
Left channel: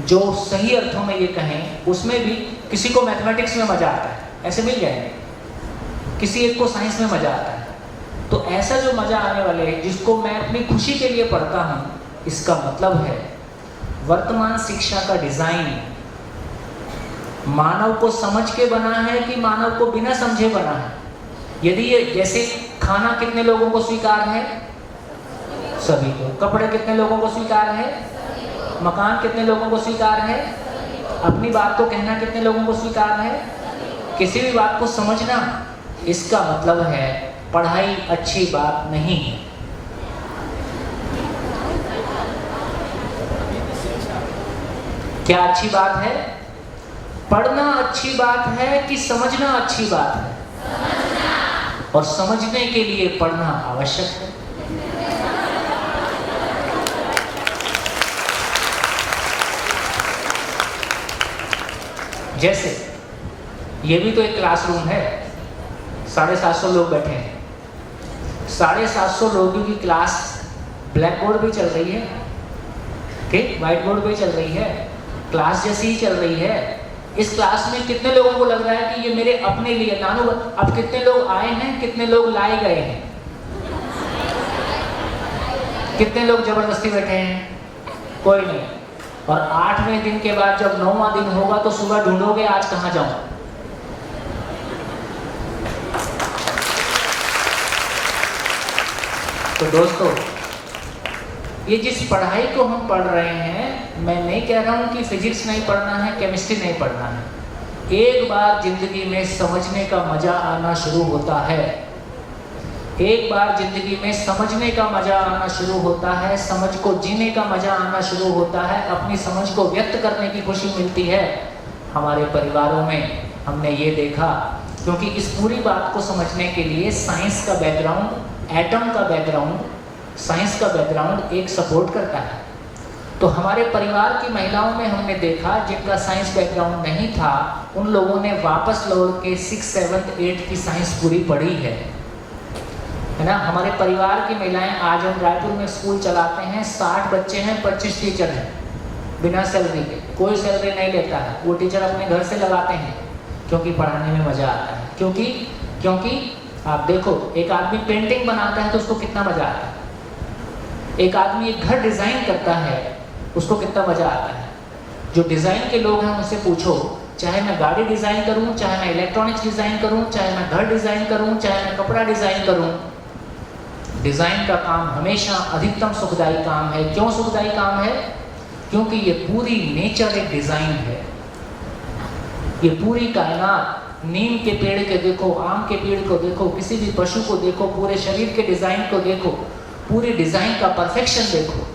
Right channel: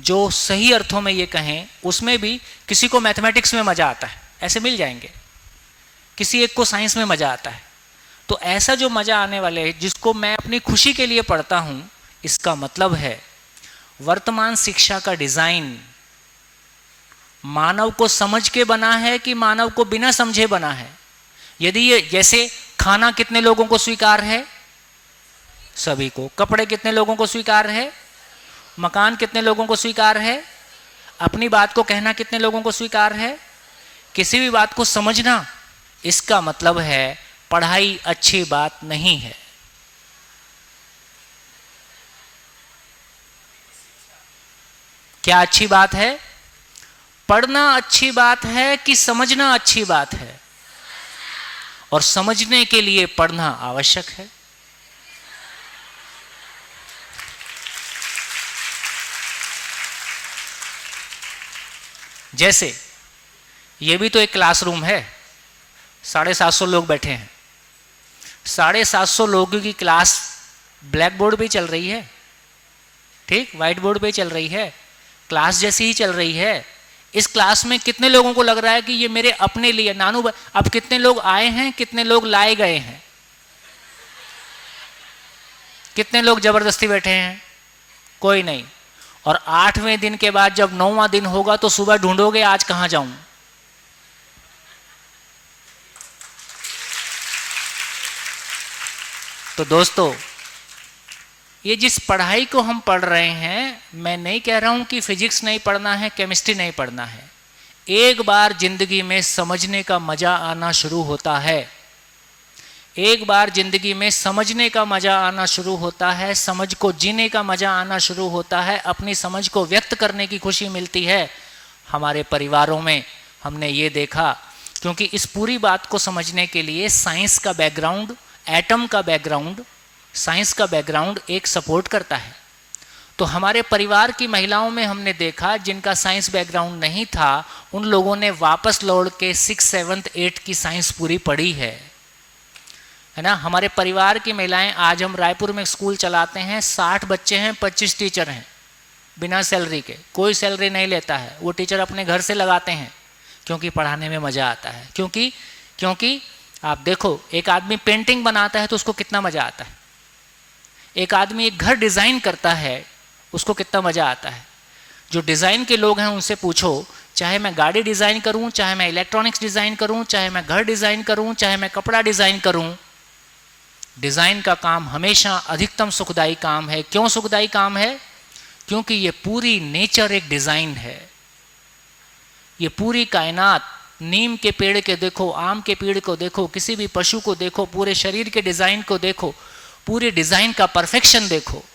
जो सही अर्थों में ये कहें, उसमें भी किसी को मैथमेटिक्स में मज़ा आता है, ऐसे मिल जाएंगे। किसी एक को साइंस में मज़ा आता है। तो ऐसा जो मज़ा आने वाले है, जिसको मैं अपनी खुशी के लिए पढ़ता हूँ, इसका मतलब है वर्तमान शिक्षा का डिज़ाइन मानव को समझ के बना है कि मानव को बिना समझे बना है। यदि ये, जैसे खाना कितने लोगों को स्वीकार है? सभी को। कपड़े कितने लोगों को स्वीकार है? मकान कितने लोगों को स्वीकार है? अपनी बात को कहना कितने लोगों को स्वीकार है? किसी भी बात को समझना, इसका मतलब है पढ़ाई अच्छी बात नहीं है। क्या अच्छी बात है? पढ़ना अच्छी बात है कि समझना अच्छी बात है? और समझने के लिए पढ़ना आवश्यक है। जैसे ये भी तो एक क्लासरूम है, 750 लोग बैठे हैं। 750 लोगों की क्लास, ब्लैक बोर्ड भी चल रही है, ठीक, व्हाइट बोर्ड भी चल रही है, क्लास जैसी ही चल रही है। इस क्लास में कितने लोगों को लग रहा है कि ये मेरे अपने लिए? नानू, अब कितने लोग आए हैं, कितने लोग लाए गए हैं? कितने लोग जबरदस्ती बैठे हैं? कोई नहीं। और 8वें दिन के बाद जब 9वां दिन होगा तो सुबह ढूंढोगे आज कहाँ जाऊं। तो दोस्तों, ये जिस पढ़ाई को हम पढ़ रहे हैं, मैं नहीं कह रहा हूं कि फिजिक्स नहीं पढ़ना है, केमिस्ट्री नहीं पढ़ना है। एक बार जिंदगी में समझने का मजा आना शुरू होता है, एक बार जिंदगी में समझने का मजा आना शुरू होता है, समझ को जीने का मजा आना शुरू होता है, अपनी समझ को व्यक्त करने की खुशी मिलती है। हमारे परिवारों में हमने ये देखा, क्योंकि इस पूरी बात को समझने के लिए साइंस का बैकग्राउंड, एटम का बैकग्राउंड, साइंस का बैकग्राउंड एक सपोर्ट करता है। तो हमारे परिवार की महिलाओं में हमने देखा, जिनका साइंस बैकग्राउंड नहीं था, उन लोगों ने वापस लौट के 6, 7, 8 की साइंस पूरी पढ़ी है ना। हमारे परिवार की महिलाएं, आज हम रायपुर में स्कूल चलाते हैं, 60 बच्चे हैं, 25 टीचर हैं, बिना सैलरी के, कोई सैलरी नहीं लेता है। वो टीचर अपने घर से लगाते हैं, क्योंकि पढ़ाने में मज़ा आता है। क्योंकि आप देखो, एक आदमी पेंटिंग बनाता है तो उसको कितना मज़ा आता है। एक आदमी एक घर डिज़ाइन करता है, उसको कितना मज़ा आता है। जो डिज़ाइन के लोग हैं उनसे पूछो, चाहे मैं गाड़ी डिज़ाइन करूं, चाहे मैं इलेक्ट्रॉनिक्स डिज़ाइन करूं, चाहे मैं घर डिज़ाइन करूं, चाहे मैं कपड़ा डिज़ाइन करूं, डिज़ाइन का काम हमेशा अधिकतम सुखदायी काम है। क्यों सुखदायी काम है? क्योंकि ये पूरी नेचर एक डिज़ाइन है। ये पूरी कायनात, नीम के पेड़ के देखो, आम के पेड़ को देखो, किसी भी पशु को देखो, पूरे शरीर के डिज़ाइन को देखो, पूरे डिज़ाइन का परफेक्शन देखो।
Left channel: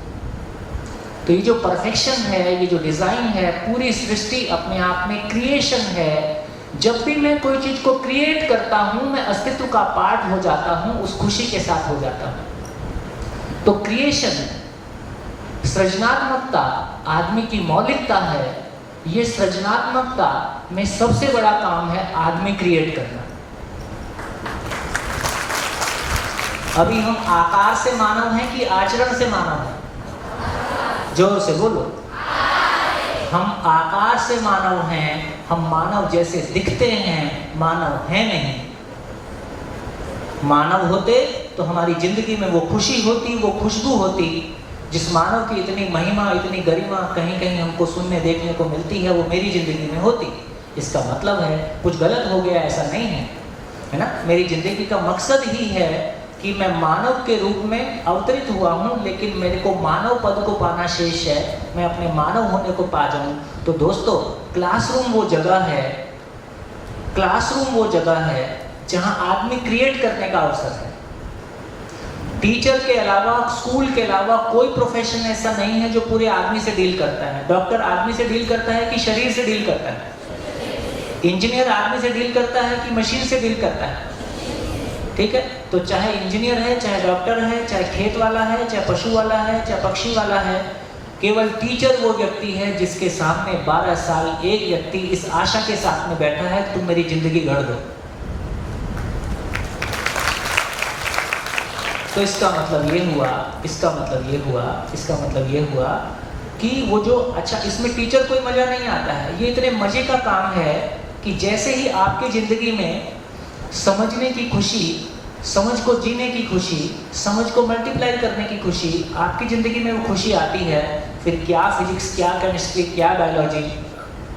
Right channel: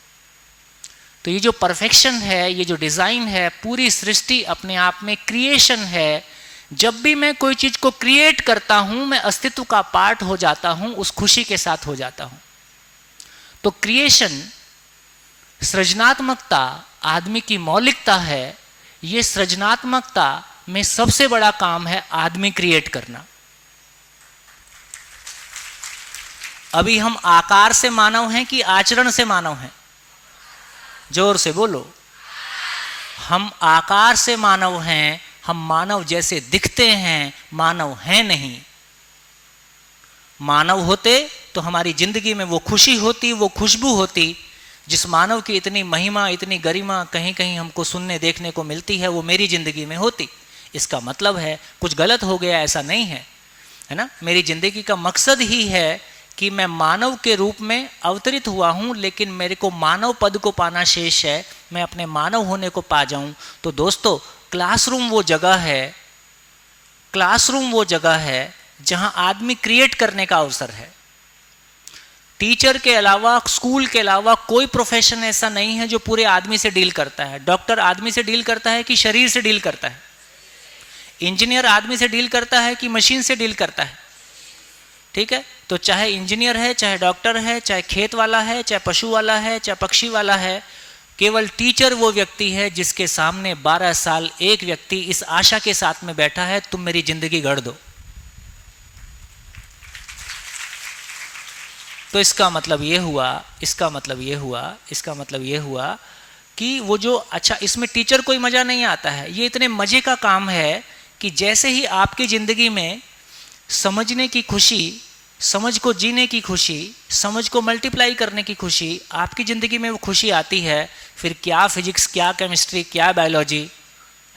तो ये जो परफेक्शन है, ये जो डिज़ाइन है, पूरी सृष्टि अपने आप में क्रिएशन है। जब भी मैं कोई चीज़ को क्रिएट करता हूँ, मैं अस्तित्व का पार्ट हो जाता हूँ, उस खुशी के साथ हो जाता हूँ। तो क्रिएशन, सृजनात्मकता आदमी की मौलिकता है। ये सृजनात्मकता में सबसे बड़ा काम है आदमी क्रिएट करना। अभी हम आकार से मानव हैं कि आचरण से मानव हैं? जोर से बोलो। हम आकार से मानव हैं, हम मानव जैसे दिखते हैं, मानव हैं नहीं। मानव होते तो हमारी जिंदगी में वो खुशी होती, वो खुशबू होती, जिस मानव की इतनी महिमा, इतनी गरिमा कहीं कहीं हमको सुनने देखने को मिलती है, वो मेरी जिंदगी में होती। इसका मतलब है कुछ गलत हो गया, ऐसा नहीं है, है ना। मेरी जिंदगी का मकसद ही है कि मैं मानव के रूप में अवतरित हुआ हूँ, लेकिन मेरे को मानव पद को पाना शेष है। मैं अपने मानव होने को पा जाऊं, तो दोस्तों क्लासरूम वो जगह है, क्लासरूम वो जगह है जहां आदमी क्रिएट करने का अवसर है। टीचर के अलावा, स्कूल के अलावा कोई प्रोफेशन ऐसा नहीं है जो पूरे आदमी से डील करता है। डॉक्टर आदमी से डील करता है कि शरीर से डील करता है? इंजीनियर आदमी से डील करता है कि मशीन से डील करता है? ठीक है, तो चाहे इंजीनियर है, चाहे डॉक्टर है, चाहे खेत वाला है, चाहे पशु वाला है, चाहे पक्षी वाला है, केवल टीचर वो व्यक्ति है जिसके सामने 12 साल एक व्यक्ति इस आशा के साथ में बैठा है, तुम मेरी जिंदगी गढ़ दो। तो इसका मतलब ये हुआ, इसका मतलब ये हुआ, इसका मतलब ये हुआ कि वो जो, अच्छा इसमें टीचर कोई मज़ा नहीं आता है, ये इतने मज़े का काम है कि जैसे ही आपकी ज़िंदगी में समझने की खुशी, समझ को जीने की खुशी, समझ को मल्टीप्लाई करने की खुशी, आपकी ज़िंदगी में वो खुशी आती है, फिर क्या फिजिक्स, क्या केमिस्ट्री, क्या बायोलॉजी,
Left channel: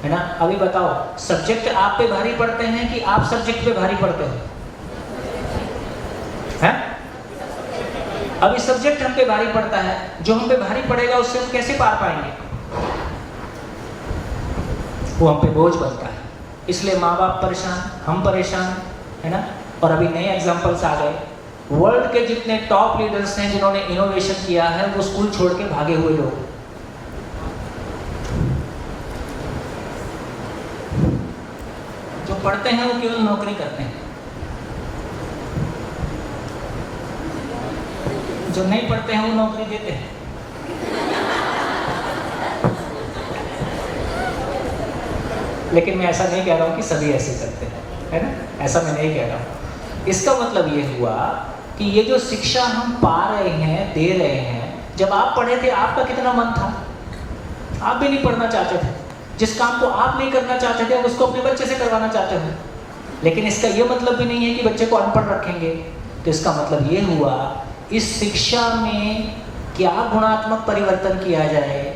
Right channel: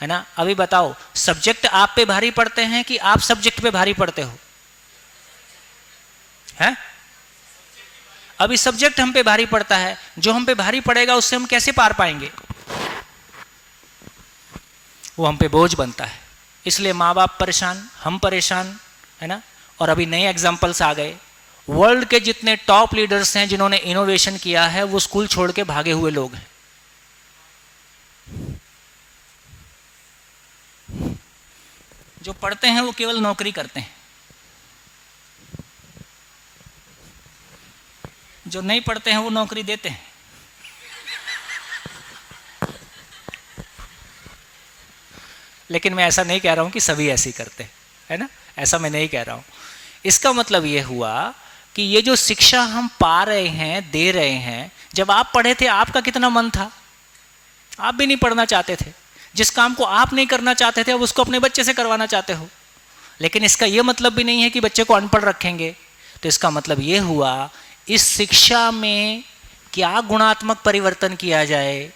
है ना। अभी बताओ, सब्जेक्ट आप पे भारी पड़ते हैं कि आप सब्जेक्ट पे भारी पड़ते हो? है? अभी सब्जेक्ट हम पे भारी पड़ता है, जो हम पे भारी पड़ेगा उससे हम कैसे पार पाएंगे? वो हम पे बोझ बनता है। इसलिए माँ बाप परेशान, हम परेशान, है ना। और अभी नए एग्जाम्पल्स आ गए, वर्ल्ड के जितने टॉप लीडर्स हैं जिन्होंने इनोवेशन किया है, वो स्कूल छोड़ के भागे हुए लोग हैं। जो पढ़ते हैं वो केवल नौकरी करते हैं, जो नहीं पढ़ते हैं वो नौकरी देते हैं। लेकिन मैं ऐसा नहीं कह रहा हूं कि सभी ऐसे करते हैं, है ना, ऐसा मैं नहीं कह रहा हूं। इसका मतलब ये हुआ कि ये जो शिक्षा हम पा रहे हैं, दे रहे हैं, जब आप पढ़े थे आपका कितना मन था? आप भी नहीं पढ़ना चाहते थे। जिस काम को आप नहीं करना चाहते थे उसको अपने बच्चे से करवाना चाहते हो। लेकिन इसका ये मतलब भी नहीं है कि बच्चे को अनपढ़ रखेंगे। तो इसका मतलब ये हुआ, इस शिक्षा में क्या गुणात्मक परिवर्तन किया जाए।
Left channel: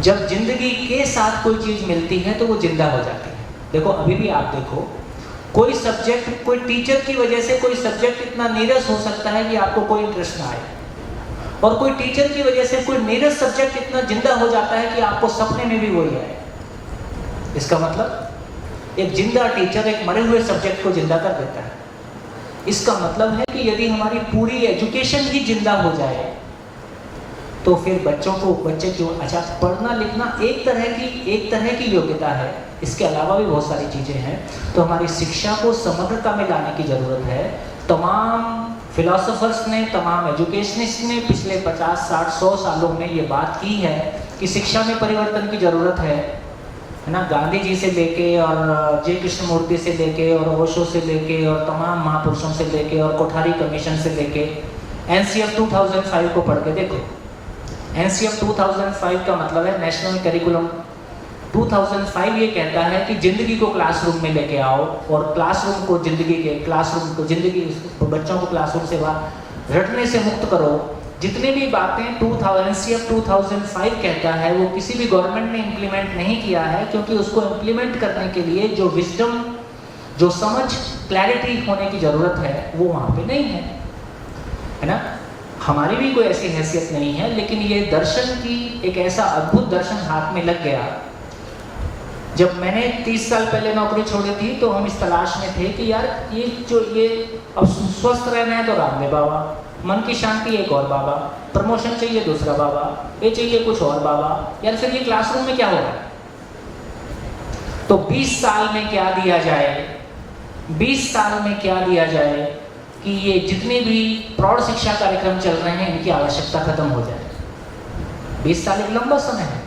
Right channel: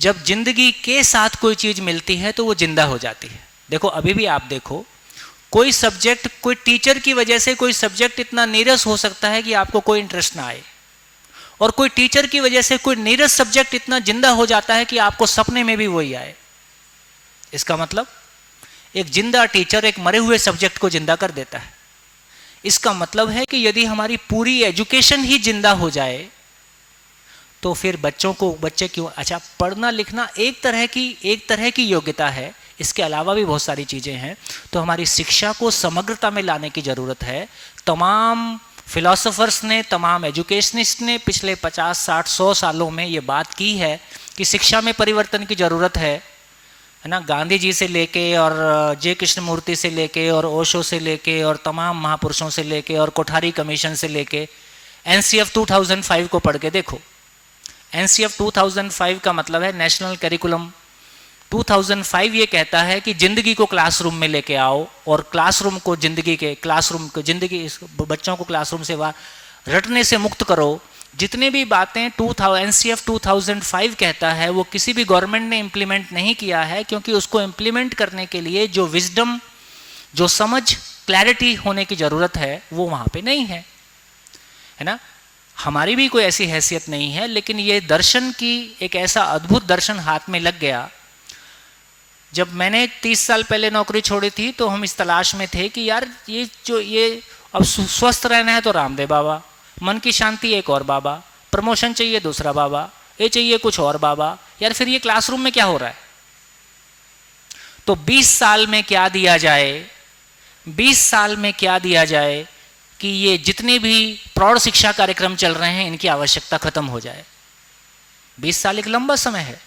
जब जिंदगी के साथ कोई चीज मिलती है तो वो जिंदा हो जाती है। देखो अभी भी आप देखो, कोई सब्जेक्ट, कोई टीचर की वजह से कोई सब्जेक्ट इतना नीरस हो सकता है कि आपको कोई इंटरेस्ट ना आए, और कोई टीचर की वजह से कोई नीरस सब्जेक्ट इतना जिंदा हो जाता है कि आपको सपने में भी वही आए। इसका मतलब एक जिंदा टीचर एक मरे हुए सब्जेक्ट को जिंदा कर देता है। इसका मतलब है कि यदि हमारी पूरी एजुकेशन ही जिंदा हो जाए तो फिर बच्चे क्यों, अच्छा पढ़ना लिखना एक तरह की योग्यता है, इसके अलावा भी बहुत सारी चीज़ें हैं। तो हमारी शिक्षा को समग्रता में लाने की ज़रूरत है। तमाम फिलोसोफर्स ने, तमाम एजुकेशनिस्ट ने पिछले 50, 60, 100 सालों में ये बात की है कि शिक्षा में परिवर्तन की ज़रूरत है ना। गांधी जी से लेके और जे कृष्णमूर्ति से लेके और ओशो से लेके और तमाम महापुरुषों से लेके और कोठारी कमीशन से लेके NCF 2005 को पढ़ के देखो। NCF 2005 का मतलब है नेशनल करिकुलम 2005। ये कहता है कि जिंदगी को क्लासरूम में लेके आओ और क्लासरूम को जिंदगी बच्चों को क्लासरूम से बाहर रटने से मुक्त करो। जितने भी बातें NCF 2005 कहता है वो किसी भी गवर्नमेंट ने इम्प्लीमेंट नहीं किया है, क्योंकि उसको इम्प्लीमेंट करने के लिए जो विजडम, जो समझ, क्लैरिटी होने की ज़रूरत है वो वहाँ पे नहीं है ना। हमारी भी कोई ऐसी हैसियत नहीं है, लेकिन ये दर्शन की एक ऐसा अद्भुत दर्शन हाथ में लग गया। जब मैंने 30 साल पहले नौकरी छोड़ी थी तो हम इस तलाश में थे कि यार ये अब स्वस्थ रहना है तो रामदेव बाबा, मन की शांति एक और बाबा, प्रमोशन चाहिए दूसरा बाबा, ये चाहिए कुछ और बाबा, यार फिर ये क्लासरूम में क्या हो रहा है। तो 20 साल में क्या दिया जाए, 20 साल में क्या दिया जाए कि ये जितने भी प्रौढ़ शिक्षा कार्यक्रम चल रहे हैं इनकी आवश्यकता खत्म हो जाए। 20 साल एक लंबा समय है,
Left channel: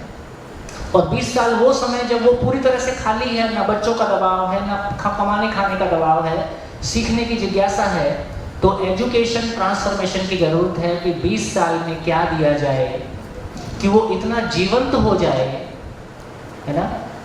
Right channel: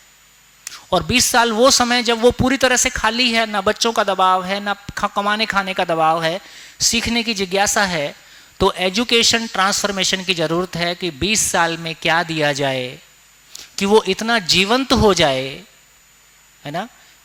और 20 साल वो समय जब वो पूरी तरह से खाली है, ना बच्चों का दबाव है, ना कमाने खाने का दबाव है, सीखने की जिज्ञासा है। तो एजुकेशन ट्रांसफॉर्मेशन की ज़रूरत है कि 20 साल में क्या दिया जाए कि वो इतना जीवंत हो जाए, है ना,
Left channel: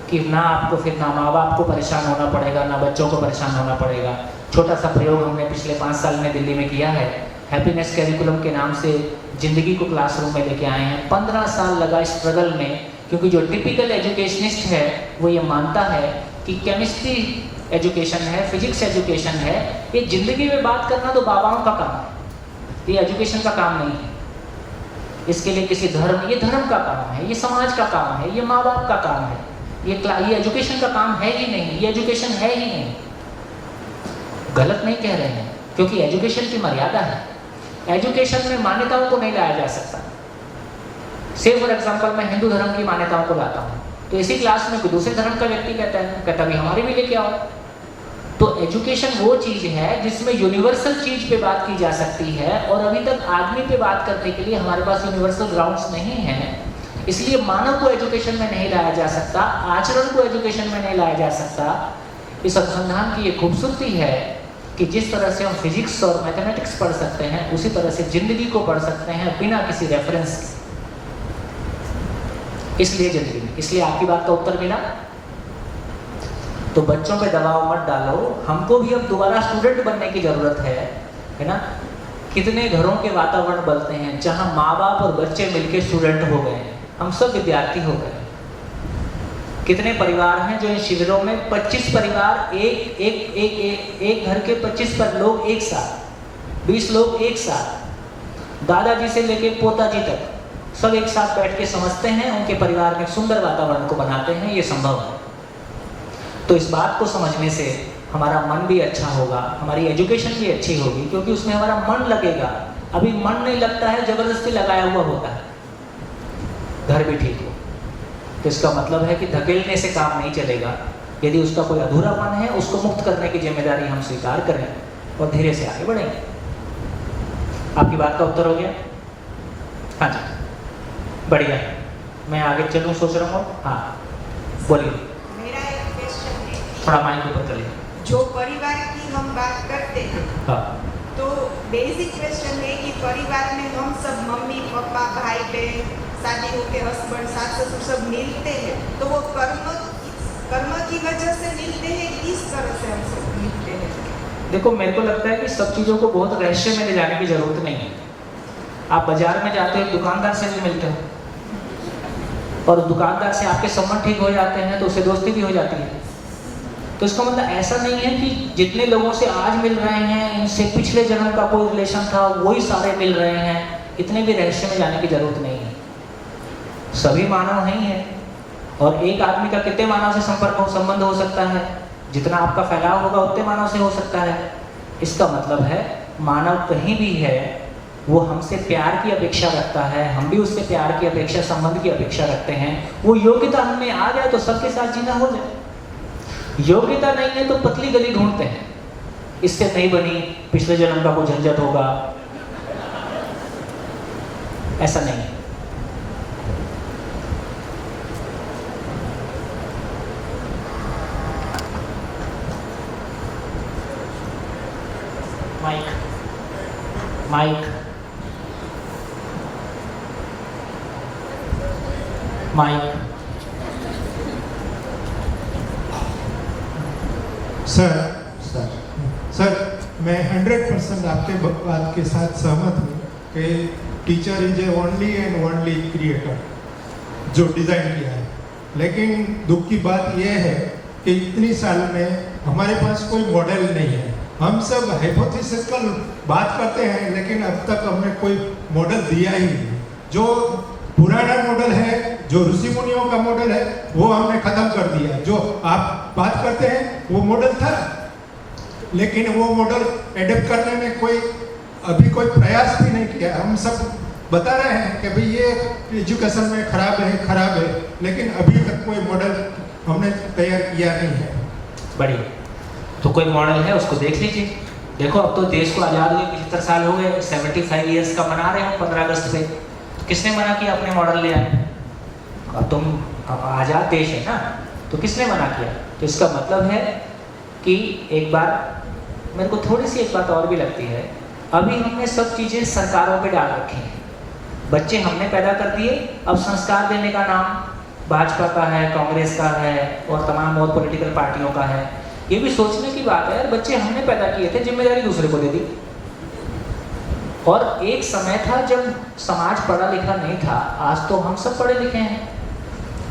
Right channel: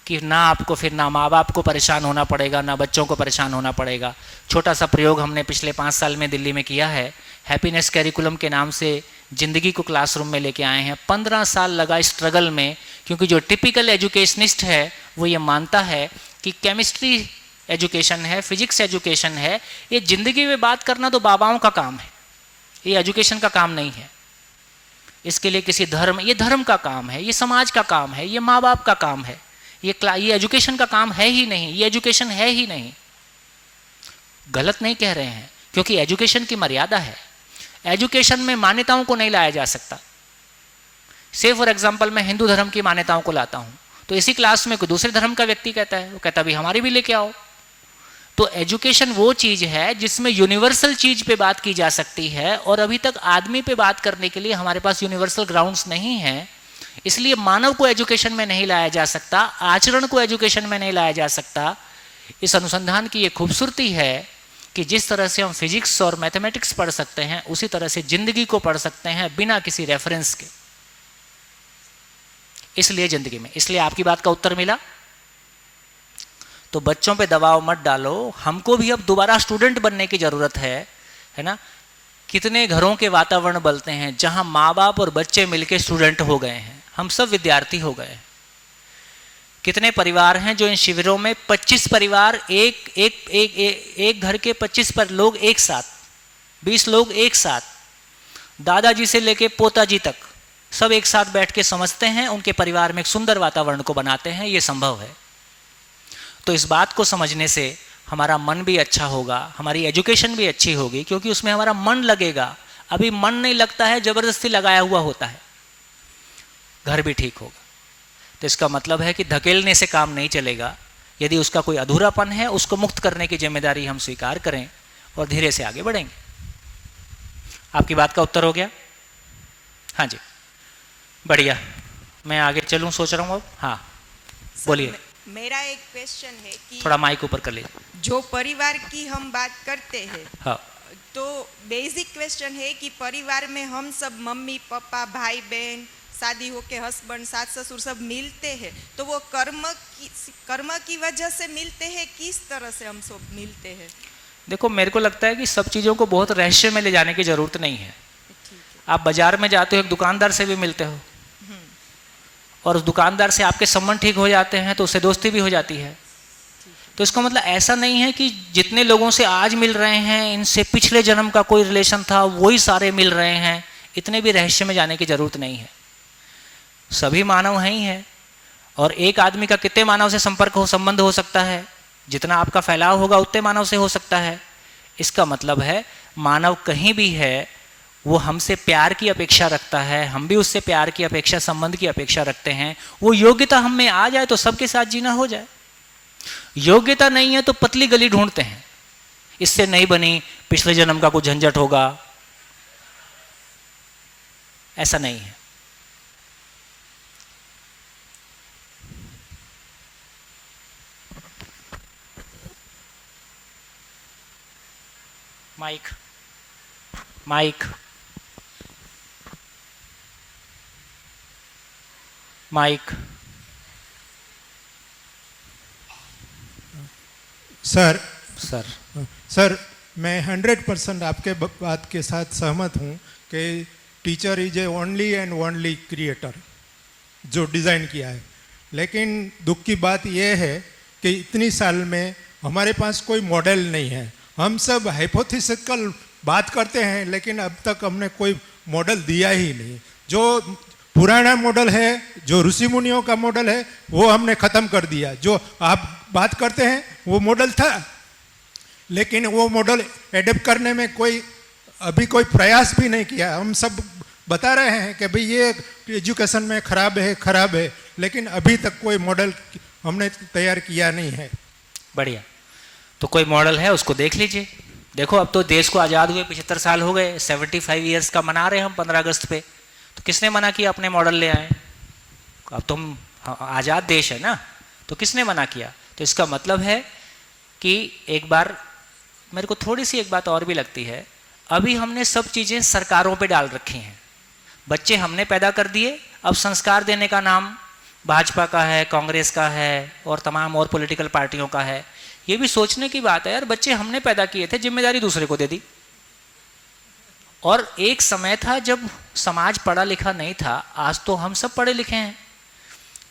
कि ना आपको फिर ना माँ बाप को परेशान होना पड़ेगा, ना बच्चों को परेशान होना पड़ेगा। छोटा सा प्रयोग हमने पिछले 5 साल में दिल्ली में किया है। हैप्पीनेस कैरिकुलम के नाम से ज़िंदगी को क्लासरूम में लेके आए हैं। 15 साल लगा स्ट्रगल में, क्योंकि जो टिपिकल एजुकेशनिस्ट है वो ये मानता है कि केमिस्ट्री एजुकेशन है, फिजिक्स एजुकेशन है, ये ज़िंदगी में बात करना तो बाबाओं का काम है, ये एजुकेशन का काम नहीं है। इसके लिए किसी धर्म, ये धर्म का काम है, ये समाज का काम है, ये माँ बाप का काम है, ये एजुकेशन का काम है ही नहीं, ये एजुकेशन है ही नहीं। गलत नहीं कह रहे हैं, क्योंकि एजुकेशन की मर्यादा है। एजुकेशन में मान्यताओं को नहीं लाया जा सकता। से फॉर एग्जाम्पल मैं हिंदू धर्म की मान्यताओं को लाता हूँ, तो इसी क्लास में कोई दूसरे धर्म का व्यक्ति कहता भी हमारे भी लेके आओ। तो एजुकेशन वो चीज़ है जिसमें यूनिवर्सल चीज़ पे बात की जा सकती है, और अभी तक आदमी पे बात करने के लिए हमारे पास यूनिवर्सल ग्राउंड्स नहीं हैं। इसलिए मानव को एजुकेशन में नहीं लाया जा सकता, आचरण को एजुकेशन में नहीं लाया जा सकता। इस अनुसंधान की ये खूबसूरती है कि जिस तरह से हम फिजिक्स और मैथमेटिक्स पढ़ सकते हैं, उसी तरह से जिंदगी को पढ़ सकते हैं बिना किसी रेफरेंस के। इसलिए जिंदगी में, इसलिए आपकी बात का उत्तर मिला। तो बच्चों पे दबाव मत डालो, हमको भी अब दोबारा स्टूडेंट बनने की ज़रूरत है ना। कितने घरों के वातावरण बनते हैं जहां माँ बाप और बच्चे मिलके स्टूडेंट हो गए हैं, हम सब विद्यार्थी हो गए। कितने परिवार हैं जो इन शिविरों में 25 परिवार एक घर के 25 पर लोग एक साथ, 20 लोग एक साथ, दादाजी से लेके पोता जी तक सब एक साथ बैठ के समझते हैं, उनके परिवार में एक सुंदर वातावरण को बनाते हैं। ये संभव है। तो इस बात को समझने से हमारा मन भी अच्छा होगा, हमारी एजुकेशन भी अच्छी होगी, क्योंकि उसमें हमारा मन लगेगा। अभी मन नहीं लगता है, जबरदस्ती लगाया हुआ होता है। घर भी ठीक हो तो इसका मतलब है कि धकेलने से काम नहीं चलेगा। यदि उसका कोई अधूरापन है, उसको मुक्त करने की जिम्मेदारी हम स्वीकार करें और धीरे से आगे बढ़ेंगे। आपकी बात का उत्तर हो गया? हाँ जी, बढ़िया। मैं आगे चलूँ सोच रहा हूँ। हाँ बोलिए। मेरा एक क्वेश्चन है, थोड़ा माइक ऊपर कर लीजिए। जो परिवार की हम बात करते हैं, हाँ, तो बेसिक क्वेश्चन है कि परिवार में हम सब मम्मी पापा भाई बहन शादी होके हस्बैंड सास ससुर सब मिलते हैं, तो वो कर्म की वजह से मिलते हैं, किस तरह से हम सब मिलते हैं? देखो मेरे को लगता है कि सब चीज़ों को बहुत रहस्य में ले जाने की ज़रूरत नहीं है। आप बाजार में जाते हो, दुकानदार से भी मिलते हो, और उस दुकानदार से आपके संबंध ठीक हो जाते हैं तो उससे दोस्ती भी हो जाती है। तो इसका मतलब ऐसा नहीं है कि जितने लोगों से आज मिल रहे हैं इनसे पिछले जन्म का कोई रिलेशन था वही सारे मिल रहे हैं। इतने भी रहस्य में जाने की ज़रूरत नहीं है। सभी मानव हैं ही हैं, और एक आदमी का कितने मानव से संबंध हो सकता है? जितना आपका फैलाव होगा उतने मानव से हो सकता है। इसका मतलब है मानव कहीं भी है वो हमसे प्यार की अपेक्षा रखता है, हम भी उससे प्यार की अपेक्षा, संबंध की अपेक्षा रखते हैं। वो योग्यता हम में आ जाए तो सबके साथ जीना हो जाए, योग्यता नहीं है तो पतली गली ढूंढते हैं, इससे नहीं बनी, पिछले जन्म का कुछ झंझट होगा। ऐसा नहीं है। माइक सर मैं 100% आपके बात के साथ सहमत हूँ कि teacher is A only and only creator जो डिज़ाइन किया है। लेकिन दुख की बात यह है कि इतनी साल में हमारे पास कोई मॉडल नहीं है। हम सब हाइपोथेटिकल बात करते हैं, लेकिन अब तक हमने कोई मॉडल दिया ही नहीं। जो पुराना मॉडल है, जो ऋषि मुनियों का मॉडल है, वो हमने ख़त्म कर दिया। जो आप बात करते हैं वो मॉडल था, लेकिन वो मॉडल एडेप्ट करने में अभी कोई प्रयास भी नहीं किया। हम सब बता रहे हैं कि भाई ये एजुकेशन में खराब है, लेकिन अभी तक कोई मॉडल हमने तैयार किया नहीं है। बढ़िया, तो कोई मॉडल है उसको देख लीजिए। देखो अब तो देश को आज़ाद हुए 75 साल हो गए, 75 ईयर्स का मना रहे हो 15 अगस्त पे। तो किसने मना किया अपने मॉडल ले आए? तुम आज़ाद देश है ना, तो किसने मना किया? तो इसका मतलब है कि एक बार मेरे को थोड़ी सी एक बात और भी लगती है, अभी हमने सब चीज़ें सरकारों पे डाल रखी हैं। बच्चे हमने पैदा कर दिए, अब संस्कार देने का नाम भाजपा का है, कांग्रेस का है और तमाम और पॉलिटिकल पार्टियों का है। ये भी सोचने की बात है यार, बच्चे हमने पैदा किए थे, जिम्मेदारी दूसरे को दे दी। और एक समय था जब समाज पढ़ा लिखा नहीं था, आज तो हम सब पढ़े लिखे हैं।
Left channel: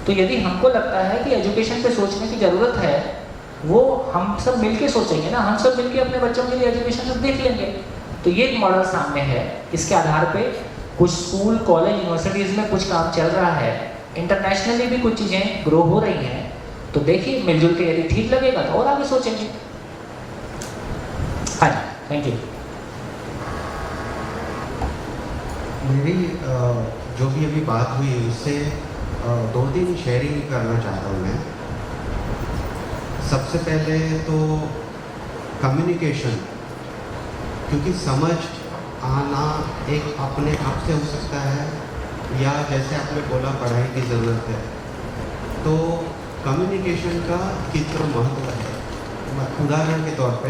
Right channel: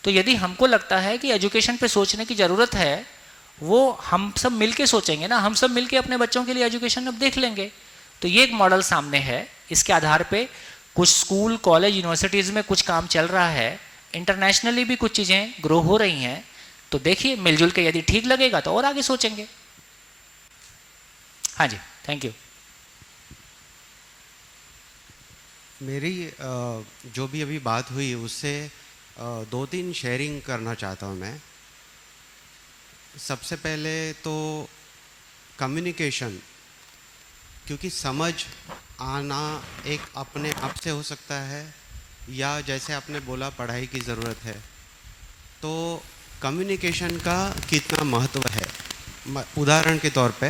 तो यदि हमको लगता है कि एजुकेशन पे सोचने की ज़रूरत है, वो हम सब मिलके सोचेंगे ना, हम सब मिलके अपने बच्चों के लिए एजुकेशन अब देख लेंगे। तो ये एक मॉडल सामने है, इसके आधार पे कुछ स्कूल कॉलेज यूनिवर्सिटीज़ में कुछ काम चल रहा है, इंटरनेशनली भी कुछ चीज़ें ग्रो हो रही हैं, तो देखिए मिलजुल के यदि ठीक लगेगा तो और आगे सोचेंगे। हाँ जी, थैंक यू। मेरी जो भी अभी बात हुई उससे 2-3 शेयरिंग करना चाहता हूँ मैं। सबसे पहले तो कम्युनिकेशन, क्योंकि समझ आना एक अपने आप से हो सकता है या जैसे आपने बोला पढ़ाई की ज़रूरत है, तो कम्युनिकेशन का कितना महत्व है। उदाहरण के तौर पे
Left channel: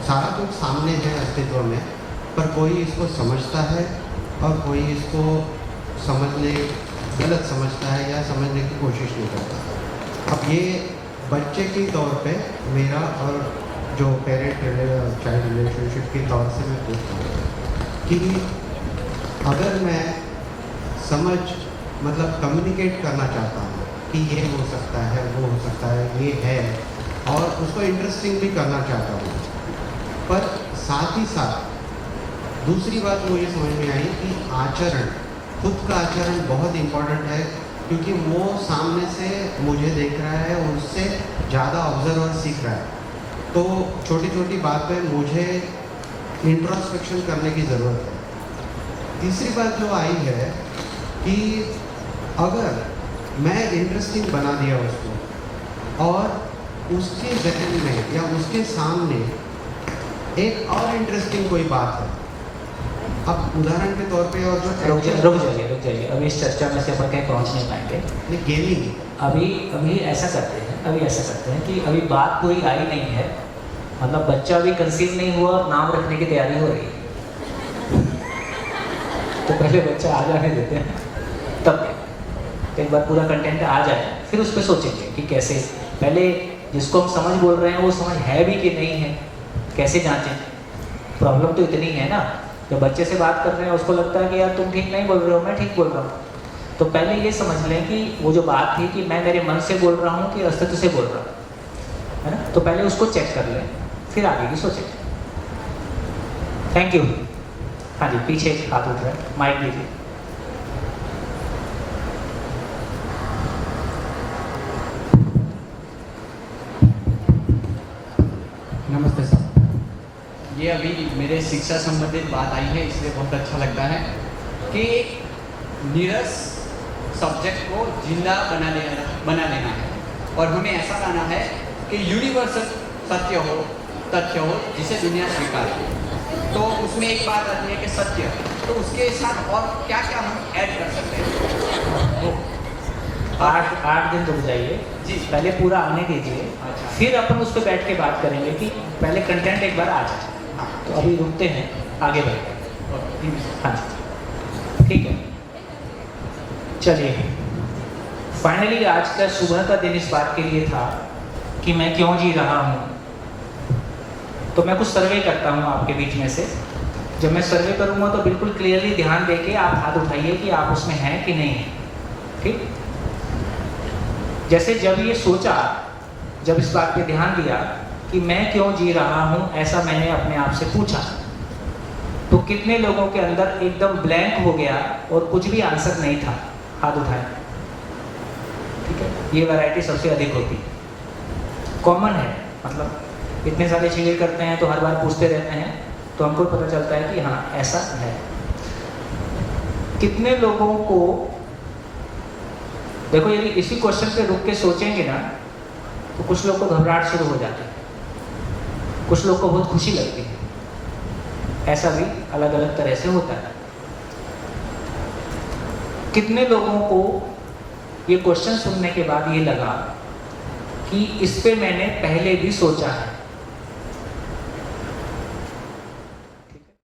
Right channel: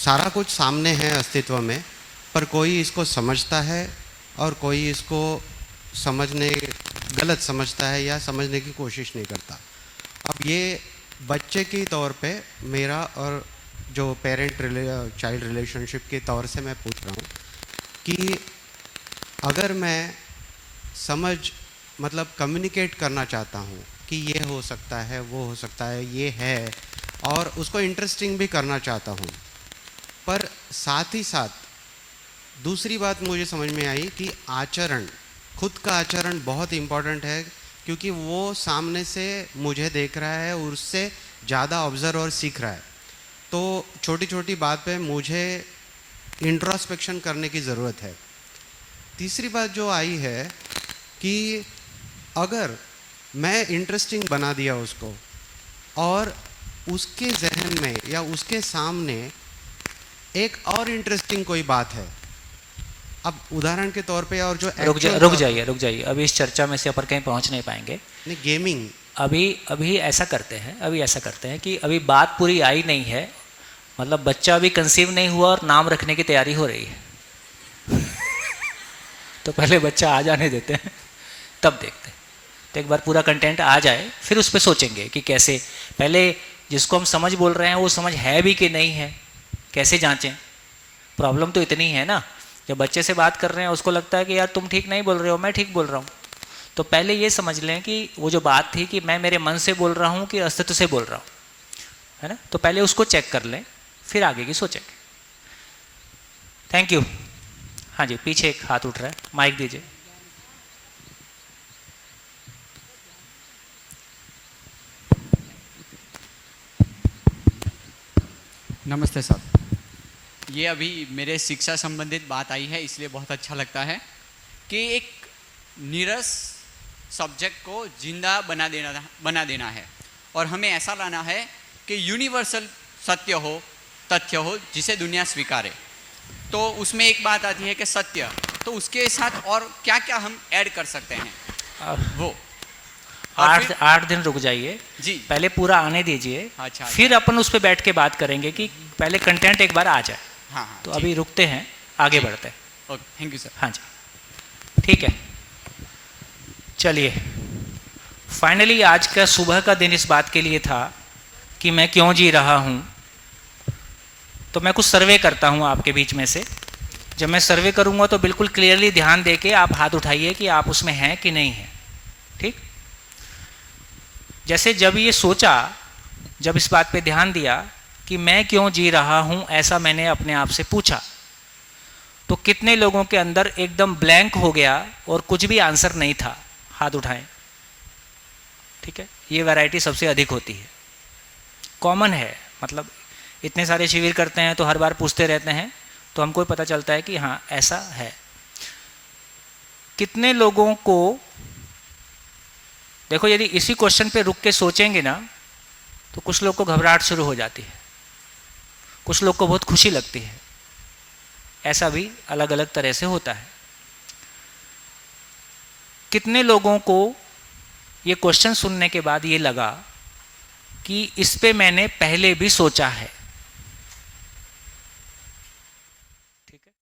सारा कुछ सामने है अस्तित्व में, पर कोई इसको समझता है और कोई इसको समझने गलत समझता है या समझने की कोशिश नहीं करता। अब ये बच्चे के तौर पे मेरा और जो पेरेंट चाइल्ड रिलेशनशिप के तौर से मैं पूछूँ कि अगर मैं समझ मतलब कम्युनिकेट करना चाहता हूँ कि ये हो सकता है, वो हो सकता है, ये है, और उसको इंटरेस्टिंग भी करना चाहता हूँ, पर साथ ही साथ दूसरी बात मुझे समझ में आई कि आचरण, खुद का आचरण बहुत इम्पोर्टेंट है, क्योंकि वो सामने से मुझे देख रहा है और उससे ज़्यादा ऑब्जर्व और सीख रहा है। तो छोटी छोटी बात पे मुझे इंट्रोस्पेक्शन करने की ज़रूरत है। तीसरी बात जो आई है कि अगर मैं इंटरेस्टिंग बना दिया उसको और उसके जहन में या उसके सामने एक और इंटरेस्टिंग कोई बात है, अब उदाहरण के तौर पे, और जो रुक जाइए, अभी इस चर्चा में से अपन कहीं पहुंच नहीं पाएंगे। गेमिंग अभी ऐसा करते हैं कि अभी बात पूरी आई नहीं है, मतलब बच्चा अभी कंसीव नहीं हुआ और नाम रखने की तैयारी हो रही है। तो पहले बच्चा आ जाने देते हैं, तब देखते हैं। तो एक बार पूरा कंटेंट आ जाए फिर उस पर सोचेंगे कि कैसे, पहले जिसको हम समझ बोल रहे हैं वो समझ है भी कि नहीं है, कैसे जांचें। प्रॉब्लम तो इतनी है ना, जब बच्चे से बात कर रहे हैं उसको लगता है कि यार तुम ठीक नहीं बोल रहे हो, मैं ठीक बोल रहा हूँ। तो पहले ये समझ लें कि वो जो बात थी कि मैं मेरे मन से बोल रहा हूँ कि अस्तित्व से बोल रहा हूँ, है ना, तो पहले उसको चेक कर लें, फिर आगे की सोचेंगे। Thank you. हाँ जी, पीछे एक हाथ उठ रहा है, माइक दीजिए। नमस्ते सर। ये अभी मेरे शिक्षा संबंधित बात आई है, इसलिए बहुत अच्छा लगता है कि एक नीरस सब्जेक्ट को जिंदा बना देना है और हमें ऐसा बनाना है कि यूनिवर्सल सत्य हो, तथ्य हो, जिसे दुनिया स्वीकारे। तो उसमें एक बात आती है कि सत्य, तो उसके साथ और क्या क्या हम ऐड कर सकते हैं वो 8 दिन रुक जाइए जी, पहले पूरा आने दीजिए। अच्छा। फिर अपन उस पर बैठ के बात करेंगे कि पहले कंटेंट एक बार आ जाए। हाँ, तो अभी रुकते हैं, आगे बढ़ते हैं। Thank you sir. हाँ जी, ठीक है। चलिए, फाइनली आज का सुबह का दिन इस बात के लिए था कि मैं क्यों जी रहा हूँ। तो मैं कुछ सर्वे करता हूँ आपके बीच में से। जब मैं सर्वे करूँगा तो बिल्कुल क्लियरली ध्यान दे के आप हाथ उठाइए कि आप उसमें हैं कि नहीं हैं, ठीक। जैसे जब ये सोचा, जब इस बात पे ध्यान दिया कि मैं क्यों जी रहा हूँ, ऐसा मैंने अपने आप से पूछा, तो कितने लोगों के अंदर एकदम ब्लैंक हो गया और कुछ भी आंसर नहीं था? हाथ उठाएं। ठीक है, ये वैरायटी सबसे अधिक होती है, कॉमन है। मतलब इतने सारे शिविर करते हैं तो हर बार पूछते रहते हैं, तो हमको पता चलता है कि हाँ ऐसा है। कितने लोगों को, देखो यदि इसी क्वेश्चन पे रुक के सोचेंगे ना तो कुछ लोग को घबराहट शुरू हो जाती है, कुछ लोग को बहुत खुशी लगती है। ऐसा भी अलग अलग तरह से होता है। कितने लोगों को ये क्वेश्चन सुनने के बाद ये लगा कि इस पे मैंने पहले भी सोचा है,